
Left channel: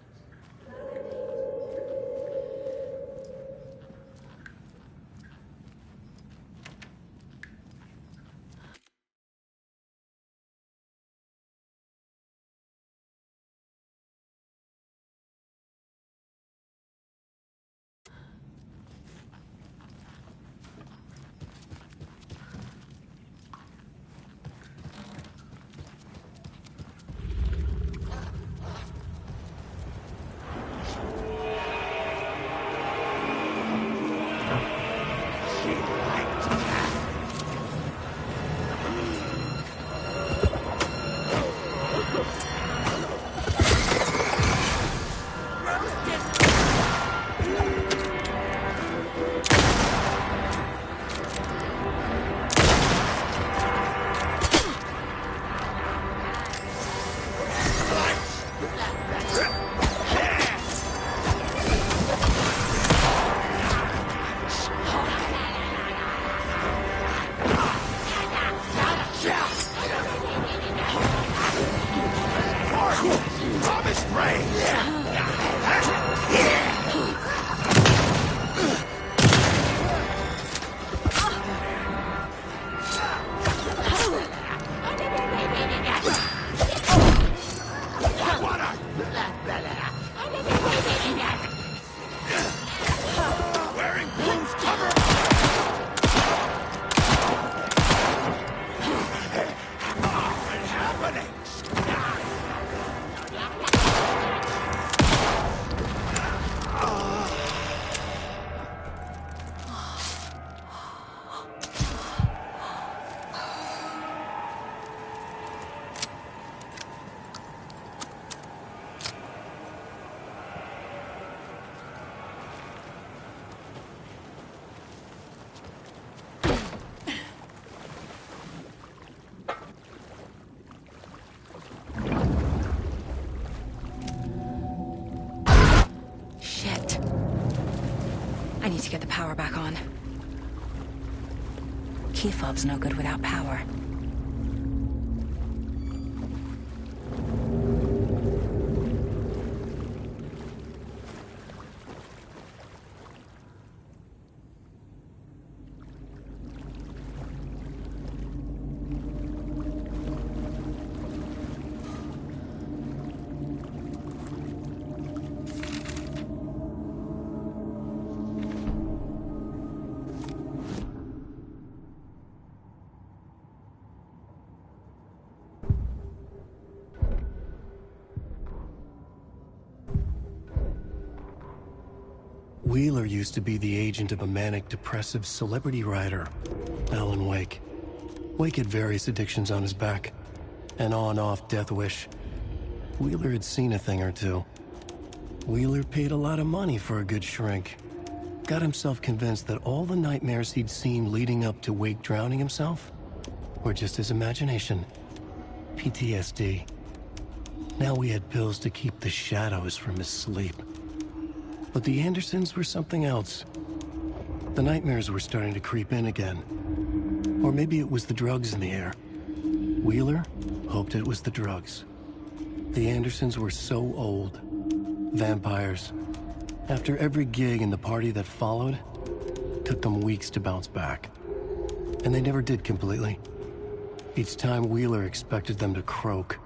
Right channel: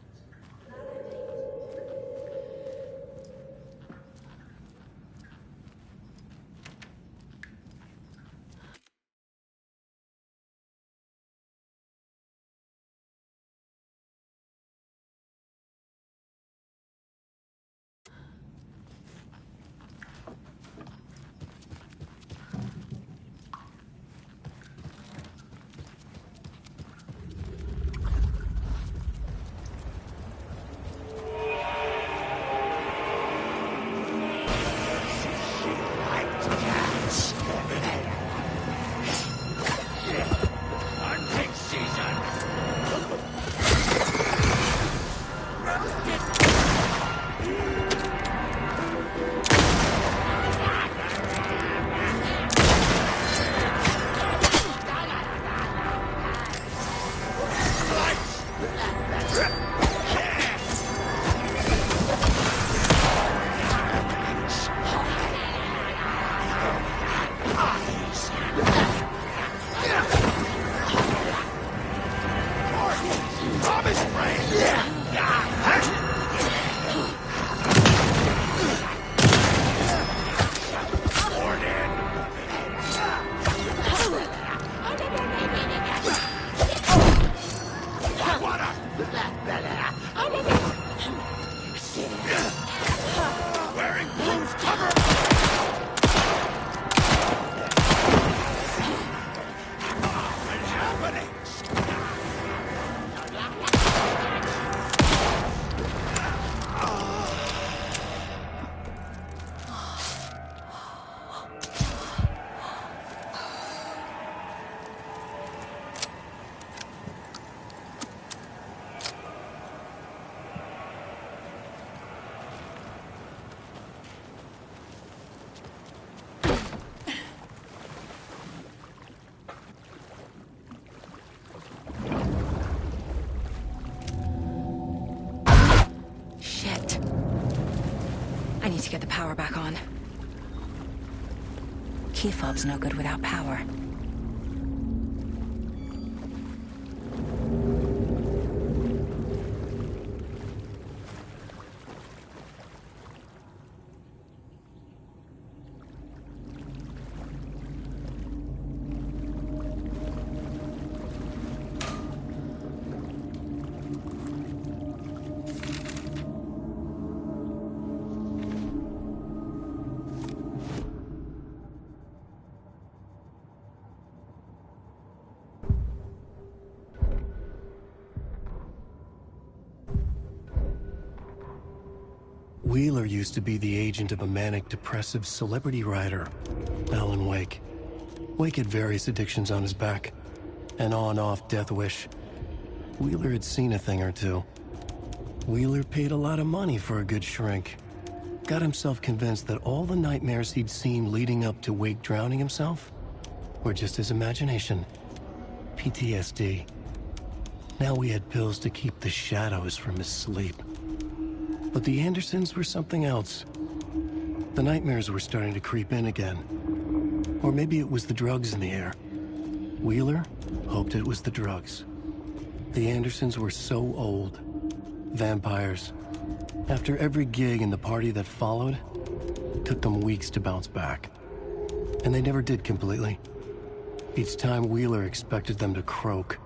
I need to get the power back on. Key fob's no good without power. Wheeler used to be the agent of a manic-depressive celebrity writer, Alan Wake. Wake had various addictions on his back. An on-off death wish. Wheeler had seen a thing or two. Wheeler paid a lot of money for a good shrink. Got himself convinced that all the nightmares he'd seen leading up to Wake drowning himself were just his imagination. PTSD. Now we had pills to keep the shadows from his sleep. But the Andersons were something else. The nightmares were starting to creep in again. Or maybe it was the drugs in the air. Wheeler hoped it was the drugs. The Andersons were so old. Vampires. After every gig and the party that followed, it took them weeks to bounce back. And they never did completely. Each time Wheeler expected them to croak.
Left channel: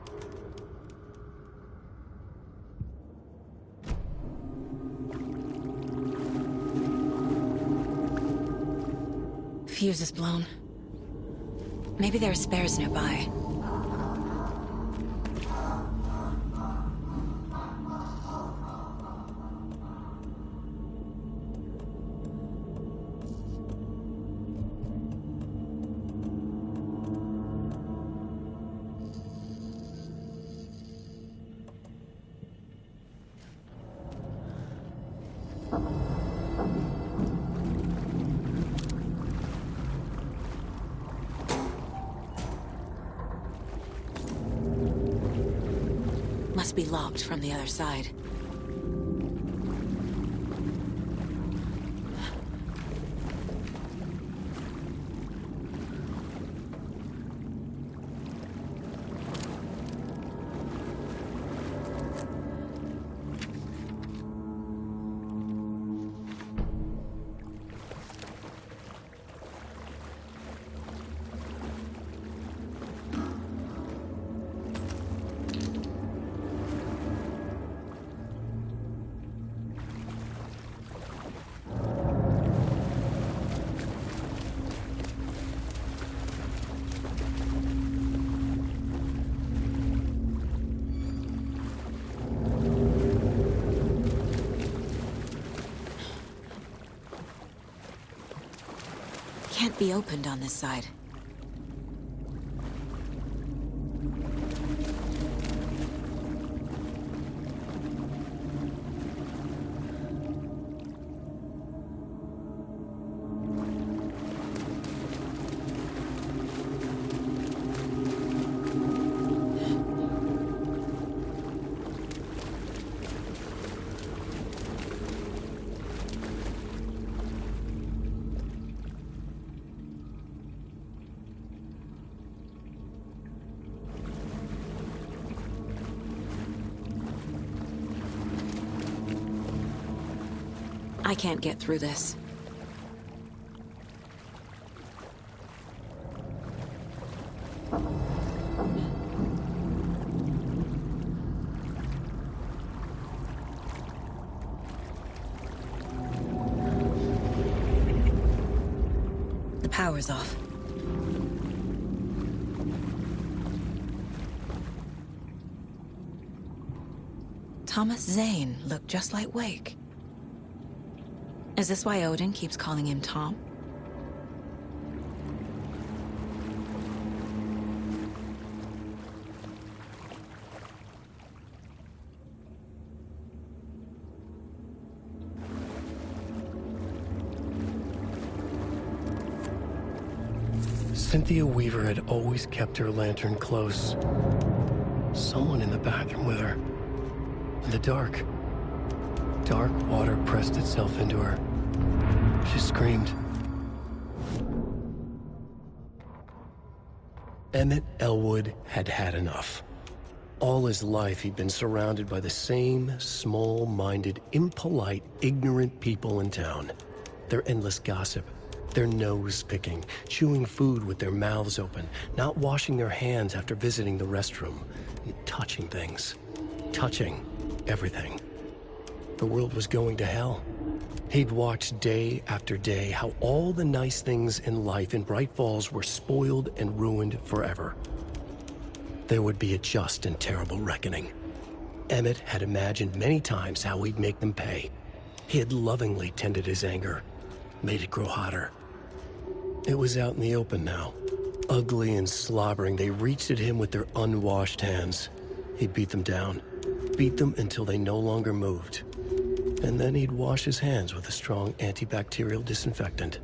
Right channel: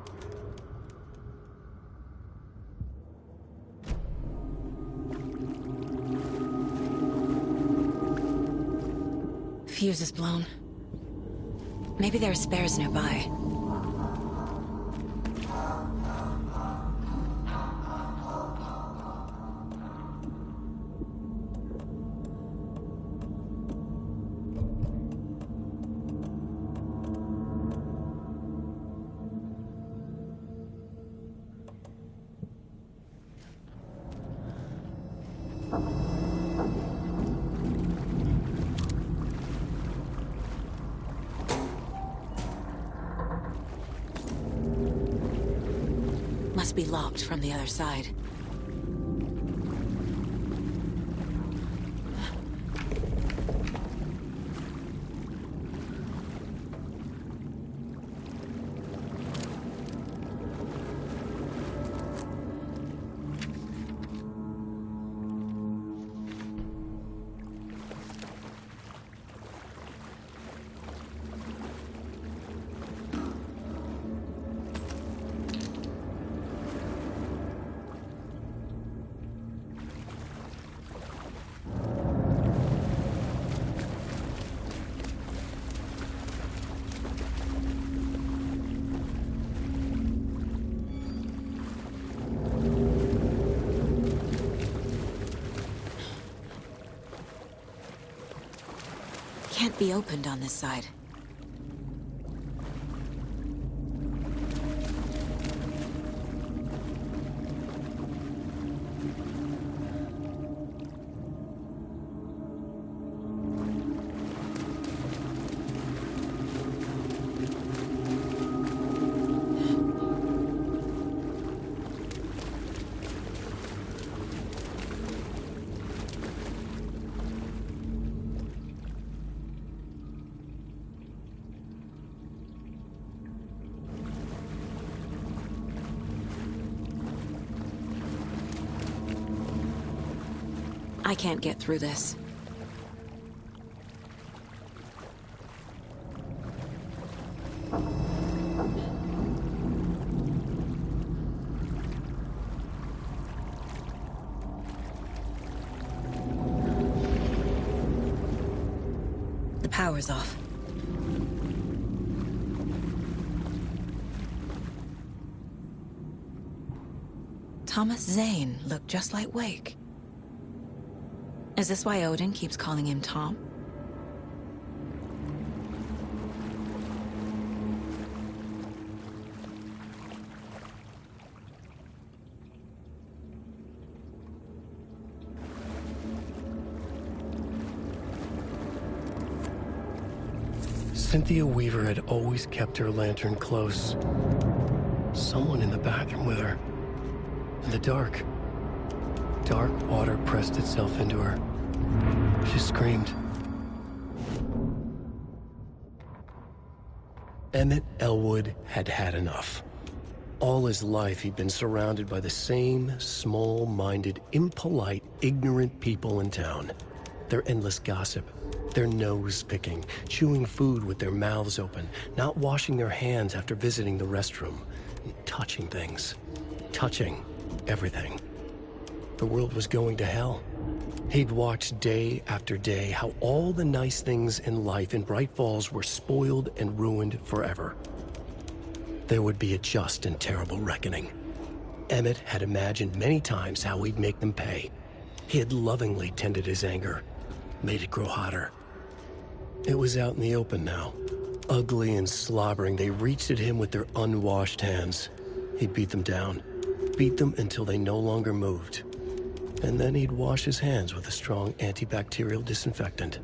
Fuse is blown. Maybe there are spares nearby. Must be locked from the other side. can't be opened on this side. I can't get through this. The power's off. Thomas Zane looked just like Wake. Is this why Odin keeps calling him Tom? Cynthia Weaver had always kept her lantern close. Someone in the bathroom with her. In the dark. Dark water pressed itself into her. She screamed. Emmett Elwood had had enough. All his life he'd been surrounded by the same small-minded, impolite, ignorant people in town. Their endless gossip, their nose-picking, chewing food with their mouths open, not washing their hands after visiting the restroom, and touching things. Touching everything. The world was going to hell. He'd watched day after day how all the nice things in life in Bright Falls were spoiled and ruined forever. There would be a just and terrible reckoning. Emmett had imagined many times how he'd make them pay. He had lovingly tended his anger, made it grow hotter. It was out in the open now. Ugly and slobbering, they reached at him with their unwashed hands. He'd beat them down. Beat them until they no longer moved. And then he'd wash his hands with a strong antibacterial disinfectant.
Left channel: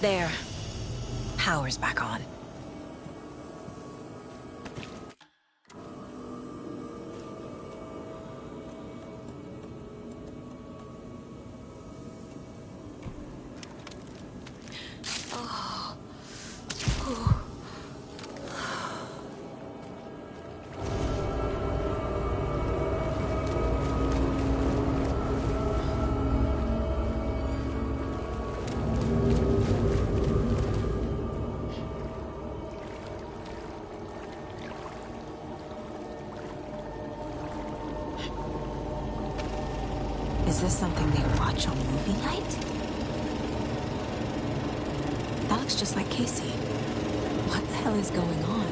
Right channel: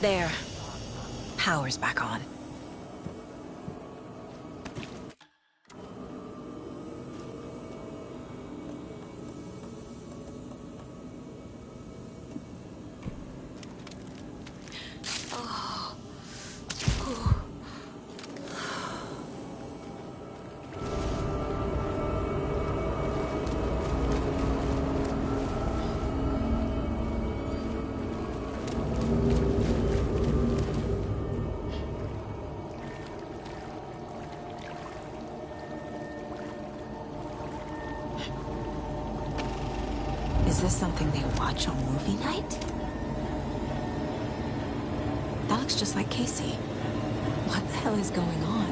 There. Power's back on. Is this something they watch on movie night? looks just like Casey. What the hell is going on?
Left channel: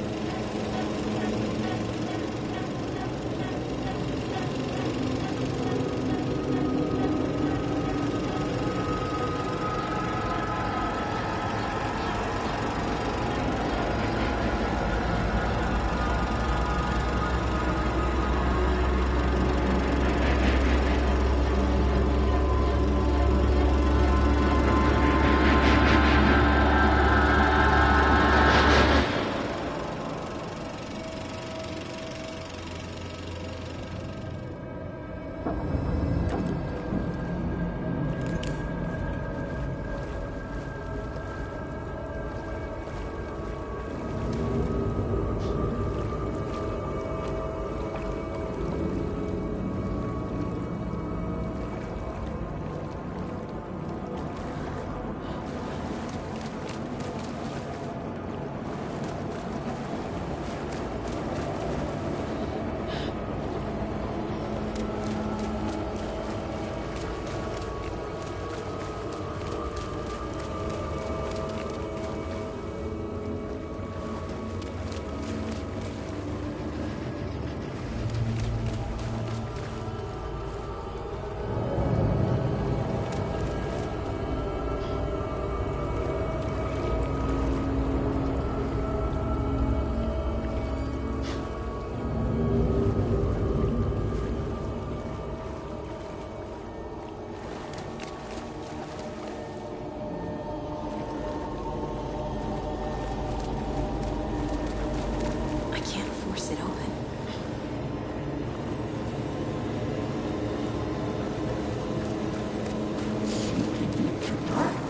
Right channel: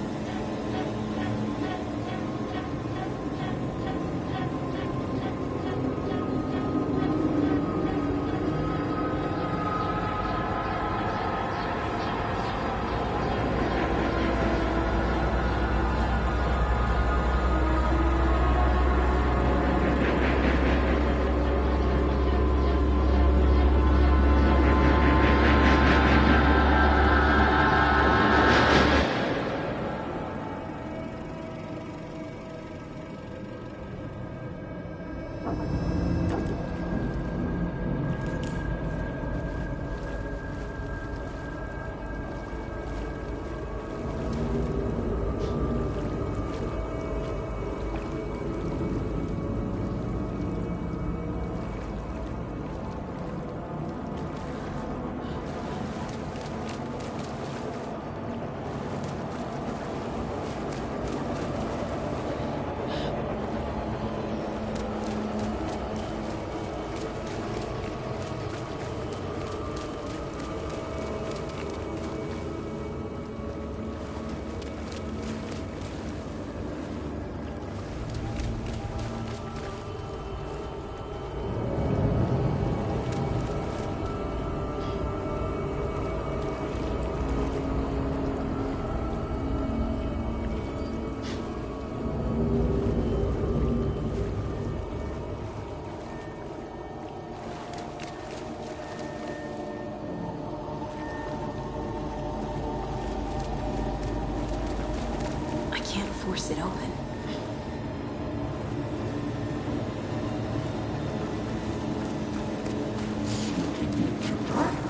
Force it open.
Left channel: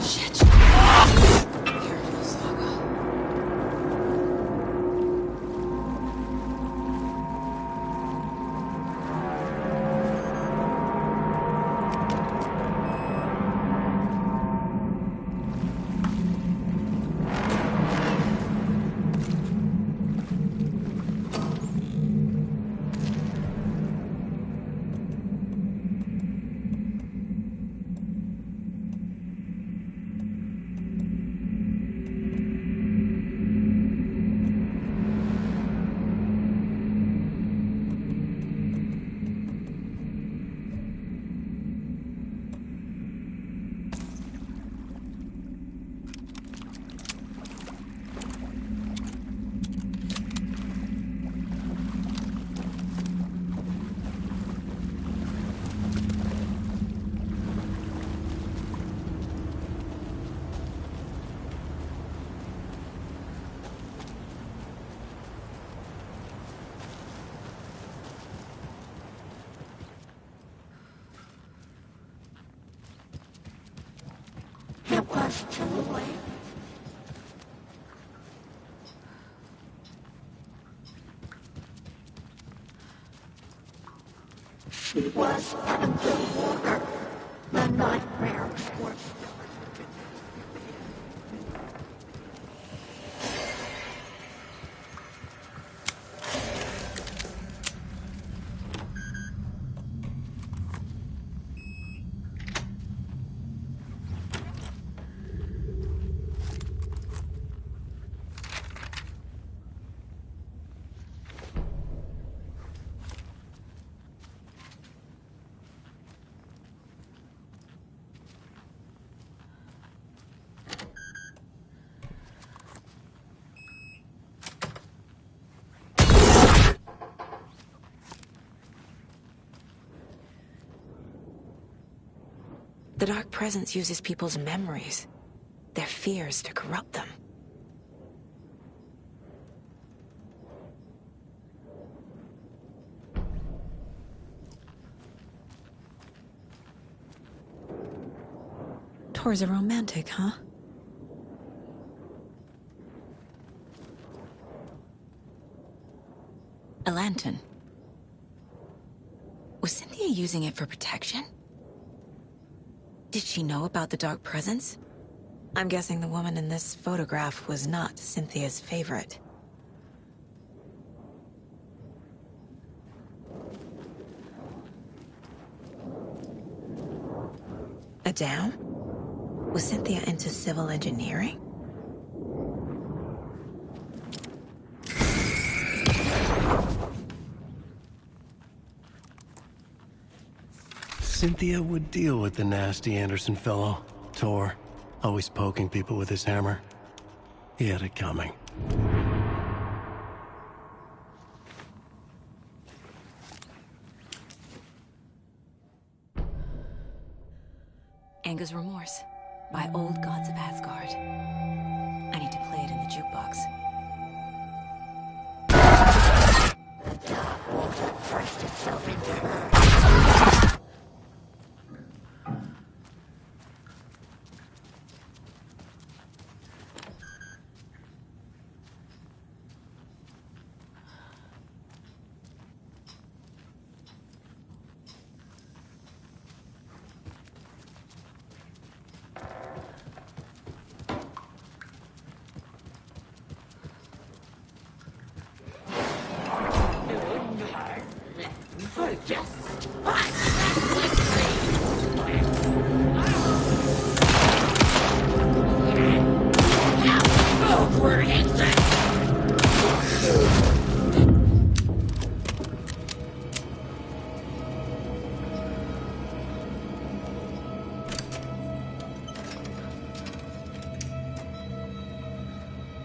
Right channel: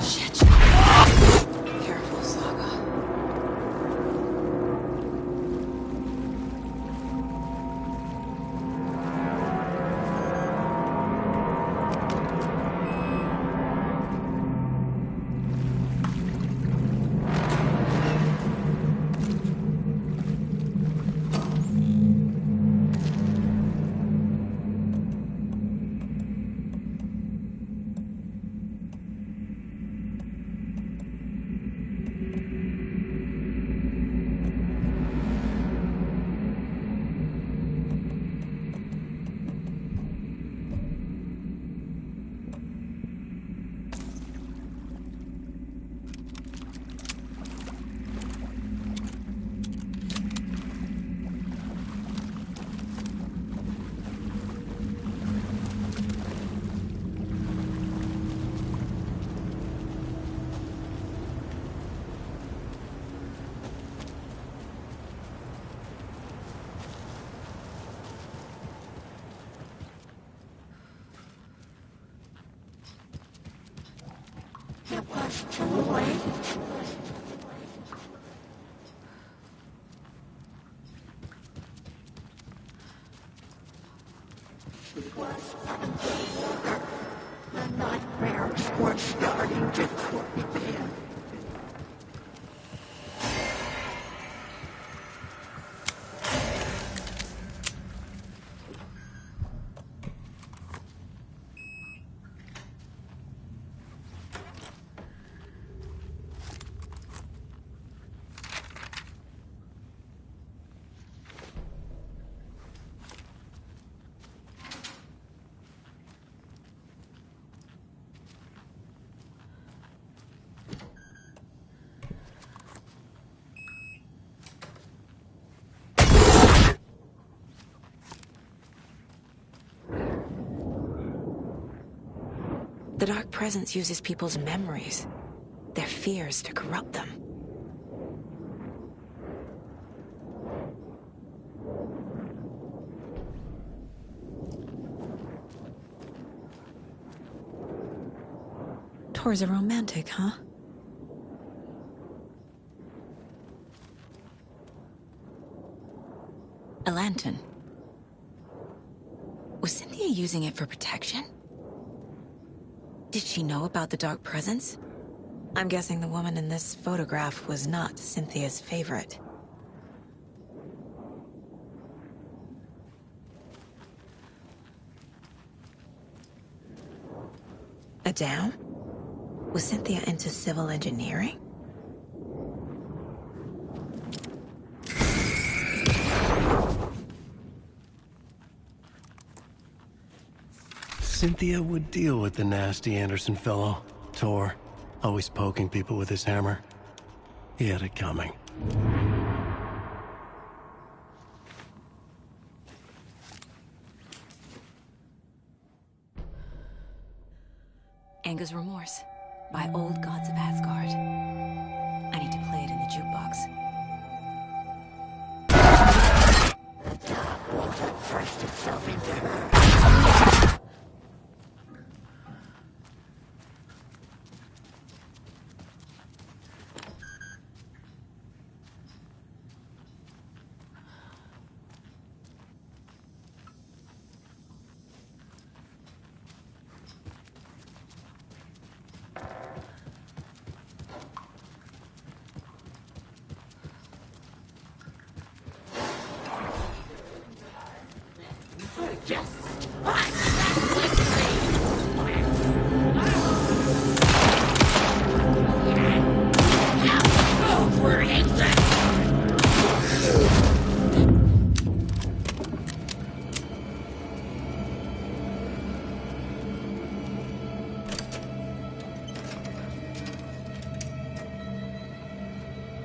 Shit. Careful, Saga. It was too late. She was underwater. The nightmares were starting to creep in. The Dark Presence uses people's memories, their fears to corrupt them. Tor's a romantic, huh? A lantern. Was Cynthia using it for protection? Did she know about the Dark Presence? I'm guessing the woman in this photograph was not Cynthia's favorite. A dam? Was Cynthia into civil engineering? Cynthia would deal with the nasty Anderson fellow, Tor, always poking people with his hammer. He had it coming. Anger's Remorse by Old Gods of Asgard. I need to play it in the jukebox. The dark water pressed itself into her.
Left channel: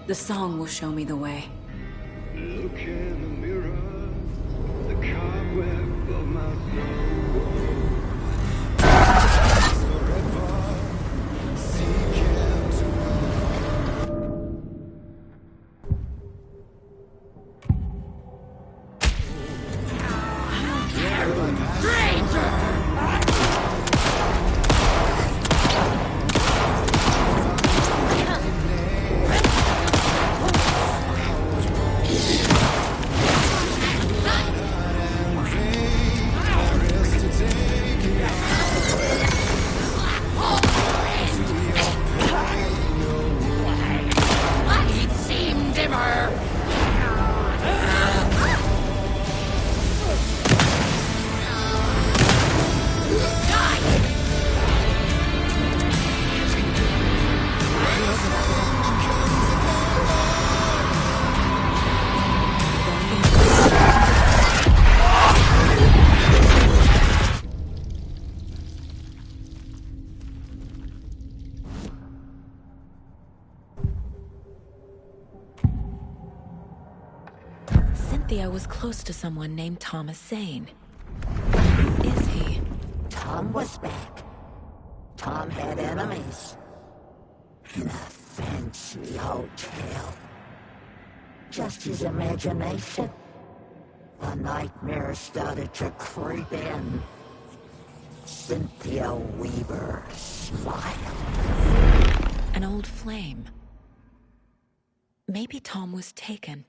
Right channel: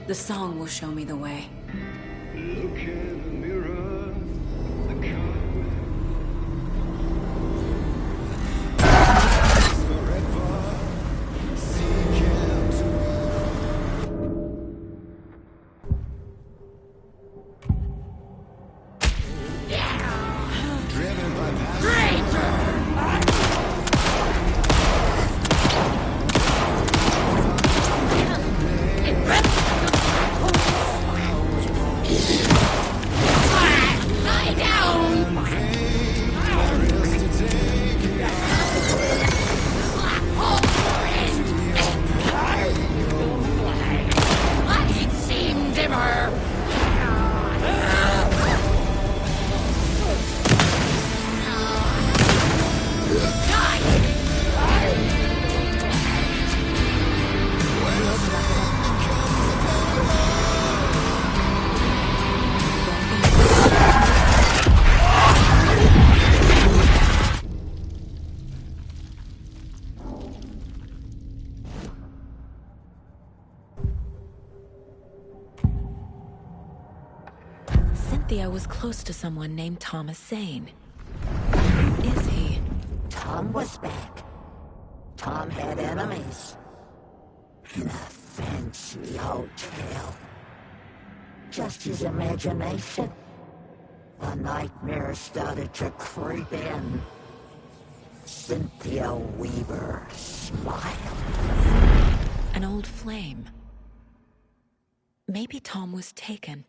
The song will show me the way. Look in the mirror, the cobweb of my forever seeking to driven by passion. Cynthia was close to someone named Thomas Zane. Who is he? Tom was back. Tom had enemies. In a fancy hotel. Just his imagination. A nightmare started to creep in. Cynthia Weaver smiled. An old flame. Maybe Tom was taken.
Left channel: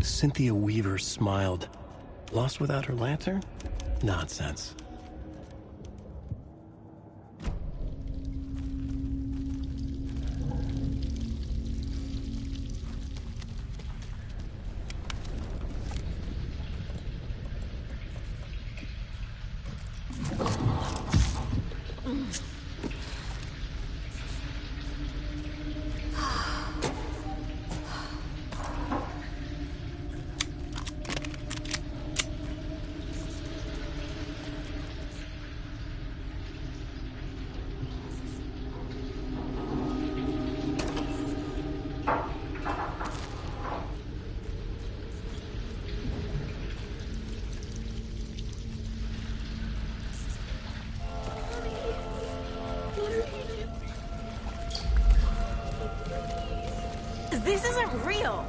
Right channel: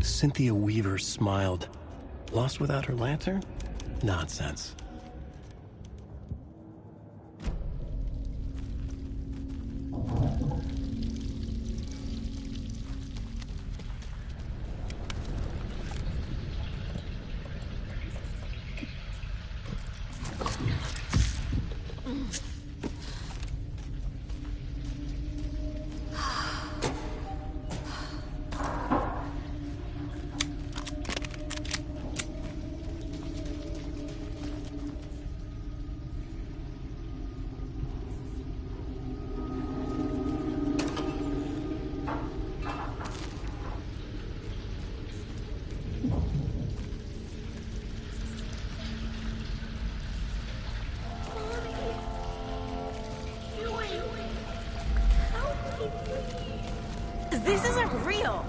Cynthia Weaver smiled. Lost without her lantern? Nonsense. This isn't real!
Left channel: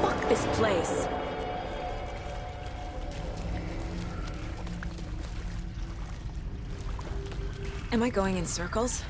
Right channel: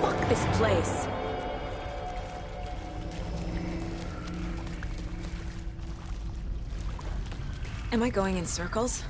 Fuck this place! Am I going in circles?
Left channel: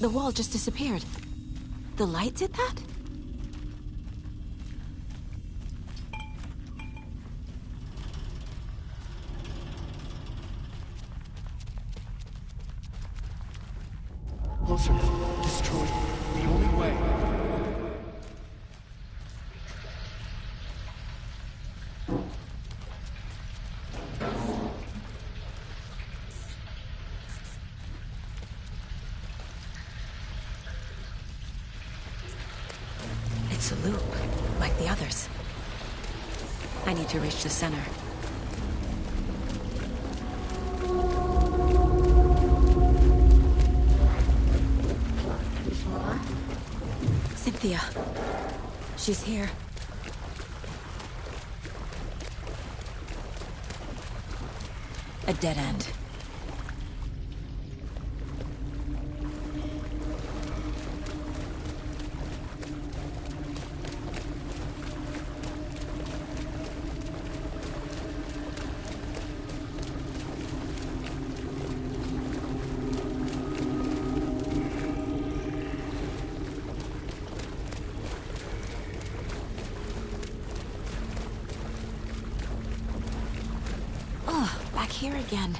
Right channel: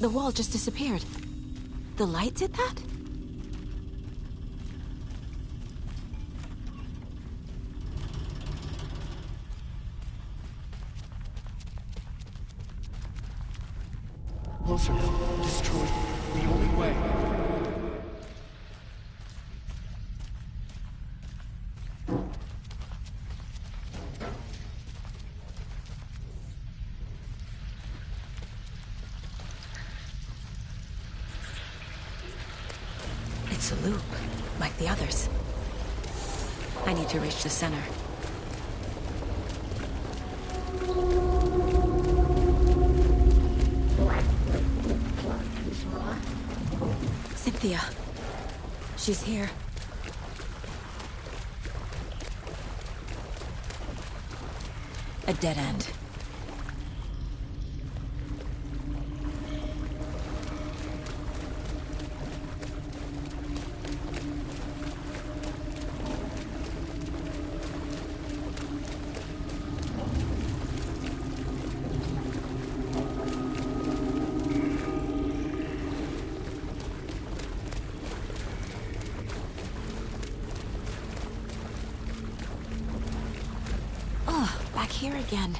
The wall just disappeared. The light did that? Closer now. Destroyed. The only way. It's a loop, like the others. I need to reach the center. Cynthia. She's here. A dead end. Back here again.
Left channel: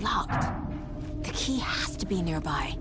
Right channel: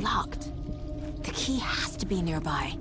Locked. The key has to be nearby.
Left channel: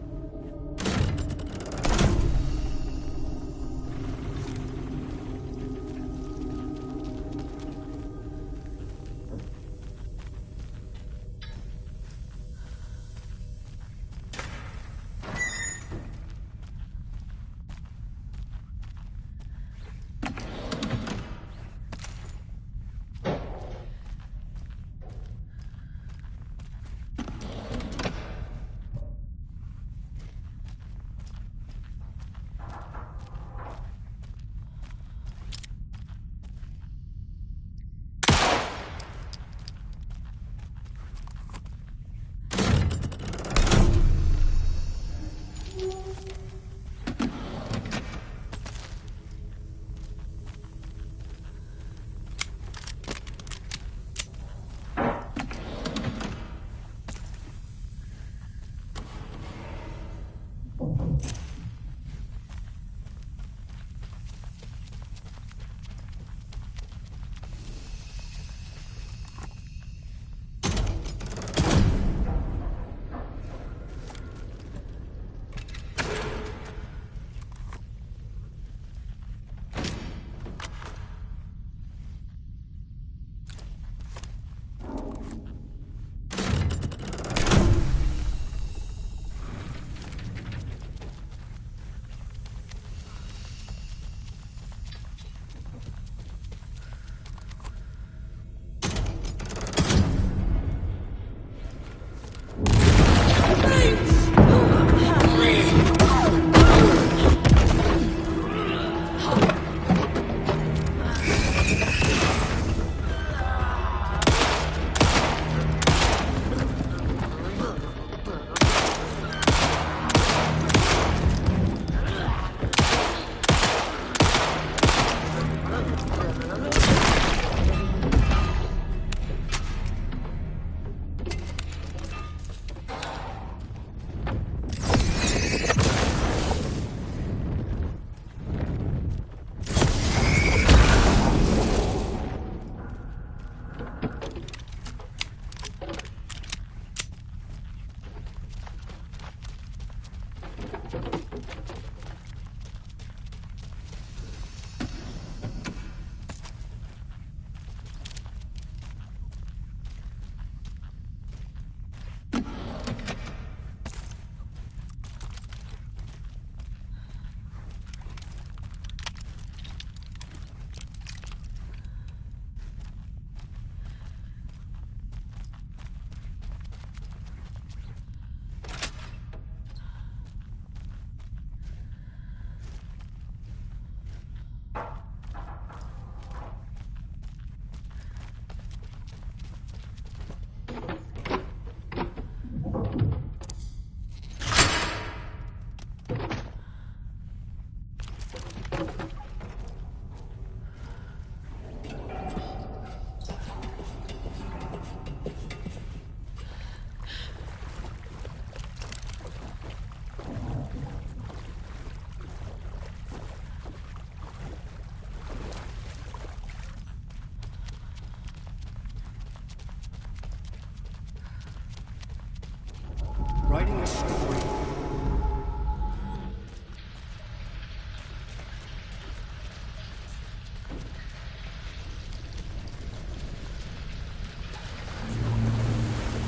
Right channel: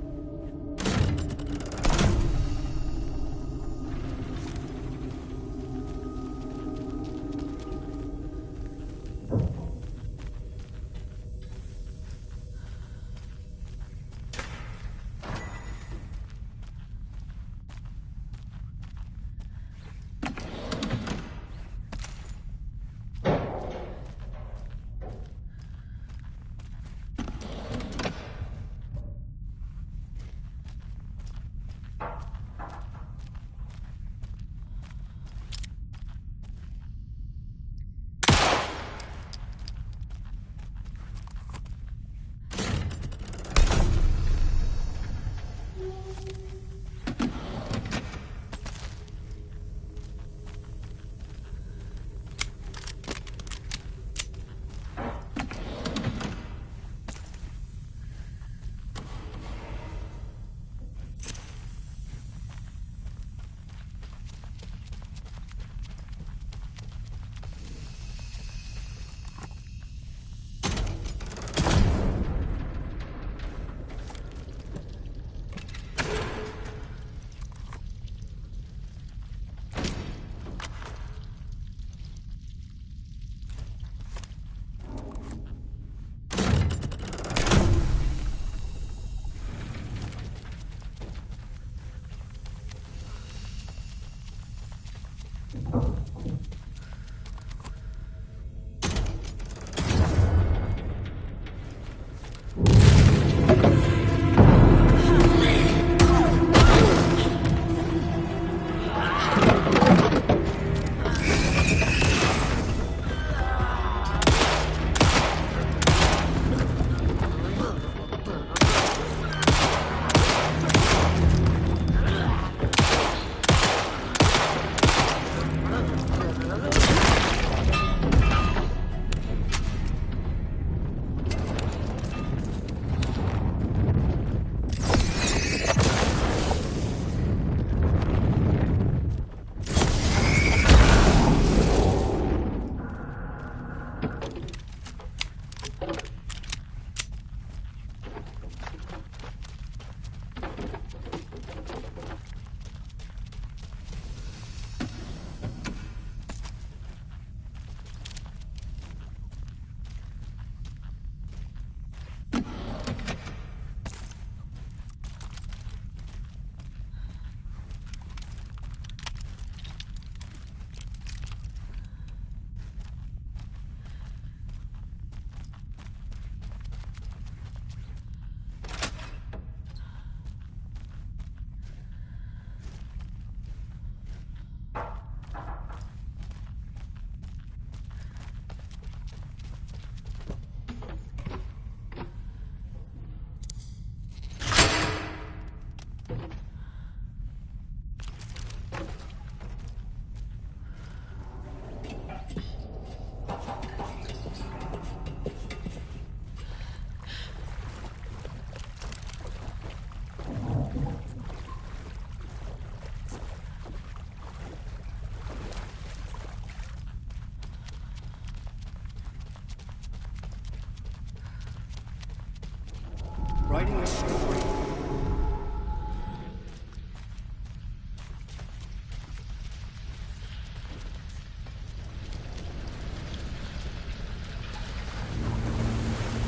writing a story.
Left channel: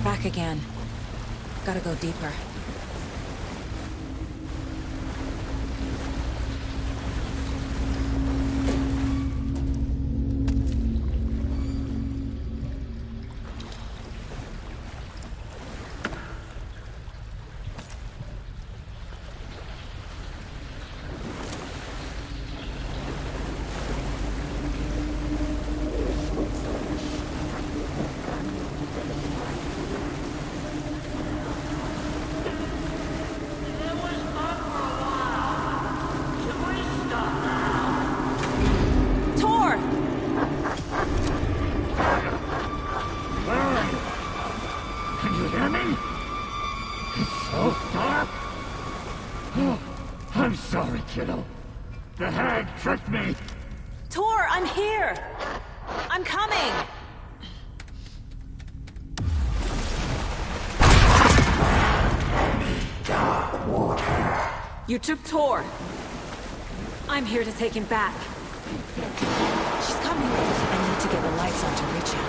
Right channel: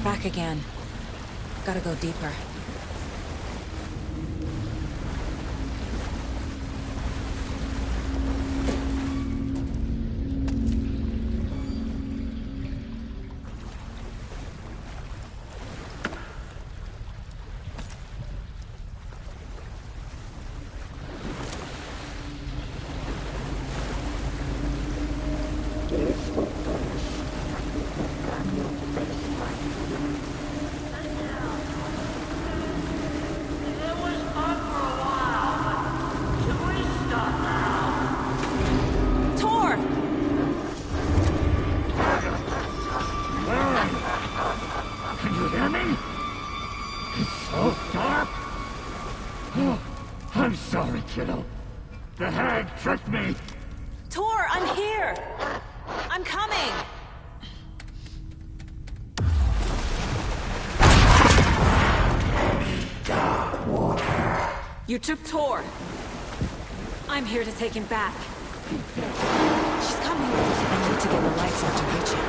Back again. Gotta go deeper. Can you hear me? It's so dark. Oh, I'm sorry, kiddo. The hag tricked me. Tor, I'm here! I'm coming! Dark water. You took Tor. I'm here to take him back. She's coming. I need to get the lights on to reach him.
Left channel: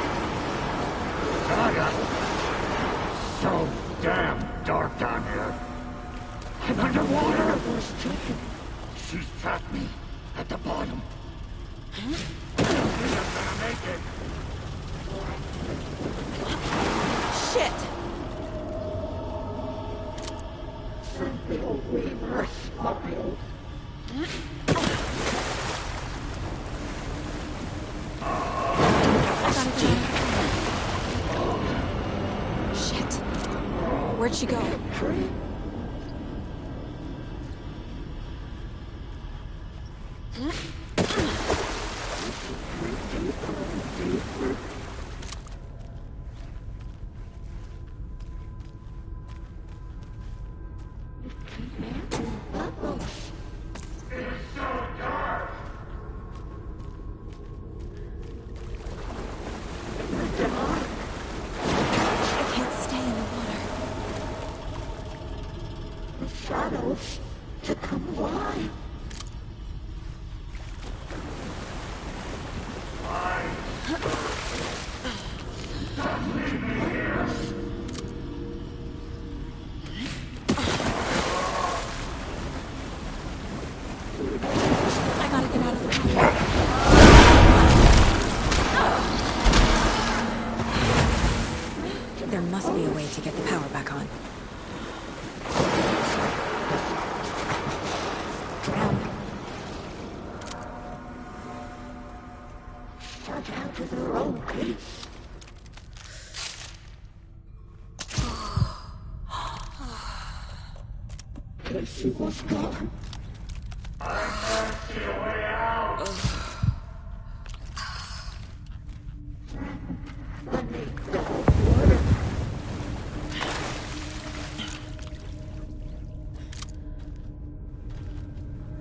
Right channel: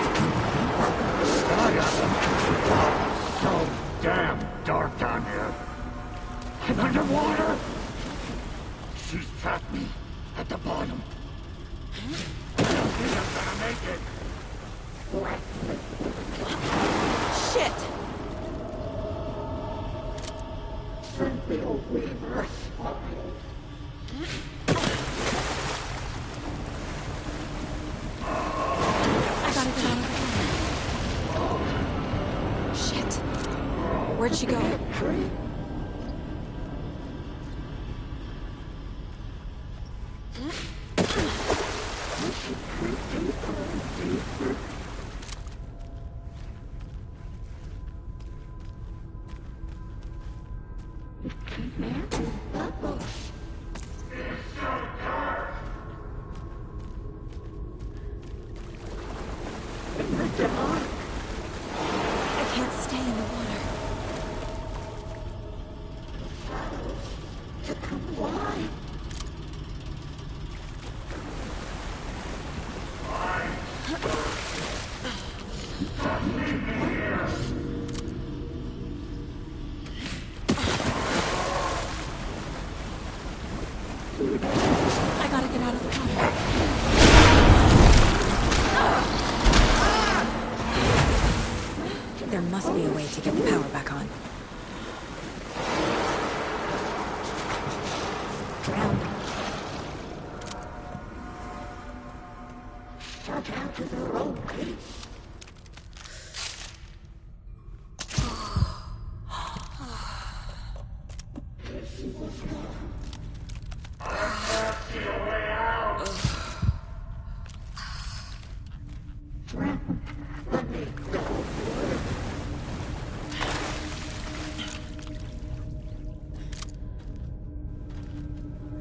So damn dark down here. I'm underwater. She's trapped me at the bottom. I don't think I'm gonna make it. Shit! Simple reverse smile. Shit. Where'd she go? I can't stay in the water. The shadows to come alive. I gotta get out of the water. There must be a way to get the power back on. Shut out to their own peace. Casey was gone. I can't see a way out. Let me go.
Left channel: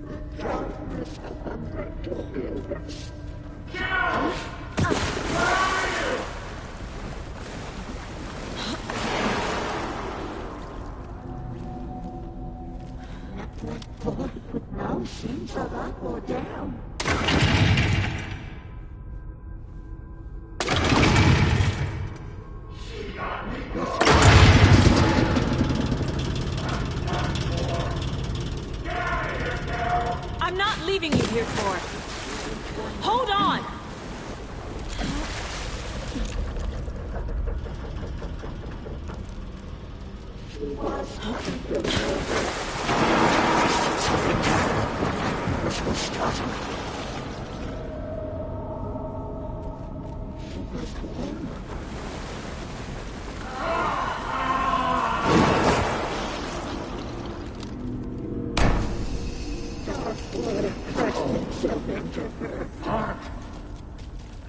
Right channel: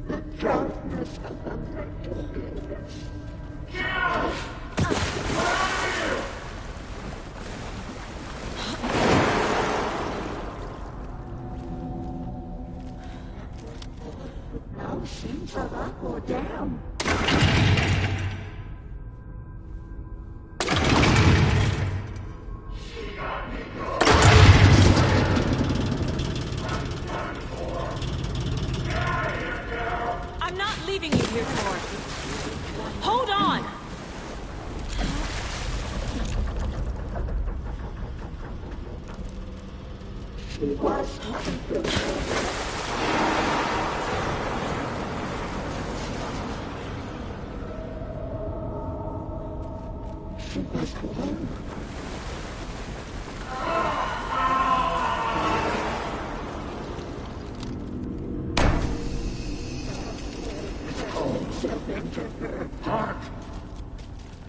The darkness of the mental illness. Now seems a lot more down. I'm not leaving you here, Tor. Hold on! She was looking good. She was home. Into her heart.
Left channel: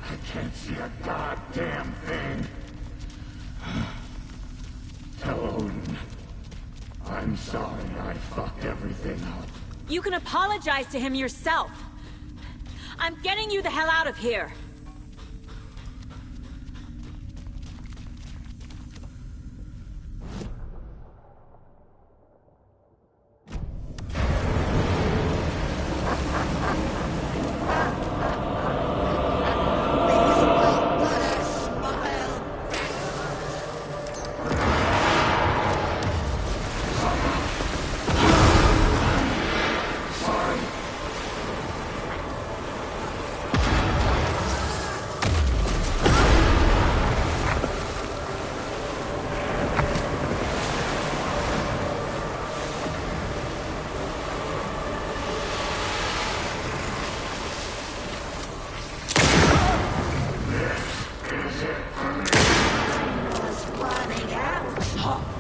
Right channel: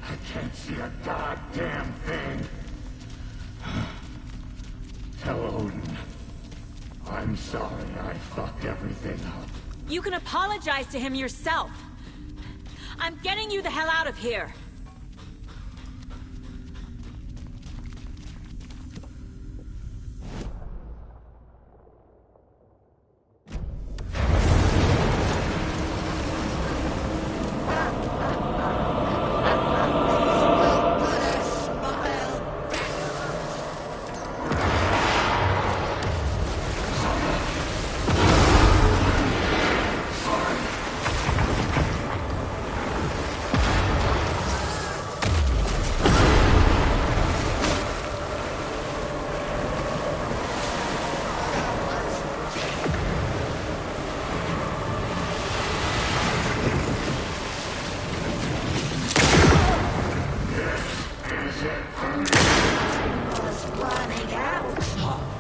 I can't see a goddamn thing. Tell Odin. I'm sorry I fucked everything up. You can apologize to him yourself. I'm getting you the hell out of here. was running out.